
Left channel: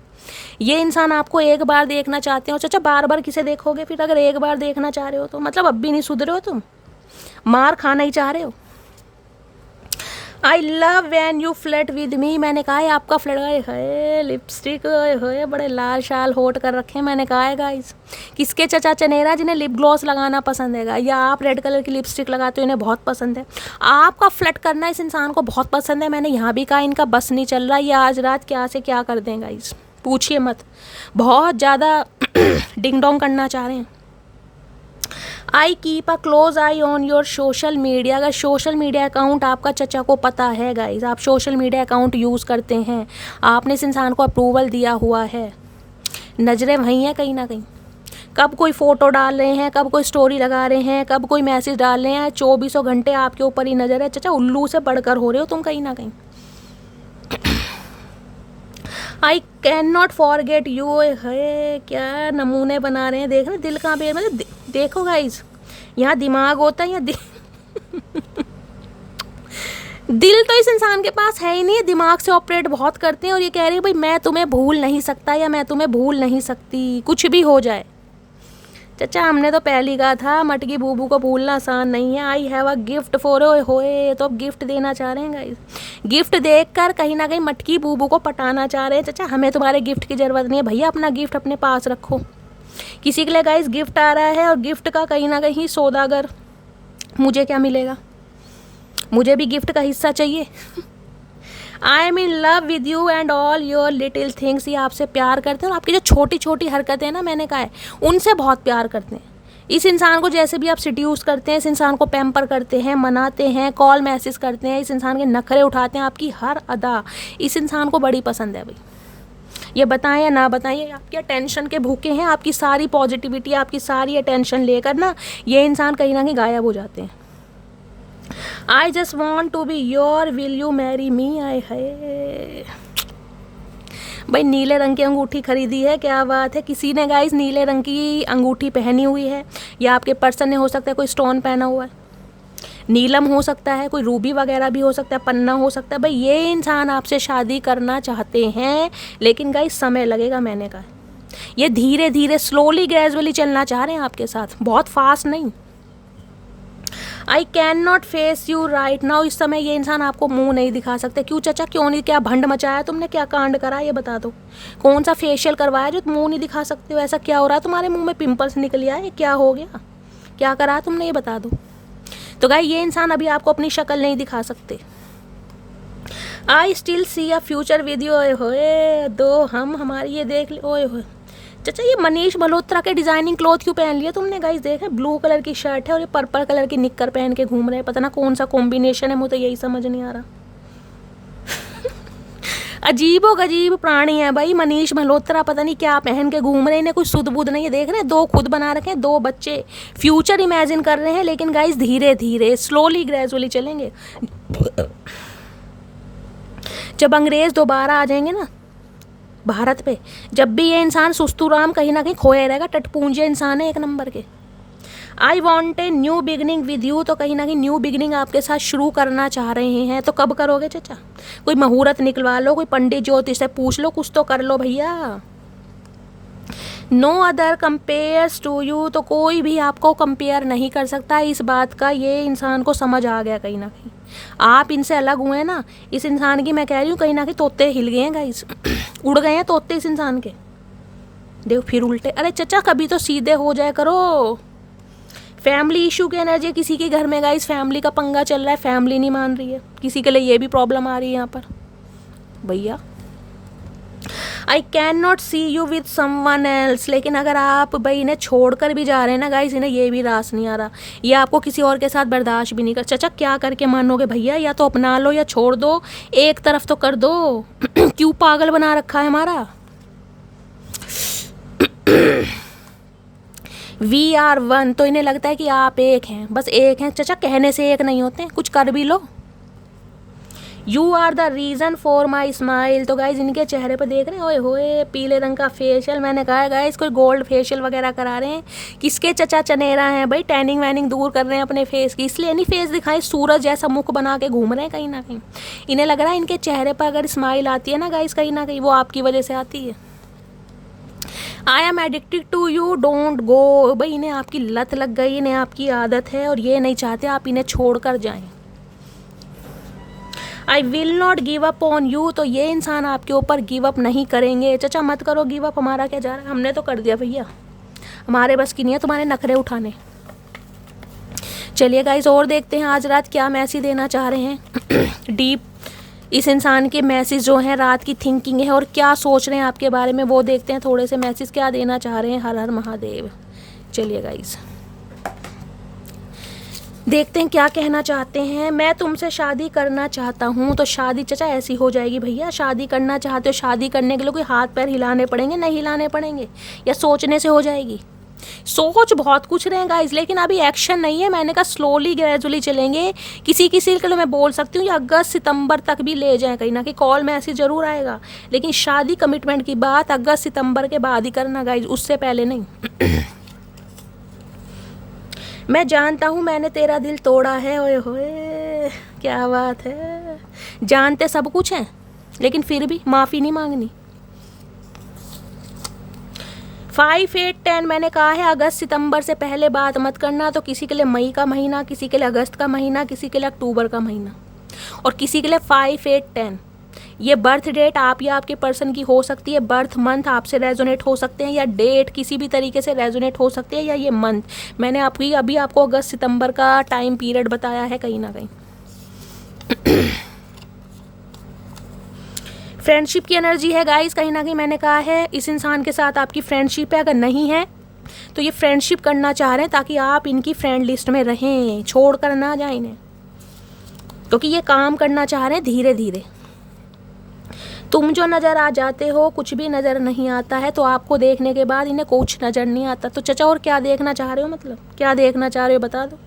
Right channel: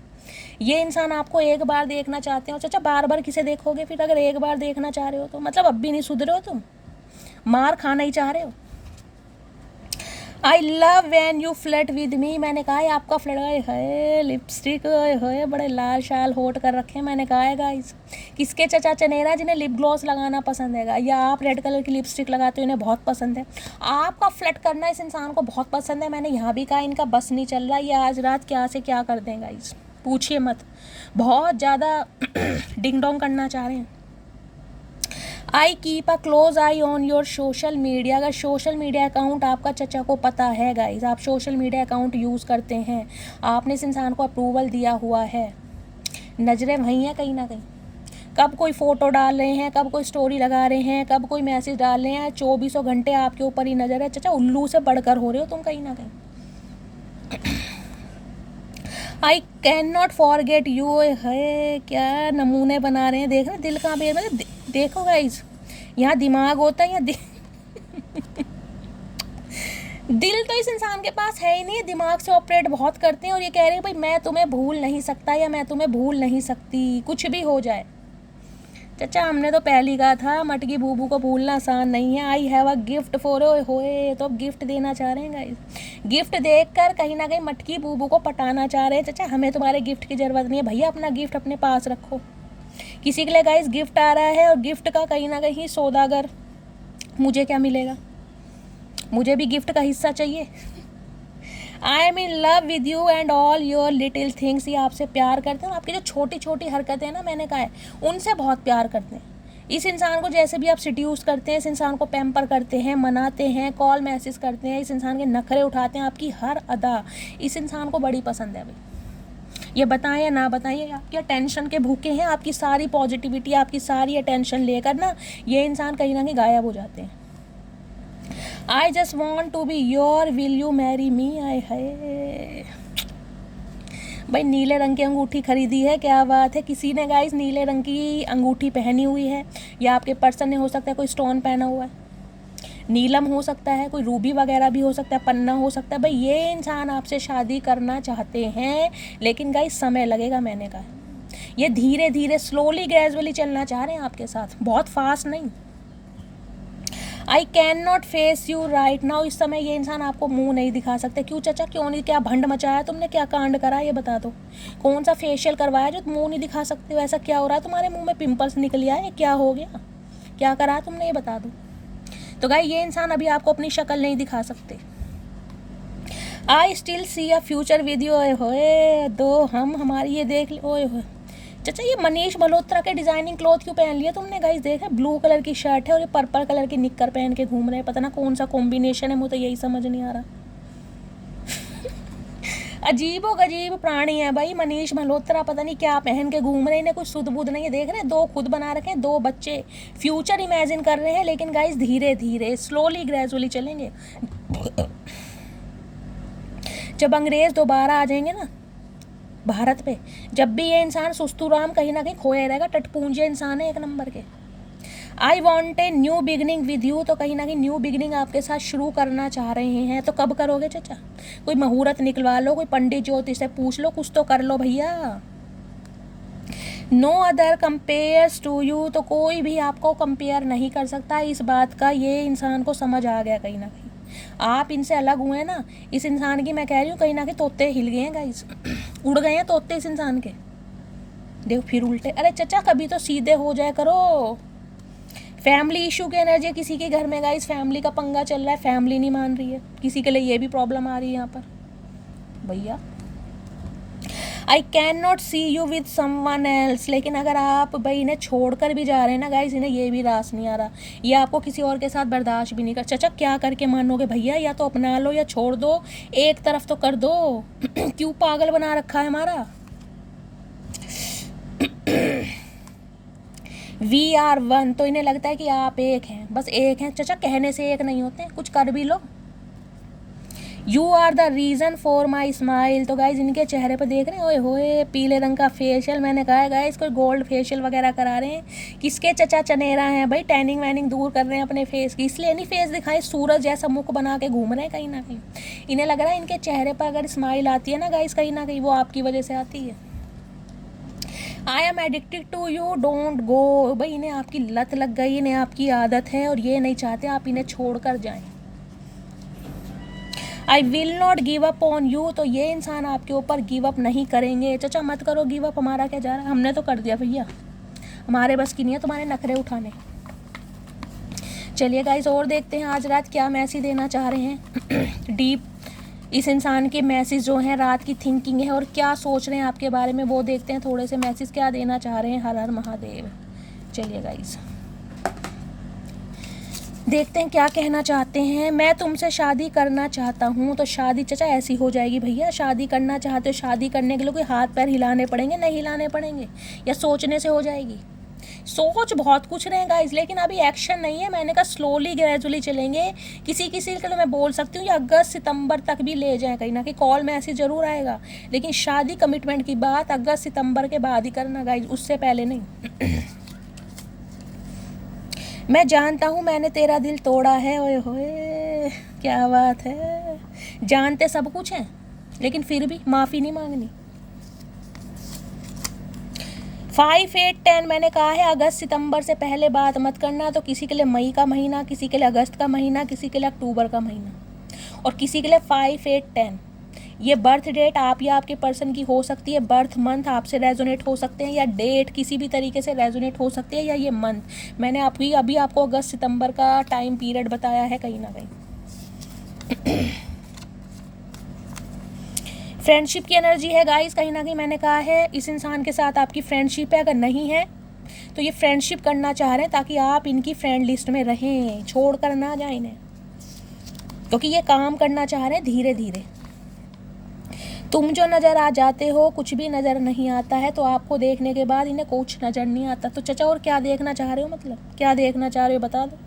ये इंसान आपको एक बार देखना चाहते हो। चचा बार बार किसे देखोगे फिर? अगर एक बार देखना चाह रहे हो तो मतलब अब भी नहीं सुधरे हो तुम, मार खाना ही चाह रहे हो। I love when you flirt with me. मैंने कहा है आपका फ्लर्ट है, लिपस्टिक है, बड़े लाल शाल होट कर रखे हैं। मैंने कहा है गाइस किसके चचा चनेरा जिन्हें लिप ग्लॉस लगाना पसंद है, या आप रेड कलर की लिपस्टिक लगाते हो इन्हें बहुत पसंद है। आपका फ्लर्ट करना इस इंसान को बहुत पसंद है। मैंने यहाँ भी कहा इनका बस नहीं चल रहा, ये आज रात क्या से क्या कर दें गाइस, पूछिए मत। बहुत ज़्यादा डिंग डोंग करना चाह रहे हैं। I keep a close I on your social media. अगर सोशल मीडिया अकाउंट आपका चचा को पता है गाइज, आप सोशल मीडिया अकाउंट यूज़ करते हैं, आपने इस इंसान को अप्रूवल दिया हुआ है, नज़रें वहीं हैं कहीं ना कहीं। कब कोई फ़ोटो डाल रहे हैं, कब कोई स्टोरी लगा रहे हैं, कब कोई मैसेज डाल रहे हैं, 24 घंटे आपके ऊपर ही नज़र है। चचा उल्लू से बढ़कर हो रहे हो तुम कहीं ना कहीं। आई कैन नॉट फॉरगेट यू। है क्या नमूने बना रहे हैं, देख रहे दिल का बेर मतलब देखो गाइज, यहाँ दिमाग होता है या दिल तो इस इंसान के पास है ही नहीं है, दिमाग से ऑपरेट बहुत करते हैं और ये कह रहे हैं भाई मैं तुम्हें भूल नहीं सकता या मैं तुम्हें भूल नहीं सकती, कुछ भी हो जाए। चचा हमने तो पहले ही कहा था मटकी बूबू को भूलना आसान नहीं है। I have a gift for होए, तो अब गिफ्ट देना चाह रहे हैं गाइस। गिफ्ट देखकर कहीं ना कहीं मटकी बूबू को पटाना चाह रहे हैं। चचा हमें तुम्हारे गिफ्ट की ज़रूरत नहीं है भैया, अपना गिफ्ट अपने पास रखो। किसी के लिए गाइस गिफ्ट आ रहा है और गिफ्ट का कहीं ना कहीं सौदागर, मुझे क्या मिलेगा, मुझे भी गिफ्ट का हिस्सा चाहिए। I am in love with you and all your little things. ये आपसे प्यार करते हैं और आपकी जो छोटी छोटी हरकतें हैं ना, मैंने कहा है उनसे बहुत प्यार करते हैं। इस इंसान को जैसे भी आप सिड्यूस करते हैं, इस इंसान को पैम्पर करते हैं, मनाते हैं, कॉल मैसेज करते हैं, इस इंसान के नखरे उठाते हैं, आपकी हर अदा इस इंसान को बड़ी पसंद है भाई। ये बताएं या ना बताएं, ये आपके अटेंशन के भूखे हैं। आपकी सारी पॉजिटिविटी, आपकी सारी अटेंशन लेकर ना ये इंसान कहीं ना कहीं गायब हो जाते हैं। I just want to be your, will you marry me. आई है भाई, नीले रंग की अंगूठी खरीदी है, क्या बात है। किसी ने गाइस नीले रंग की अंगूठी पहनी हुई है, या आपके पर्सन ने हो सकता है कोई स्टोन पहना हुआ है, नीलम हो सकता है, कोई रूबी वगैरह भी हो सकता है, पन्ना हो सकता है। भाई ये इंसान आपसे शादी करना चाहते हैं, लेकिन गाइस समय लगेगा। मैंने कहा ये धीरे धीरे स्लोली ग्रेजुअली चलना चाह रहे हैं आपके साथ, बहुत फास्ट नहीं। आई can not face you right now. इस समय ये इंसान आपको मुंह नहीं दिखा सकते। क्यों चचा, क्यों नहीं, क्या भंड मचाया तुमने, क्या कांड करा ये बता दो। कौन सा फेशियल करवाया जो मुंह नहीं दिखा सकते हो, ऐसा क्या हो रहा है तुम्हारे मुंह में, पिंपल्स निकल आए, क्या हो गया, क्या करा तुमने ये बता दो। तो गाइस ये इंसान अभी आपको अपनी शक्ल नहीं दिखा सकते। I still see a future with you. ओए होए दो हम हमारी ये देख ले। ओए होए चाचा, ये मनीष मल्होत्रा के डिजाइनिंग क्लॉथ क्यों पहन लिया तुमने गाइस। देखे ब्लू कलर की शर्ट है और ये पर्पल कलर की निक्कर पहन के घूम रहे हैं, पता ना कौन सा कॉम्बिनेशन है, मुझे तो यही समझ नहीं आ रहा। अजीबो गजीब प्राणी है भाई मनीष मल्होत्रा, पता नहीं क्या पहन के घूम रहे हैं, इन्हें कुछ सुध बुध नहीं है। देख रहे हैं दो खुद बना रखे हैं, दो बच्चे, फ्यूचर इमेजिन कर रहे हैं, लेकिन गाइस धीरे धीरे स्लोली ग्रेजुअली चलेंगे। जब अंग्रेज दोबारा आ जाएंगे ना भारत पे, जब भी ये इंसान सुस्तूराम कहीं ना कहीं खोए रहेगा। टटपूंजे इंसान है एक नंबर के। I want a new beginning with you, तो कहीं ना कहीं न्यू बिगनिंग आपके साथ शुरू करना चाह रहे हैं। तो कब करोगे चाचा, कोई मुहूर्त निकलवा लो, कोई पंडित ज्योतिष से पूछ लो, कुछ तो कर लो भैया। No other compares to you, तो कोई भी आपको कंपेयर नहीं कर सकता। इस बात का ये इंसान को समझ आ गया कहीं ना कहीं। आप इनसे अलग हुए हैं ना, इस इंसान की मैं कह रही हूँ कहीं ना कहीं तोते हिल गए हैं गाइस, उड़ गए हैं तोते इस इंसान के। देखो फिर उल्टे। अरे चचा कभी तो सीधे हो जाए करो। फैमिली इशू की एनर्जी किसी के घर में गाइस, फैमिली का पंगा चल रहा है, फैमिली नहीं मान रही है, किसी के लिए ये भी प्रॉब्लम आ रही है यहाँ पर भैया। I can not see you with someone else, लेकिन अगर आप भाई इन्हें छोड़कर भी जा रहे हैं ना गाइस, इन्हें ये भी रास नहीं आ रहा, ये आपको किसी और के साथ बर्दाश्त भी नहीं कर। चाचा क्या करके मानोगे भैया, या तो अपना लो या छोड़ दो, एक तरफ तो कर दो। क्यों पागल बना रखा है हमारा। वी आर वन, तो इन्हें लगता है कि आप एक हैं, बस एक हैं। चाचा कहने से एक नहीं होते, कुछ कर भी लो। You are the reason for my smile, तो गाइज इनके चेहरे पर देख रहे हैं, ओए होए पीले रंग का फेशियल। मैंने कहा गाइज कोई गोल्ड फेशियल वगैरह करा रहे हैं, किसके चचा चनेरा हैं भाई, टैनिंग वैनिंग दूर कर रहे हैं अपने फेस की, इसलिए नहीं फेस दिखाए, सूरज जैसा मुख बना के घूम रहे हैं कहीं ना कहीं। इन्हें लग रहा है इनके चेहरे पर अगर स्माइल आती है ना गाइज, कहीं ना कहीं वो आपकी वजह से आती है। I am addicted to you don't go, भाई इन्हें आपकी लत लग गई, इन्हें आपकी आदत है और ये नहीं चाहते आप इन्हें छोड़ कर जाएं। I will not give up on you, तो ये इंसान आपके ऊपर गिव अप नहीं करेंगे। चाचा मत करो गिव अप, हमारा क्या जा रहा है, हमने तो कर दिया भैया, हमारे बस की नहीं है तुम्हारे नखरे उठाने। चलिए गाइस और देखते हैं आज रात क्या मैसेज देना चाह रहे हैं। डीप इस इंसान के मैसेज जो हैं, रात की थिंकिंग है और क्या सोच रहे हैं आपके बारे में, वो देखते हैं। थोड़े से मैसेज क्या देना चाह रहे हैं। हर हर महादेव। चलिए गाइस। देखते हैं क्या कहना चाहते हैं। मैं तुमसे शादी करना चाहता हूँ। तो शादी चाचा ऐसी हो जाएगी भैया। शादी करना चाहते हो, शादी करने के लिए कोई हाथ पैर हिलाने पड़ेंगे? नहीं हिलाने पड़ेंगे, या सोचने से हो जाएगी? सोच बहुत कुछ रहे गाइस, लेकिन अभी एक्शन नहीं है। मैंने कहा स्लोली ग्रेजुअली चलेंगे। किसी किसी के लिए मैं बोल सकती हूँ ये अगस्त सितंबर तक भी ले जाएं, कहीं ना कहीं कॉल मैसेज जरूर आएगा, लेकिन शादी कमिटमेंट की बात अगस्त सितंबर के बाद ही करना गाइस, उससे पहले नहीं। मैं जानता हूँ मैंने तेरा दिल तोड़ा है। ओए होए क्या बात है। जानते सब कुछ हैं, लेकिन फिर भी माफ़ी नहीं मांगनी। 5, 8, 10 मैंने कहा है अगस्त सितंबर से पहले बात मत करना। तो किसी के लिए मई का महीना, किसी के लिए अगस्त का महीना, किसी के लिए अक्टूबर का महीना, और किसी के लिए 5, 8, 10। ये बर्थ डेट आप या आपके पर्सन की हो सकती है, बर्थ मंथ आपसे रेजोनेट हो सकते हैं, या डेट किसी भी तरीके से रेजोनेट हो सकती है, या ये मंथ। मैंने अभी आपको अगस्त सितंबर का टाइम पीरियड बताया है कहीं ना कहीं। फ्रेंडशिप की एनर्जी है गाइस, कहीं ना कहीं मैंने कहा है इस इंसान के साथ आपकी फ्रेंडशिप है। अगर नहीं है तो ये फ्रेंडशिप करना चाह रहे हैं ताकि आप इनकी फ्रेंड लिस्ट में रहें, छोड़ कर ना जाए इन्हें, क्योंकि ये काम करना चाह रहे हैं धीरे धीरे। तुम जो नज़र आ जाते हो कुछ भी नज़र नहीं आता है, तो आपको देखने के बाद इन्हें कुछ नज़र नहीं आता। तो चचा और क्या देखना चाह रहे हो, मतलब क्या देखना चाह रहे हो बता दो।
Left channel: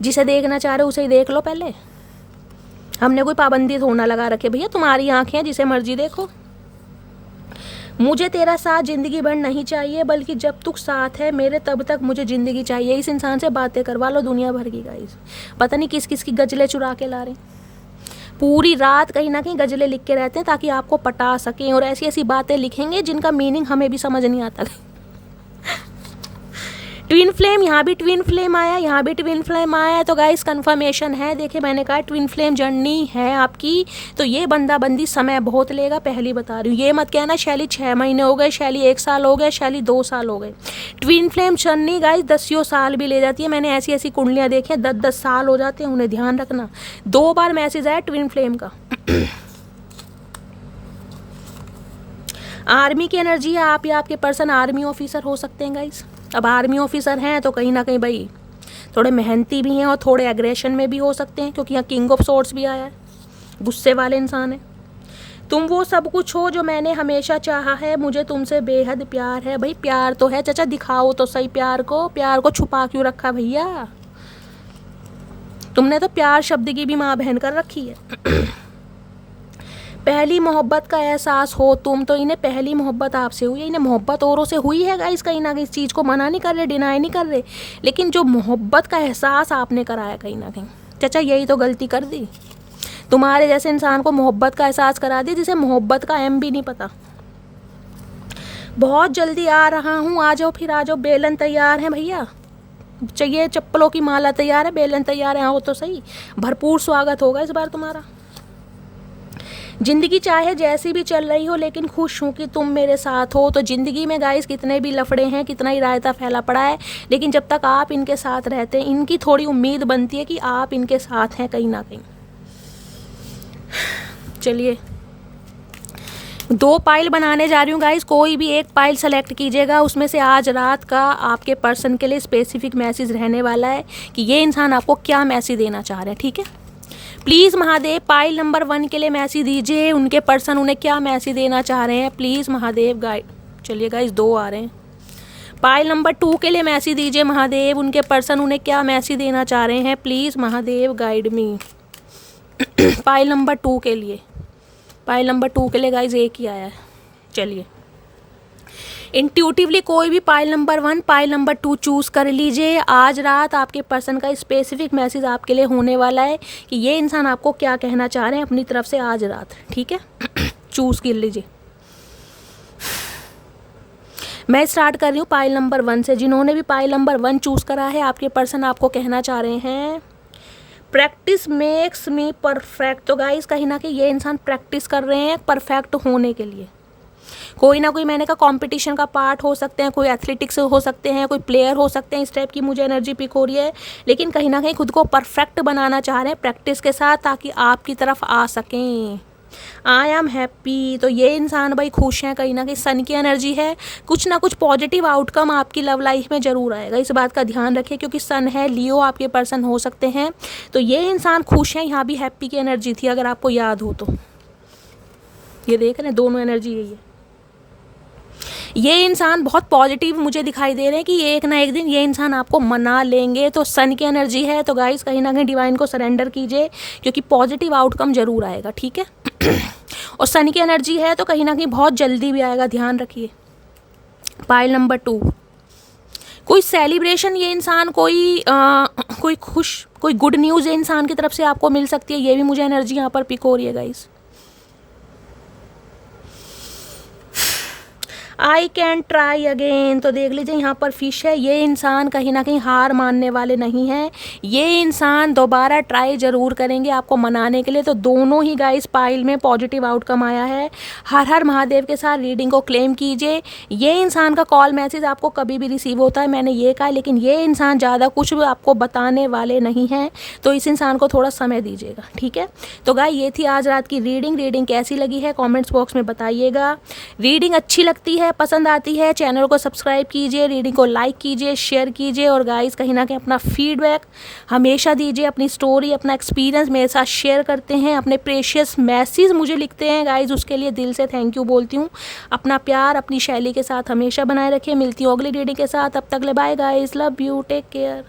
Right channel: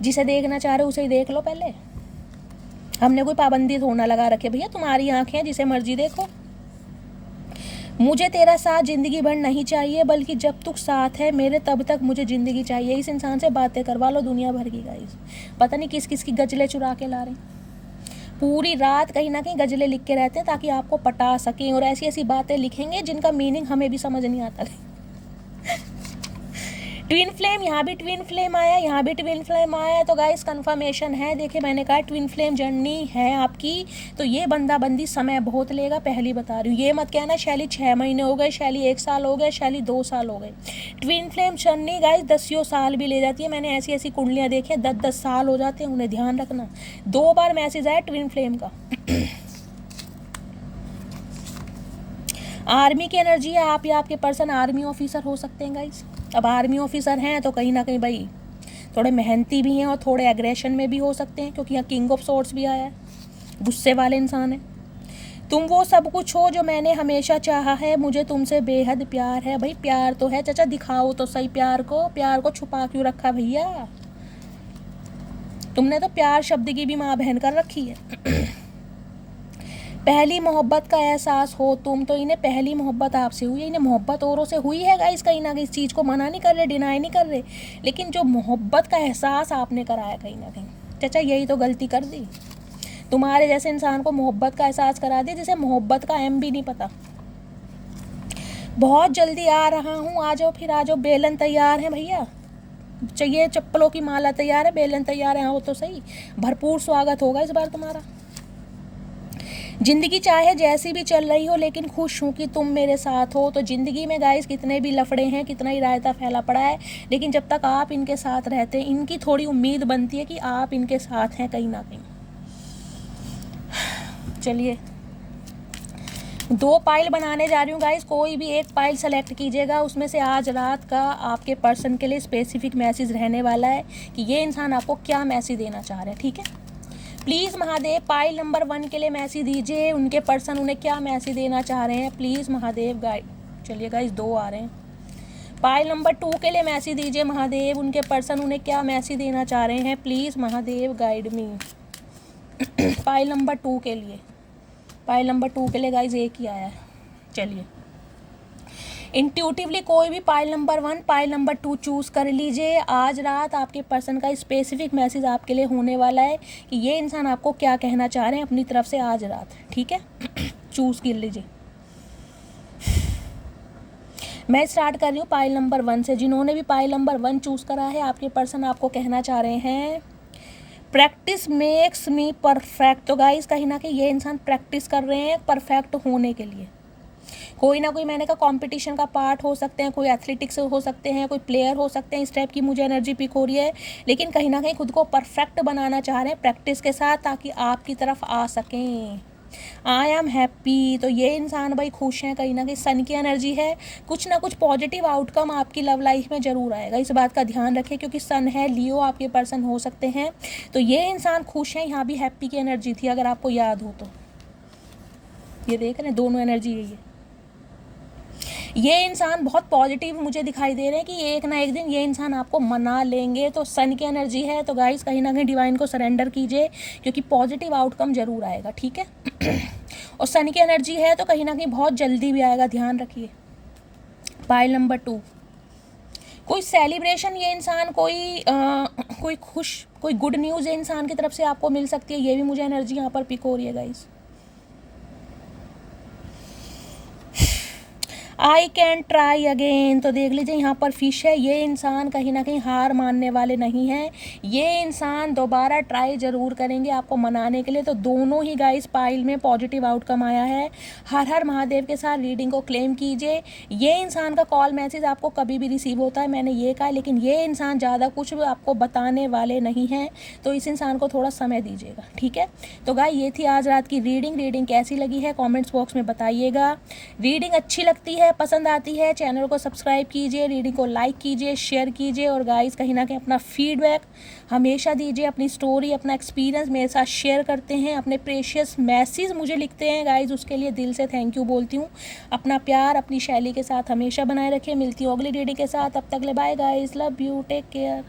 जिसे देखना चाह रहे हो उसे ही देख लो पहले। हमने कोई पाबंदी थोड़ा लगा रखे भैया, तुम्हारी आंखें जिसे मर्जी देखो। मुझे तेरा साथ ज़िंदगी भर नहीं चाहिए, बल्कि जब तक साथ है मेरे तब तक मुझे ज़िंदगी चाहिए। इस इंसान से बातें करवा लो दुनिया भर की गाइस, पता नहीं किस किस की गजलें चुरा के ला रहे हैं। पूरी रात कहीं ना कहीं गजलें लिख के रहते हैं ताकि आपको पटा सकें, और ऐसी ऐसी बातें लिखेंगे जिनका मीनिंग हमें भी समझ नहीं आता। ट्विन फ्लेम, यहाँ भी ट्विन फ्लेम आया, यहाँ भी ट्विन फ्लेम आया। तो गाइस कंफर्मेशन है, देखिए मैंने कहा ट्विन फ्लेम जर्नी है आपकी। तो ये बंदा बंदी समय बहुत लेगा, पहली बता रही हूँ। ये मत कहना शैली 6 महीने हो गए, शैली 1 साल हो गए, शैली 2 साल हो गए। ट्विन फ्लेम जर्नी गाइस 10 साल भी ले जाती है। मैंने ऐसी ऐसी कुंडलियाँ देखी हैं 10-10 साल हो जाते हैं, उन्हें ध्यान रखना। 2 बार मैसेज आया ट्विन फ्लेम का। आर्मी की एनर्जी है, आप या आपके पर्सन आर्मी ऑफिसर हो सकते हैं गाइस। अब आर्मी ऑफिसर हैं तो कहीं ना कहीं भाई थोड़े मेहनती भी हैं और थोड़े एग्रेशन में भी हो सकते हैं, क्योंकि यहाँ किंग ऑफ सोर्ड्स भी आया है, गुस्से वाले इंसान है। तुम वो सब कुछ हो जो मैंने हमेशा चाहा है, मुझे तुमसे बेहद प्यार है। भाई प्यार तो है चाचा, दिखाओ तो सही प्यार को छुपा क्यों रखा भैया। तुमने तो प्यार शब्द की भी माँ बहन कर रखी है। पहली मोहब्बत का एहसास हो तुम, तो इन्हें पहली मोहब्बत आपसे हुई है, इन्हें मोहब्बत औरों से हुई है गाइस। कहीं ना कहीं इस चीज़ को मना नहीं कर रहे, डिनाई नहीं कर रहे, लेकिन जो मोहब्बत का एहसास आपने कराया कहीं ना कहीं चाचा, यही तो गलती कर दी। तुम्हारे जैसे इंसान को मोहब्बत का एहसास करा दी जिसे मोहब्बत का एम भी नहीं पता। बहुत जल्दी आ रहा हूँ, आ जाओ फिर आ जाओ। बेलन तैयार है भैया, चाहिए चप्पलों की माला तैयार है, बेलन तैयार है, आओ तो सही। भरपूर स्वागत होगा इस बार तुम्हारा। ज़िंदगी चाहे जैसी भी चल रही हो, लेकिन खुश हूँ कि तुम मेरे साथ हो। तो ज़िंदगी में गाइस कितने भी लफड़े हैं, कितना ही रायता फैला पड़ा है, लेकिन जब तक आप इनके साथ रहते हैं, इनकी थोड़ी उम्मीद बनती है कि आप इनके साथ हैं कहीं ना कहीं। चलिए 2 पाइल बनाने जा रही हूँ गाइस, कोई भी एक पाइल सेलेक्ट कीजिएगा। उसमें से आज रात का आपके पर्सन के लिए स्पेसिफिक मैसेज रहने वाला है कि ये इंसान आपको क्या मैसेज देना चाह रहे हैं, ठीक है। प्लीज़ महादेव पाइल नंबर 1 के लिए मैसेज दीजिए, उनके पर्सन उन्हें क्या मैसेज देना चाह रहे हैं, प्लीज़ महादेव गाइड। चलिए गाइस 2 आ रहे हैं। पाइल नंबर 2 के लिए मैसेज दीजिए महादेव, उनके पर्सन उन्हें क्या मैसेज देना चाह रहे हैं, please Mahadev guide me. Pile number 2 के लिए, पाइल नंबर 2 के लिए गाइस 1 ही आया है। चलिए इंट्यूटिवली कोई भी pile number 1 pile number 2 choose कर लीजिए। आज रात आपके पर्सन का स्पेसिफिक मैसेज आपके लिए होने वाला है कि ये इंसान आपको क्या कहना चाह रहे हैं अपनी तरफ से आज रात, ठीक है। चूज़ कर लीजिए। मैं स्टार्ट कर रही हूँ पाइल नंबर 1 से। जिन्होंने भी पाइल नंबर 1 चूज़ करा है, आपके पर्सन आपको कहना चाह रहे हैं प्रैक्टिस मेक्स मी परफेक्ट। तो गाइस कहीं ना कहीं ये इंसान प्रैक्टिस कर रहे हैं परफेक्ट होने के लिए। कोई ना कोई मैंने कहा कंपटीशन का पार्ट हो सकते हैं, कोई एथलेटिक्स हो सकते हैं, कोई प्लेयर हो सकते हैं, इस टाइप की मुझे एनर्जी पिक हो रही है। लेकिन कहीं ना कहीं खुद को परफेक्ट बनाना चाह रहे हैं प्रैक्टिस के साथ, ताकि आपकी तरफ आ सकें। आई एम हैप्पी, तो ये इंसान भाई खुश हैं, कहीं ना कहीं सन की एनर्जी है, कुछ ना कुछ पॉजिटिव आउटकम आपकी लव लाइफ में ज़रूर आएगा, इस बात का ध्यान रखें, क्योंकि सन है, लियो आपके पर्सन हो सकते हैं। तो ये इंसान खुश हैं, यहाँ भी हैप्पी की एनर्जी थी अगर आपको याद हो तो, ये देख रहे हैं दोनों एनर्जी है ये इंसान बहुत पॉजिटिव मुझे दिखाई दे रहे हैं कि एक ना एक दिन ये इंसान आपको मना लेंगे। तो सन की एनर्जी है, तो गाइस कहीं ना कहीं डिवाइन को सरेंडर कीजिए, क्योंकि पॉजिटिव आउटकम जरूर आएगा, ठीक है। और सन की एनर्जी है तो कहीं ना कहीं बहुत जल्दी भी आएगा, ध्यान रखिए। पाइल नंबर 2, कोई सेलिब्रेशन ये इंसान, कोई कोई गुड न्यूज़ ये इंसान की तरफ से आपको मिल सकती है, ये भी मुझे एनर्जी यहाँ पर पिक हो रही है guys. I can try again, तो देख लीजिए यहाँ पर फिश है, ये इंसान कहीं ना कहीं हार मानने वाले नहीं हैं, ये इंसान दोबारा ट्राई ज़रूर करेंगे आपको मनाने के लिए। तो दोनों ही गाइस पाइल में पॉजिटिव आउटकम आया है। हर हर महादेव के साथ रीडिंग को क्लेम कीजिए। ये इंसान का कॉल मैसेज आपको कभी भी रिसीव होता है, मैंने ये कहा, लेकिन ये इंसान ज़्यादा कुछ भी आपको बताने वाले नहीं हैं, तो इस इंसान को थोड़ा समय दीजिएगा, ठीक है। तो गाइस ये थी आज रात की रीडिंग कैसी लगी है कॉमेंट्स बॉक्स में बताइएगा। रीडिंग अच्छी लगती है, पसंद आती है, चैनल को सब्सक्राइब कीजिए, रीडिंग को लाइक कीजिए, शेयर कीजिए, और गाइस कहीं ना कहीं अपना फीडबैक हमेशा दीजिए, अपनी स्टोरी, अपना एक्सपीरियंस मेरे साथ शेयर करते हैं, अपने प्रेशियस मैसेज मुझे लिखते हैं गाइस, उसके लिए दिल से थैंक यू बोलती हूँ। अपना प्यार अपनी शैली के साथ हमेशा बनाए रखिए। मिलती हूँ अगली रीडिंग के साथ, तब तक ले bye guys, love you, take care.